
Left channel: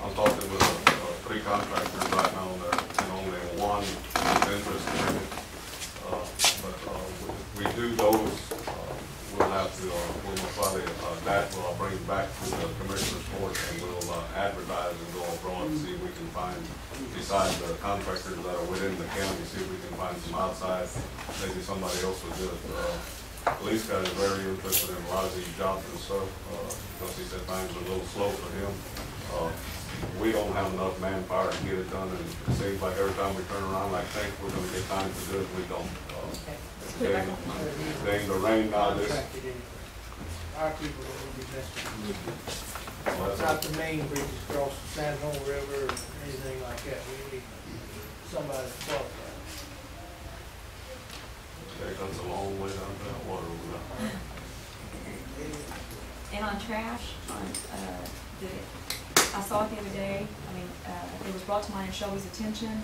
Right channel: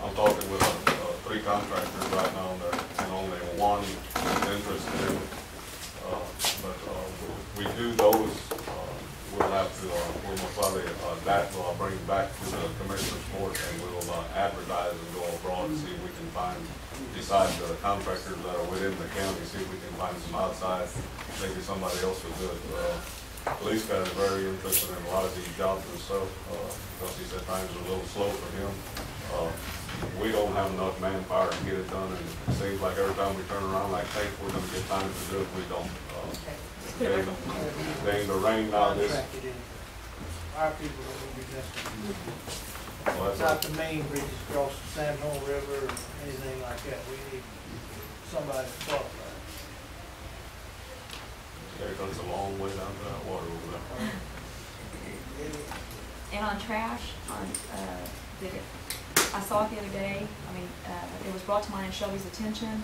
I'm talking with 3 contractors right now there, and only one is interested in it. But we do those, we'll have to, we'll probably that will bring it back to the commissioner's court, and we'll advertise and go abroad and see if we can find, besides the contractors that are within the county, see if we can find some outside, maybe somebody else would do it. Police guy is very interested in a lot of these jobs and stuff, because he said things are a little slow for him. We don't have enough manpower to get it done, and it seems like every time we turn around, like, think we're gonna get time to do it, we don't. They the rain now, this. Contracted in. Our people don't be messed with. Well, It's not the main bridges across the San Juan River or anything like that. We need somebody to qualify. It goes a long way down to that water over there. And on trash, I saw it the other day, I mean, it was brought to mine and Shelby's attention.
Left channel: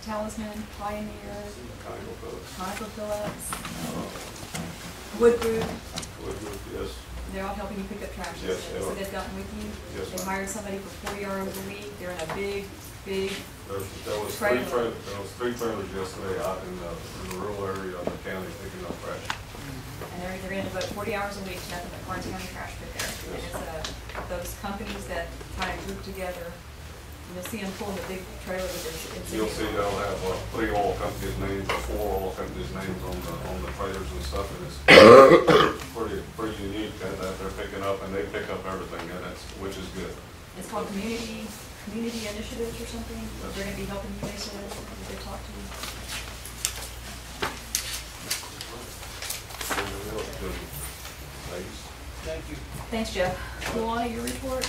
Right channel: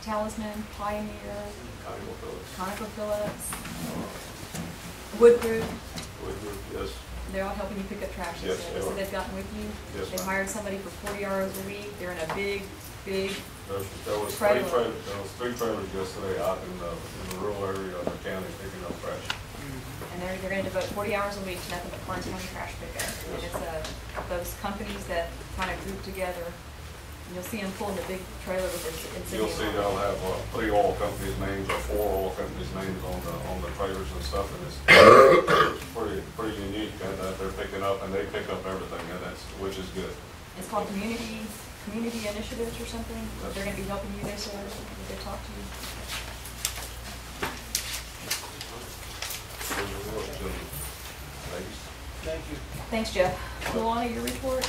Talisman, Pioneer, ConocoPhillips, Wood Group, Yes. they're all helping you pick up trash. Yes, they So are. they've gotten with you. Yes, They've ma'am. hired somebody for 40 hours a week. They're in a big There was Trailer. three trailers yesterday out in the rural area of the county picking up trash. and they're gonna devote 40 hours a week to nothing but Karnes County trash pickup. And it's those companies that kind of group together. And you'll see them pulling the big trailer with their insignia. You'll see they'll have 3 oil companies' names or 4 oil companies' names on the trailers and stuff, and it's pretty unique that they're picking up, and they pick up everything, and which is good. It's called community initiatives or something. They're gonna be helping you, they said, if they talk to you. Thanks. Thank you. Thanks, Jeff. Luana, your report?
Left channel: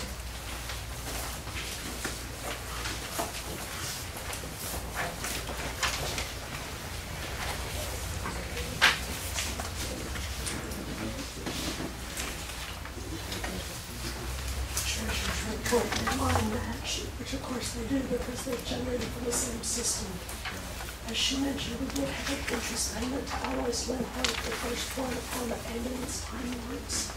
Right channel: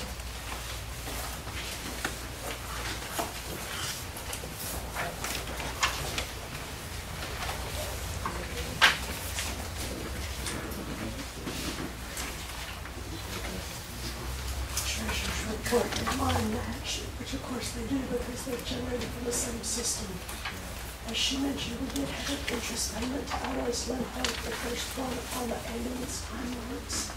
Treasurer's report and mine match, which of course they do because they're generated from the same system. As she mentioned, we did have an interest payment to Alloys Linho, the first one on the ambulance timelines.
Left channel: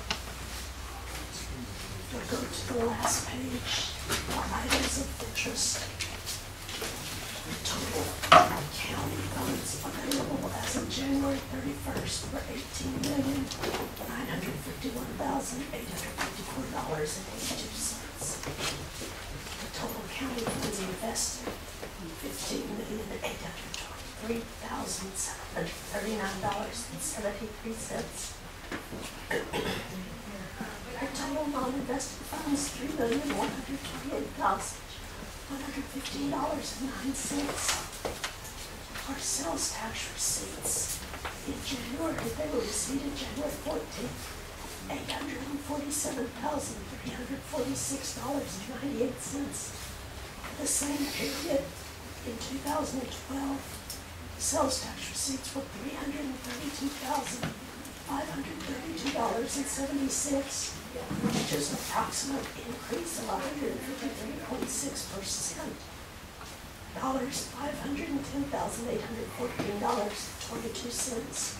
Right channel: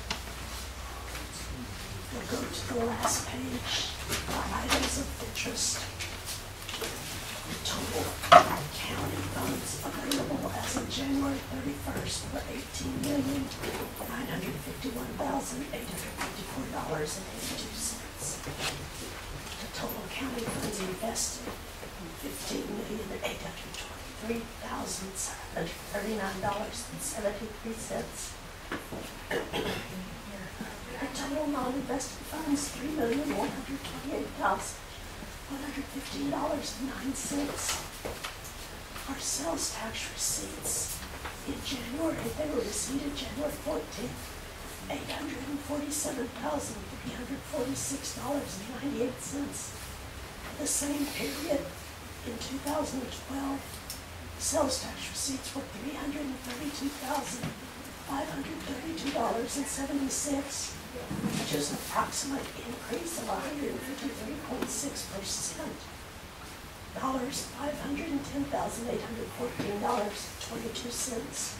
We'll go to the last page, the items of interest. The total county funds available as of January 31st were $18,951,854.82. The total county funds invested, $15,823,739.73. Our total non-invested funds, $3,128,115.09. Our sales tax receipts in January, they were received January 14th, $847,346.98. For the same period in 2012, sales tax receipts were $332,532.76, which is an approximate increase of 153.6%. $510,814.22.